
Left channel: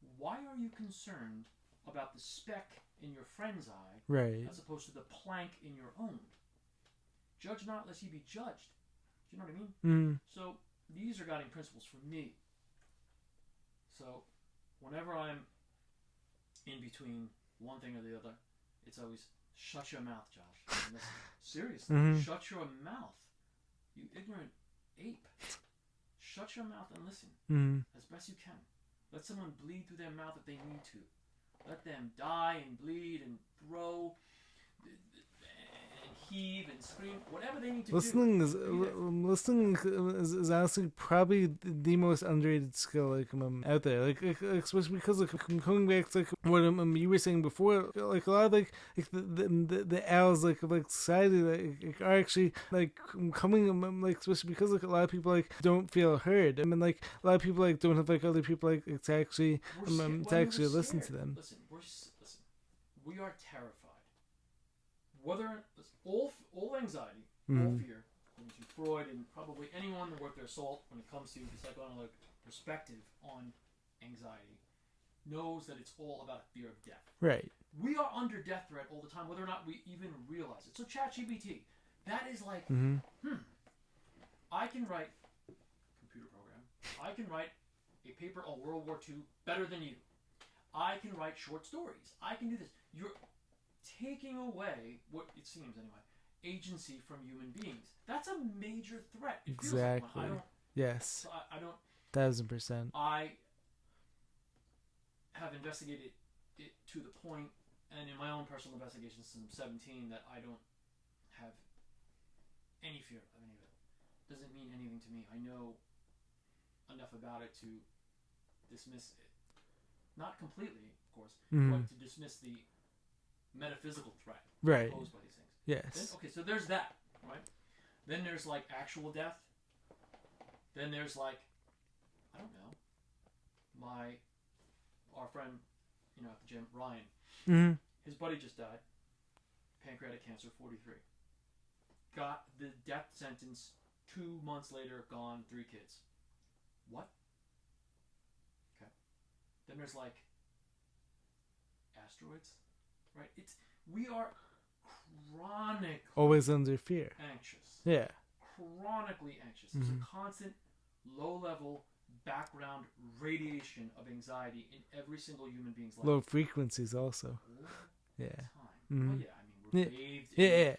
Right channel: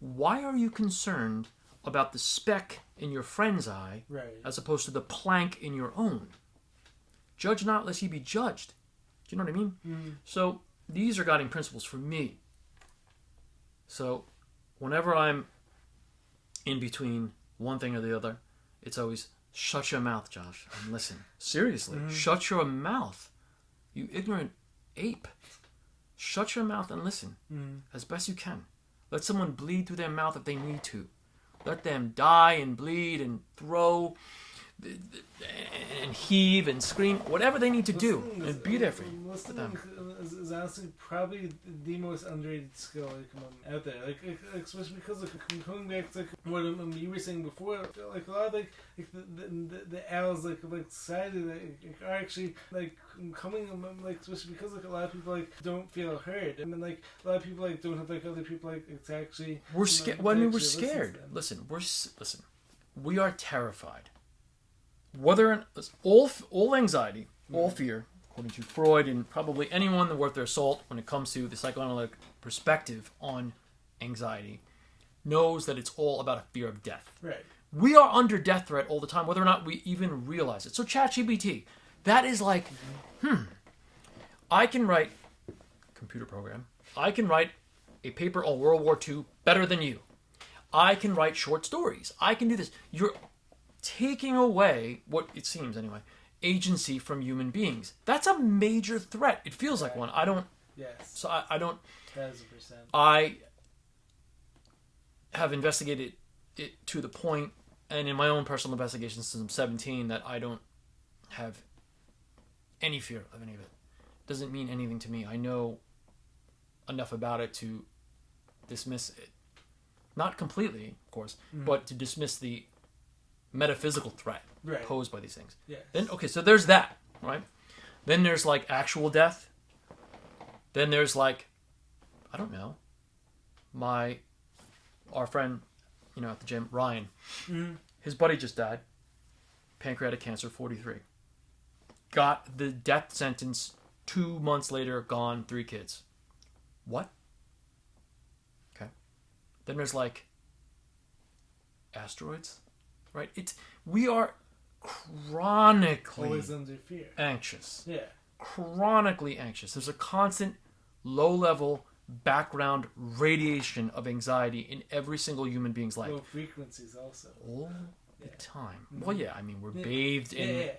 why are you concerned about the speck in your friend's eye as opposed to the plank in your own? Judge not lest ye be judged. Do you know what I mean? So these are guiding principles for me. So whenever I'm in between one thing or the other, it's always shut your mouth, Josh, and listen. Seriously, shut your mouth, you ignorant ape. Shut your mouth and listen as best you can. Let someone bleed through their mouth if they need to. Let them die and bleed and throw and heave and scream, whatever they need to do, and be there for you. Listening is honestly probably the most underrated skill out there. Especially because coming back to what you were saying before, a lot of the owls of society are actually coming especially because a lot of people don't feel heard. I mean a lot of people don't have other people to actually. We're scared. We're scared. Listen, we are terrified. Whether all anxiety, all fear, according to Freud and probably anyone worth their salt when it comes to the psychoanalytic perspective on anxiety, knows that it's all about a fear of death. Right. We are under death threat all the time, whether or not we even realize it. So ChatGPT, that is like, I can write computer program. I can write a paper on World War II better than you. I can write short stories. I can do this. You're taking away, what it seems anyway, agency from human beings. That's a major threat. It feels like one. I don't. Yes. So I don't. 1000%. I have investigated it to the point, and in my own personal investigations since I'm 17, that I don't have any fear of any of it. Doesn't mean anything to me. I know enough about it to dismiss it. Not completely, of course, but to dismiss the metaphysical threat posed by these things. Yes. Then, okay, so there's that, right? Then there's like actual death. Then there's like, I don't know, our friend, at the gym, Ryan, his buddy just died, pancreatic cancer, 43. Got the death sentence 2 months later, gone, 3 kids. What? Okay. Then there's like asteroids, right? We are chronically always under fear. Anxious. Yeah. Chronically anxious. There's a constant low-level background radiation of anxiety in every single human being's life. Low frequencies also. All the time. Well, yeah, I mean, we're bathed in Yeah.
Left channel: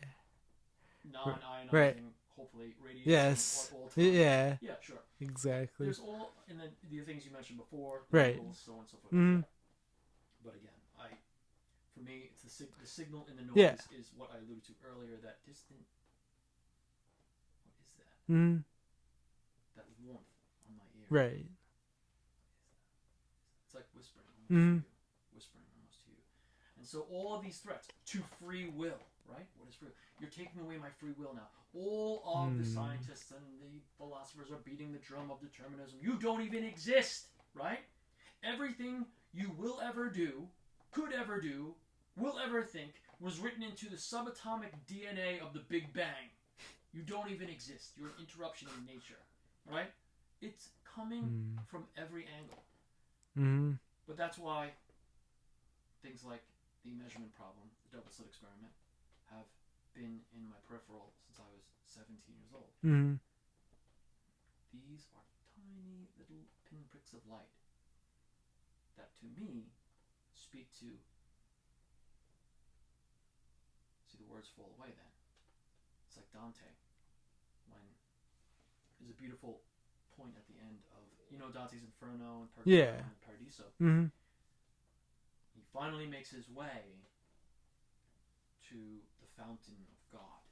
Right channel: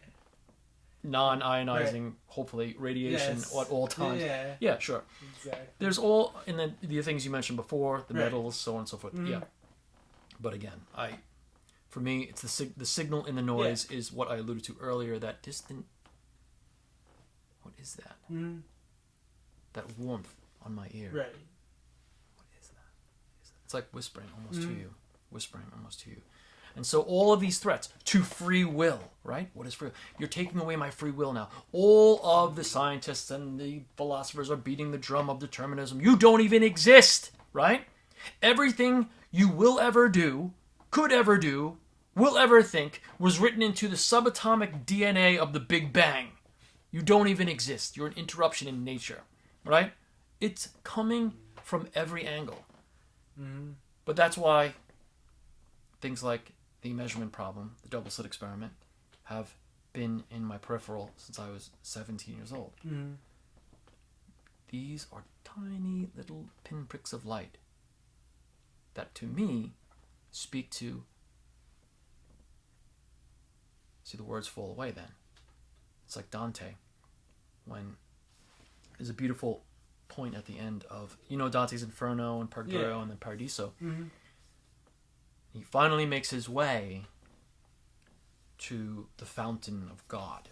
non-ionizing, hopefully, radiation at all times. Yeah, sure. Exactly. There's all, and then the things you mentioned before, the metals, so on and so forth. Yeah. But again, for me, it's the signal in the noise is what I alluded to earlier, that distant, what is that? That warmth on my ear. Right. What is that? It's like whispering almost to you. Whispering almost to you. And so all of these threats to free will, right? What is free will? You're taking away my free will now. All of the scientists and the philosophers are beating the drum of determinism. You don't even exist, right? Everything you will ever do, could ever do, will ever think was written into the subatomic DNA of the Big Bang. You don't even exist. You're an interruption in nature, right? It's coming from every angle. But that's why things like the measurement problem, the double slit experiment, have been in my peripheral since I was 17 years old. These are tiny little pinpricks of light that, to me, speak to... See, the words fall away then. It's like Dante, when there's a beautiful point at the end of, Dante's Inferno and Purgatorio and then Paradiso. He finally makes his way to the fountain of God.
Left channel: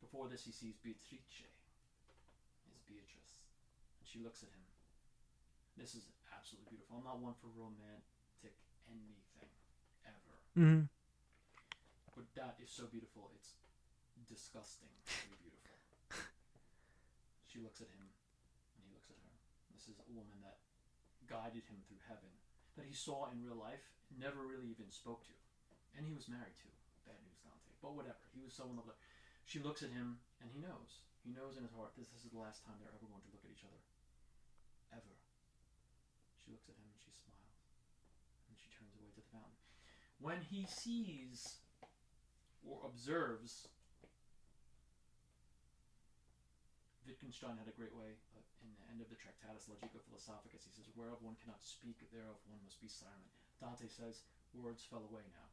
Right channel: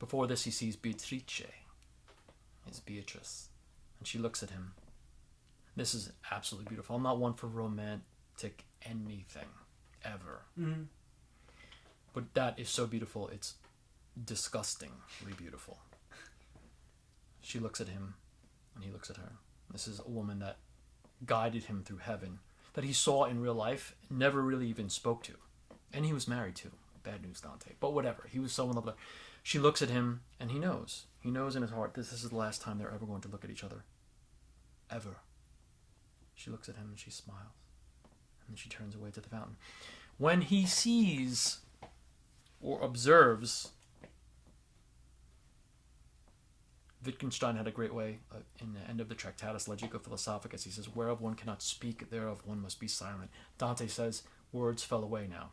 Before this, he sees Beatrice, his Beatrice, and she looks at him. This is absolutely beautiful. I'm not one for romantic anything, ever. But that is so beautiful, it's disgustingly beautiful. She looks at him, and he looks at her. This is a woman that guided him through heaven, that he saw in real life, never really even spoke to. And he was married to. Bad news, Dante. But whatever. He was so in love with her. She looks at him, and he knows. He knows in his heart this is the last time they're ever going to look at each other. Ever. She looks at him, and she smiles. And then she turns away to the fountain. When he sees or observes... Wittgenstein had a great way in the end of the Tractatus Logico Philosophicus. He says, whereof one cannot speak, thereof one must be silent. Dante says, words fell away now.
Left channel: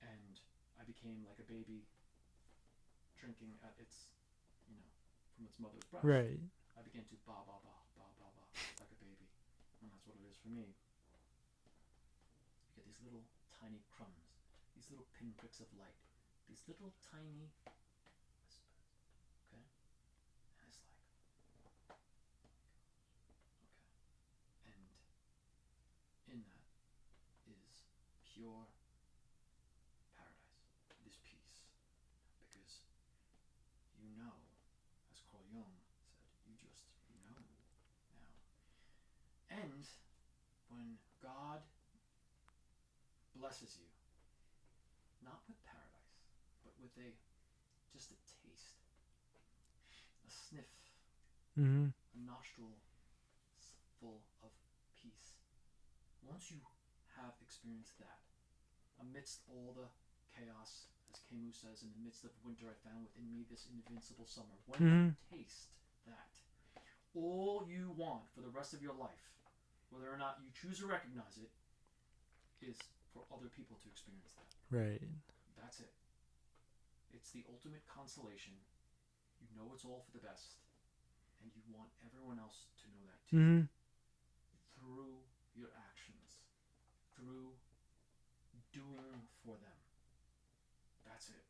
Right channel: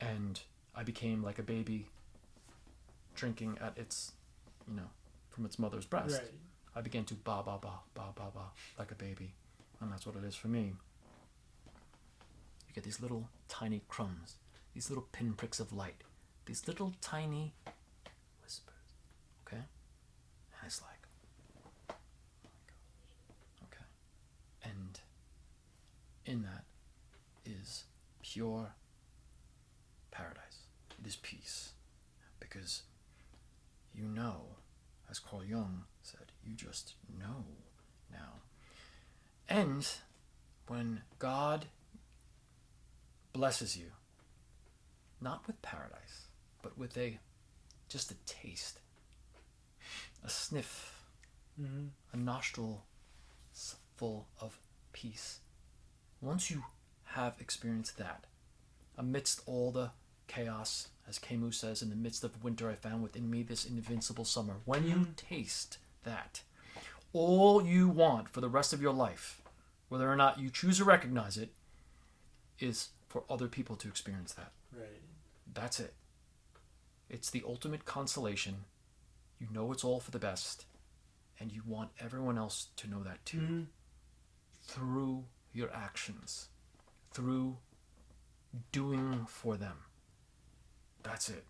And I became like a baby drinking at its, from its mother's breast. Right. I began to ba, ba, ba, ba, ba, ba, like a baby. And that's what it is for me. You get these little tiny crumbs, these little pinpricks of light, these little tiny whispers. Okay? And it's like, oh my gosh. Okay. And in that is pure paradise. It is peace. Because as Carl Jung said, you just know now. And when God blesses you, not with paradise, but with just a taste, a sniff, a nostril full of peace. Once you have experienced that, amidst all the chaos, as Camus says, in the midst of winter I found within me this invincible summer. When you taste that, all you want for the rest of your life, whether or not you choose to recognize it, is for other people to experience that. Right. That's it. It's the ultimate consolation. You know it's all for the best, and you want everyone else to know that too. Through your actions, through doing for them. That's it.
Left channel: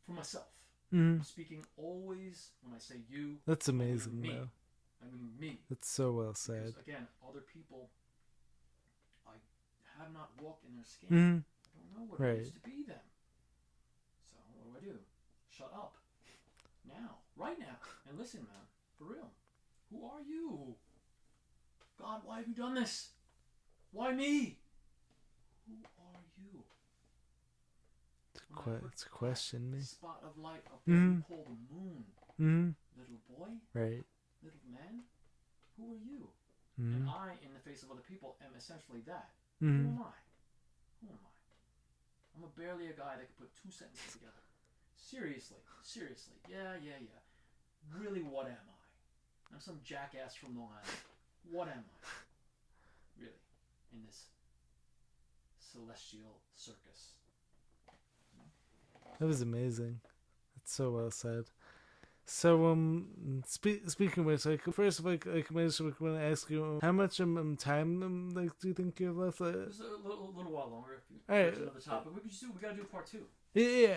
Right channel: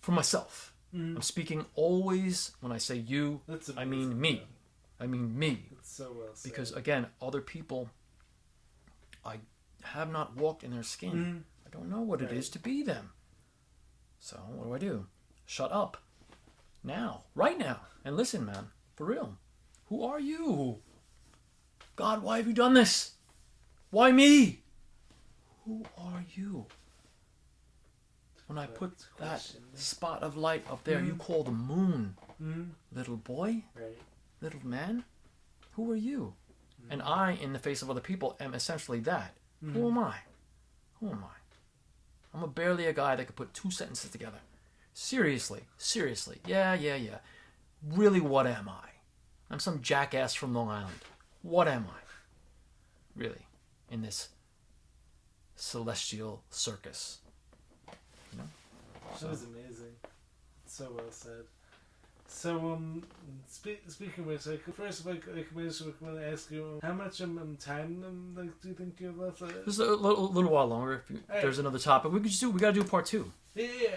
For myself. I'm speaking always, when I say you, That's amazing, I mean me. though. I mean me. It's so well said. Because again, other people, I have not walked in their skin. I don't know what it is to be them. So what do? Shut up. Now. Right now. And listen, man. For real. Who are you? God, why have you done this? Why me? Who are you? When I put that spot of light up there, you call the moon. Little boy? Right. Little man? Who are you? And I, in the face of other people, am essentially that. Who am I? Who am I? I'm barely a guy that could put two sentences together. Seriously. Yeah. Really, what am I? I'm some jackass from Long Island. What am I? Really, in this celestial circus. You know? That was amazing. It's so well said. So, speaking of which, like, first, like, I want to ask you, how much time, like, do you think you have left? Just a little while longer. If there's another topic, we gotta do part 2. Yeah.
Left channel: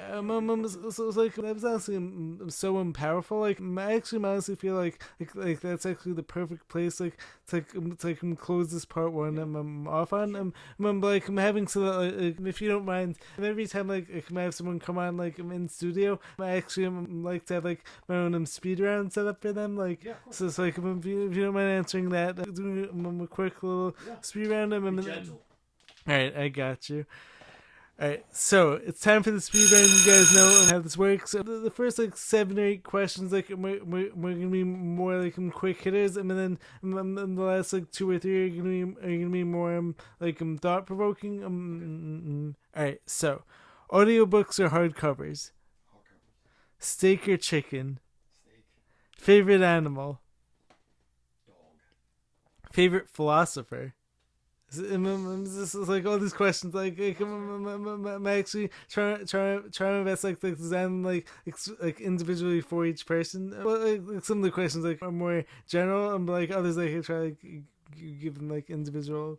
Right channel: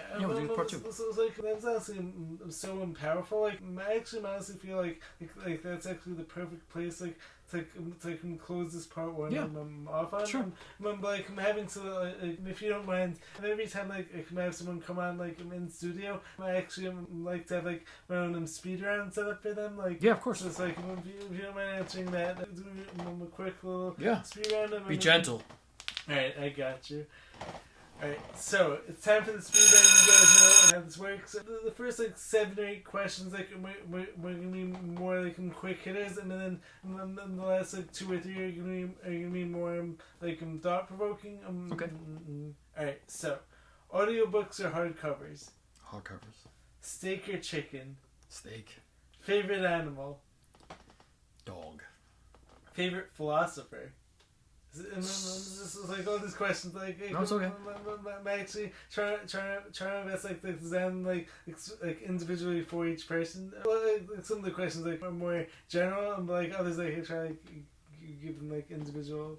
So it's like, that was honestly so powerful. Like, I actually honestly feel like that's actually the perfect place, like, to close this part 1. Yeah. I'm off on. Sure. I'm having to, like, if you don't mind, and every time, like, I have someone come on, like, I'm in studio, I actually like to have, like, my own speed round set up for them. Like, yeah, of course. So it's like, if you don't mind answering that, like, doing a quick little speed round. Be gentle. Alright, I got you. Alright, so it's time for the speed round. You guys know how this works. So the first, like, 7 or 8 questions, like, we're gonna be more like quick hitters, and then the last, like, 2 or 3 are gonna be more like thought provoking. Okay. Alright, so audiobooks or hardcovers? Hardcovers. Steak or chicken? Steak. Favorite animal? Dog. Favorite philosopher? This is like all these questions. Like, no, it's okay. I'm actually trying my best, like, to examine like individually for each person. Like some of the questions, like, are more general, and like others, like, I try, like, give them, like, individual.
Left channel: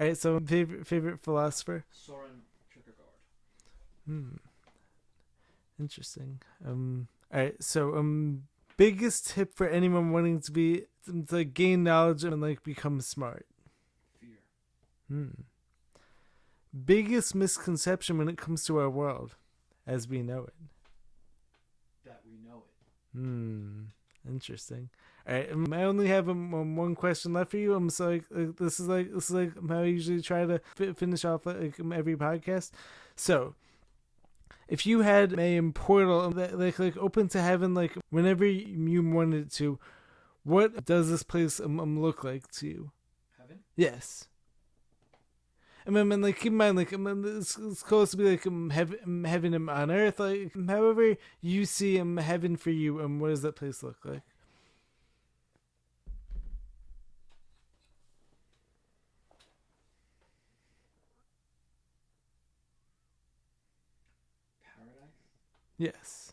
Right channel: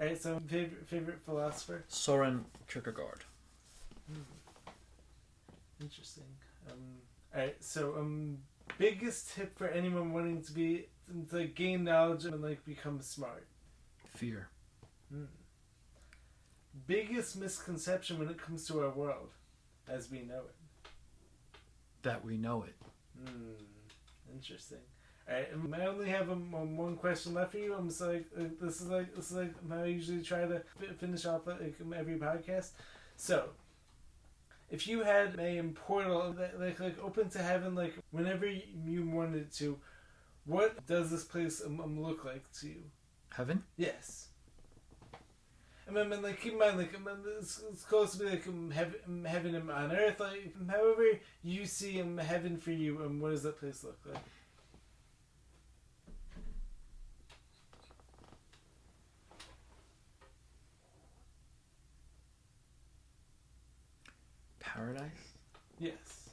Alright, so favorite philosopher? Soren Kierkegaard. Interesting. Alright, so biggest tip for anyone wanting to like, gain knowledge and, like, become smart? Fear. Biggest misconception when it comes to our world as we know it? That we know it. Interesting. Alright, I only have one question left for you. So, like, this is like how I usually try to finish off, like, every podcast. So, if you had a portal that, like open to heaven, like, whenever you wanted to, what does this place look like to you? Heaven? Yes. And then, like, keep in mind, like, it's close to be like heaven on earth. Like, however you see heaven for you, what does that place look like? Paradise? Yes.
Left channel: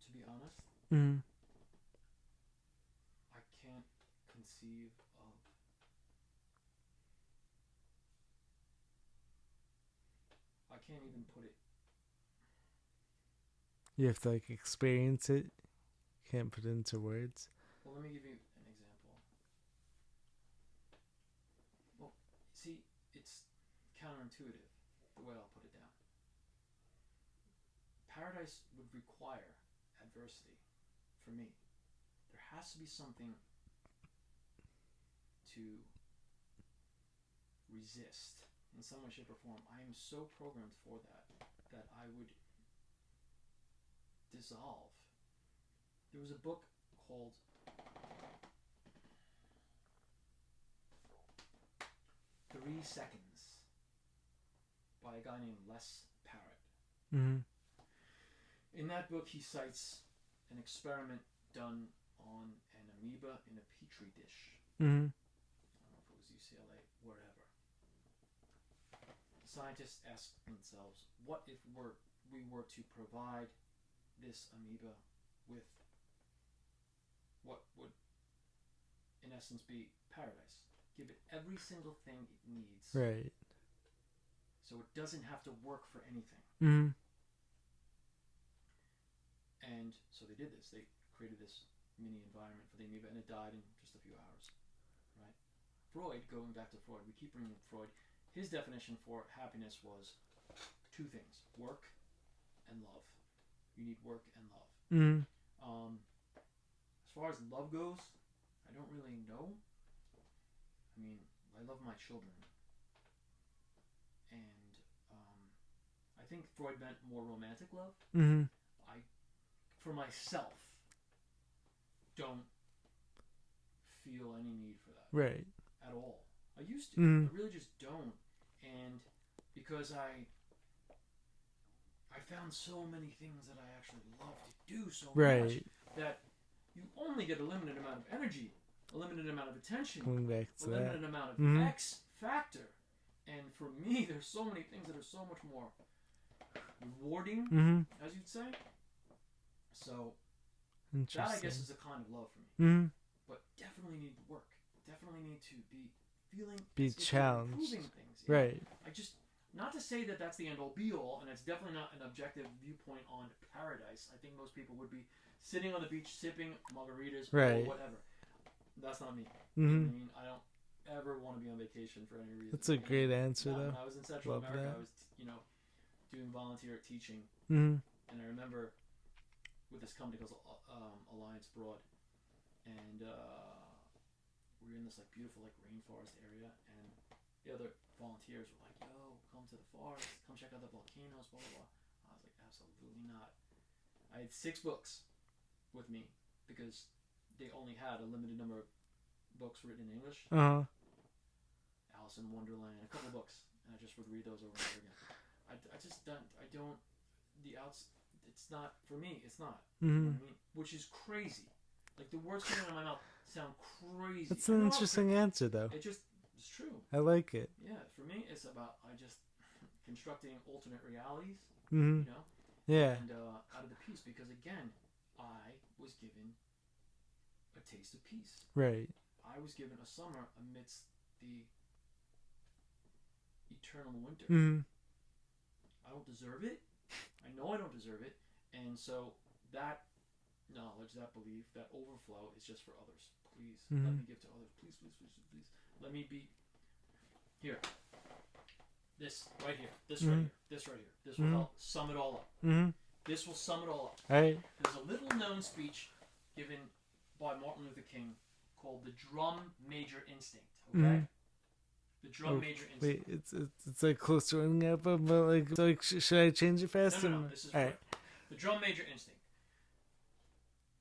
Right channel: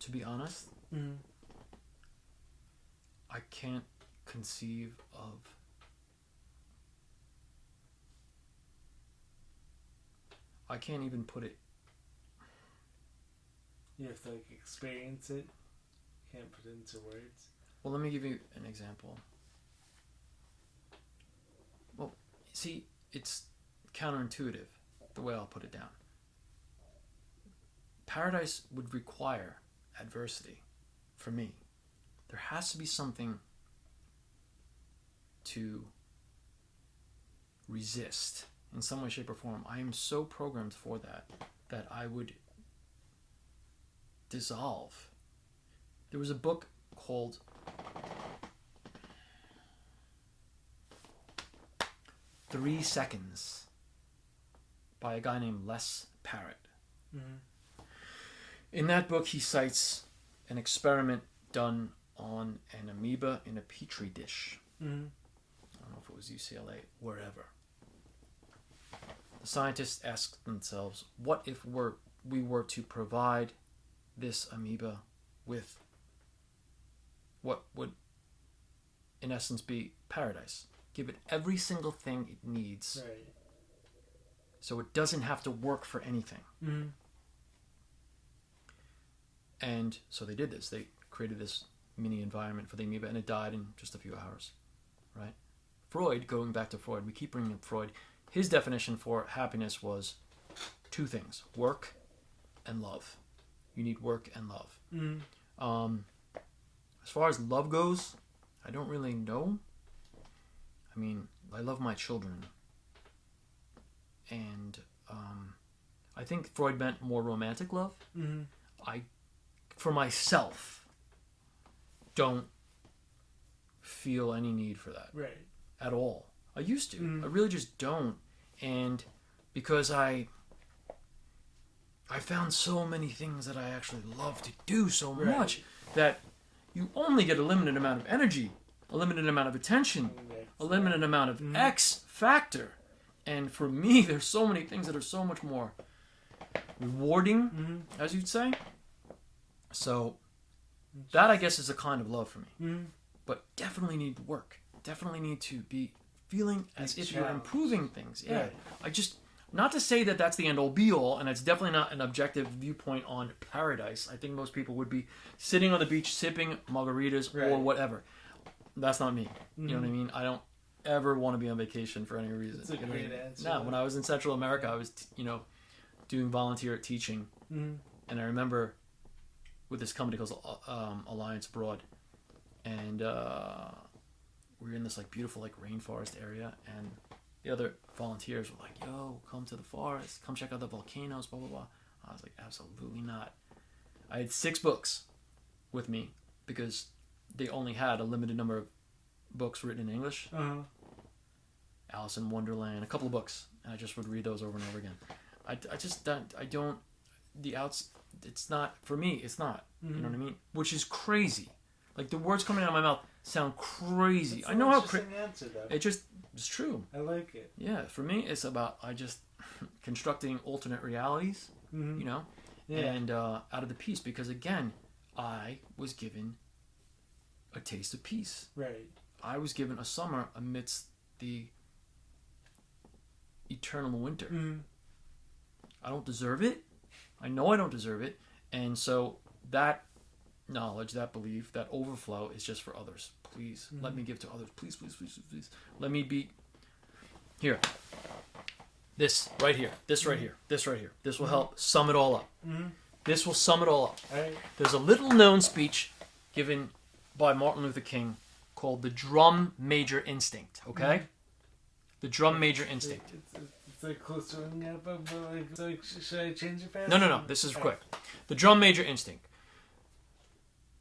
To be honest, I can't conceive of I can't even put it. You have to, like, experience it. Can't put it into words. Well, let me give you an example. Well, see, it's counterintuitive the way I'll put it down. Paradise would require adversity for me. There has to be something to resist in some way, shape, or form. I am so programmed for that I would dissolve. There was a book called 3 seconds by a guy named Les Parrott. Mm-hmm. In that book, he cites an experiment done on an amoeba in a petri dish. Mm-hmm. I don't know if it was UCLA, wherever. The scientists asked themselves, what if we were to provide this amoeba with what would, in essence, be paradise? Give it every single thing it needs, Right. so it doesn't have to work for anything. Mm-hmm. And so they did this. They created this mini environment for the amoeba, and it died in just a few hours, right? Freud, going back to Freud, we keep bringing up Freud. His definition for happiness was 2 things: work and love. You need work and love. Mm-hmm. As far as love goes, I don't really know. I mean, I love my children. And I think Freud meant more romantic love. Mm-hmm. For myself, don't feel any need for that. Right. At all. I used to. Mm. I really just don't. And because I found so many things that I actually love to do so Right. much that you only get a limited amount of energy, a limited amount of attention, a limited amount of X factor. And for me, there's so many things that are so much more rewarding, as you'd say. So that, I guess, is a kind of love for me. Mm-hmm. But definitely need work. Definitely need to be feeling as if challenged. you're improving things. Yeah. Right. I just, not to say that that's the end all be all, and it's definitely not an objective viewpoint on paradise. I think most people would be sitting on the beach sipping margaritas or Right. whatever. That's not me. You know what I mean? I don't ever want to be on vacation for any reason. That's a great answer. No, when I was in Central America, I was, doing volunteer teaching. Mm-hmm. And I remember with this company called Alliance Abroad, and we were in this beautiful rainforest area, and the other volunteers were like, "Yo, come to the forest, come check out the volcanoes, blah blah blah." I was like, "Absolutely not." I had 6 books with me because they only had a limited number of books written in English. Uh-huh. Alice in Wonderland, a couple of books, and I just would read those over and over again. I just don't. It's not for me. It's not. You know what I mean? Which is crazy. The words coming out of my mouth sound crazy. That's I an know how interesting answer, though. it's true. I like it. Yeah, for me, it's about constructing alternate realities. Mm-hmm. Yeah. And out of the peace, because again, I was given a taste of peace. Right. I was given a summer amidst the eternal winter. Mm-hmm. I don't deserve it. I know I don't deserve it. And so that knowledge, that belief, that overflow is just for others. Please, let me give to others. Please, please, please, please. Let me be here. This right here. This right here. This right here. This will help sum it all up. Mm-hmm. This will sum it all up. Right. There's a little known speech given by Martin Luther King called the Drum Major Instinct. Okay? Mm-hmm. The Drum Major Instinct. It's close to running out, but should I change it fast? No. This is quick. The Drum Major Instinct.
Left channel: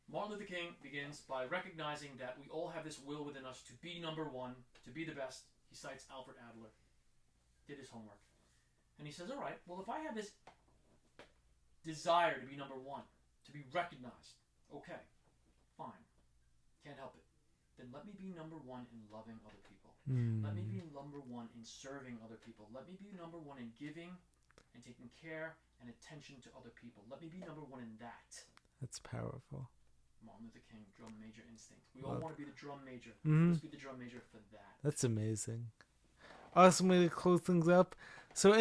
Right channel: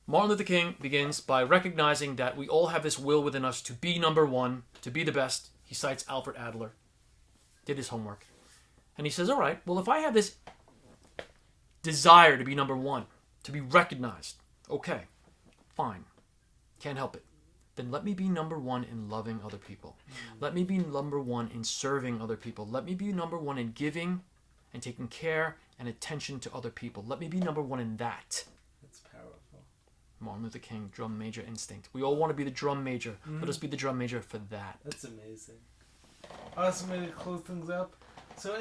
Martin Luther King begins by recognizing that we all have this will within us to be number one, to be the best. He cites Alfred Adler. Did his homework. And he says, all right, well, if I have this desire to be number one, to be recognized, okay, fine, can't help it. Then let me be number one in loving other people. Let me be number one in serving other people. Let me be number one in giving and taking care and attention to other people. Let me be number one in that. That's powerful. Martin Luther King, Drum Major Instinct. We all want to be the drum major. Let us be the drum major for that. That's amazing. Awesome way to close things up. So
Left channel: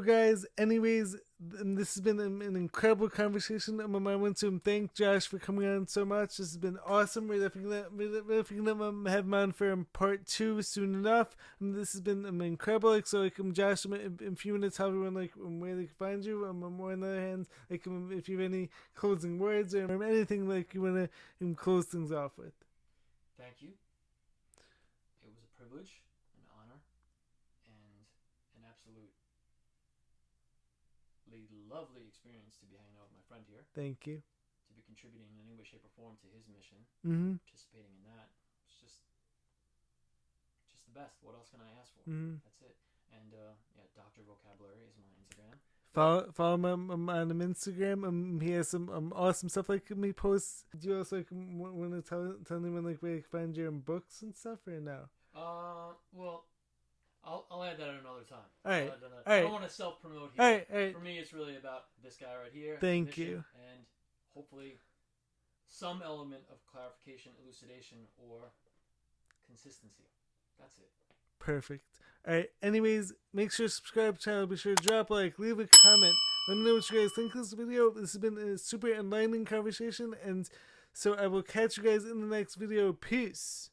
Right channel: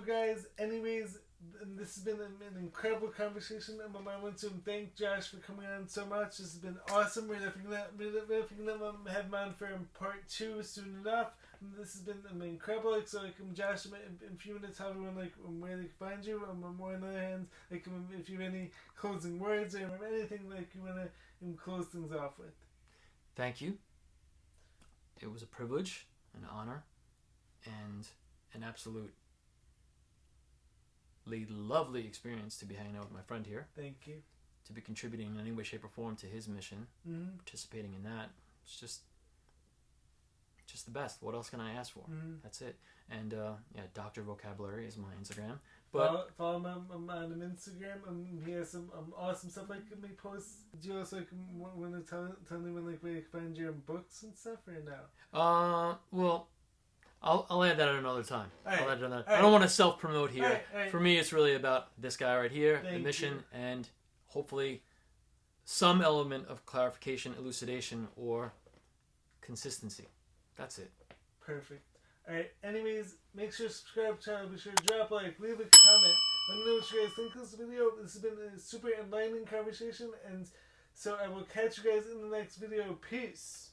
guys, anyways, this has been an incredible conversation. I want to thank Josh for coming on so much. This has been awesome. We're definitely gonna have him on for part 2 soon enough. And this has been incredible. Josh, if you want to tell everyone where they can find you, more on the other hand, if you have any closing words or anything you want to close things off with. Thank you. It was a privilege, an honor, and an absolutely lovely experience to be hanging out with my friend here. Thank you. To be contributing in any way, shape, or form to his mission, participating in that. It's just the best. What else can I ask for? That's it. And yeah, Dr. Vocabulary is my Instagram. But follow him on Instagram. He has some awesome stuff like me posts. Do you also like want to tell anyone like where you can find your books and stuff right now? Well, I'll add that at another time. Right. I'll add that. I don't want to self promote here. Right. For me, it's really about this guy right here, the mission, and hopefully some element of clarification, elucidation, or consistency. That's it. Perfect. Alright, anyways, make sure to subscribe to the channel, be sure to drop a like, leave a comment, let me know what you guys think of this video. This has been a super enlightening conversation, and so I will catch you guys in the next video. Peace!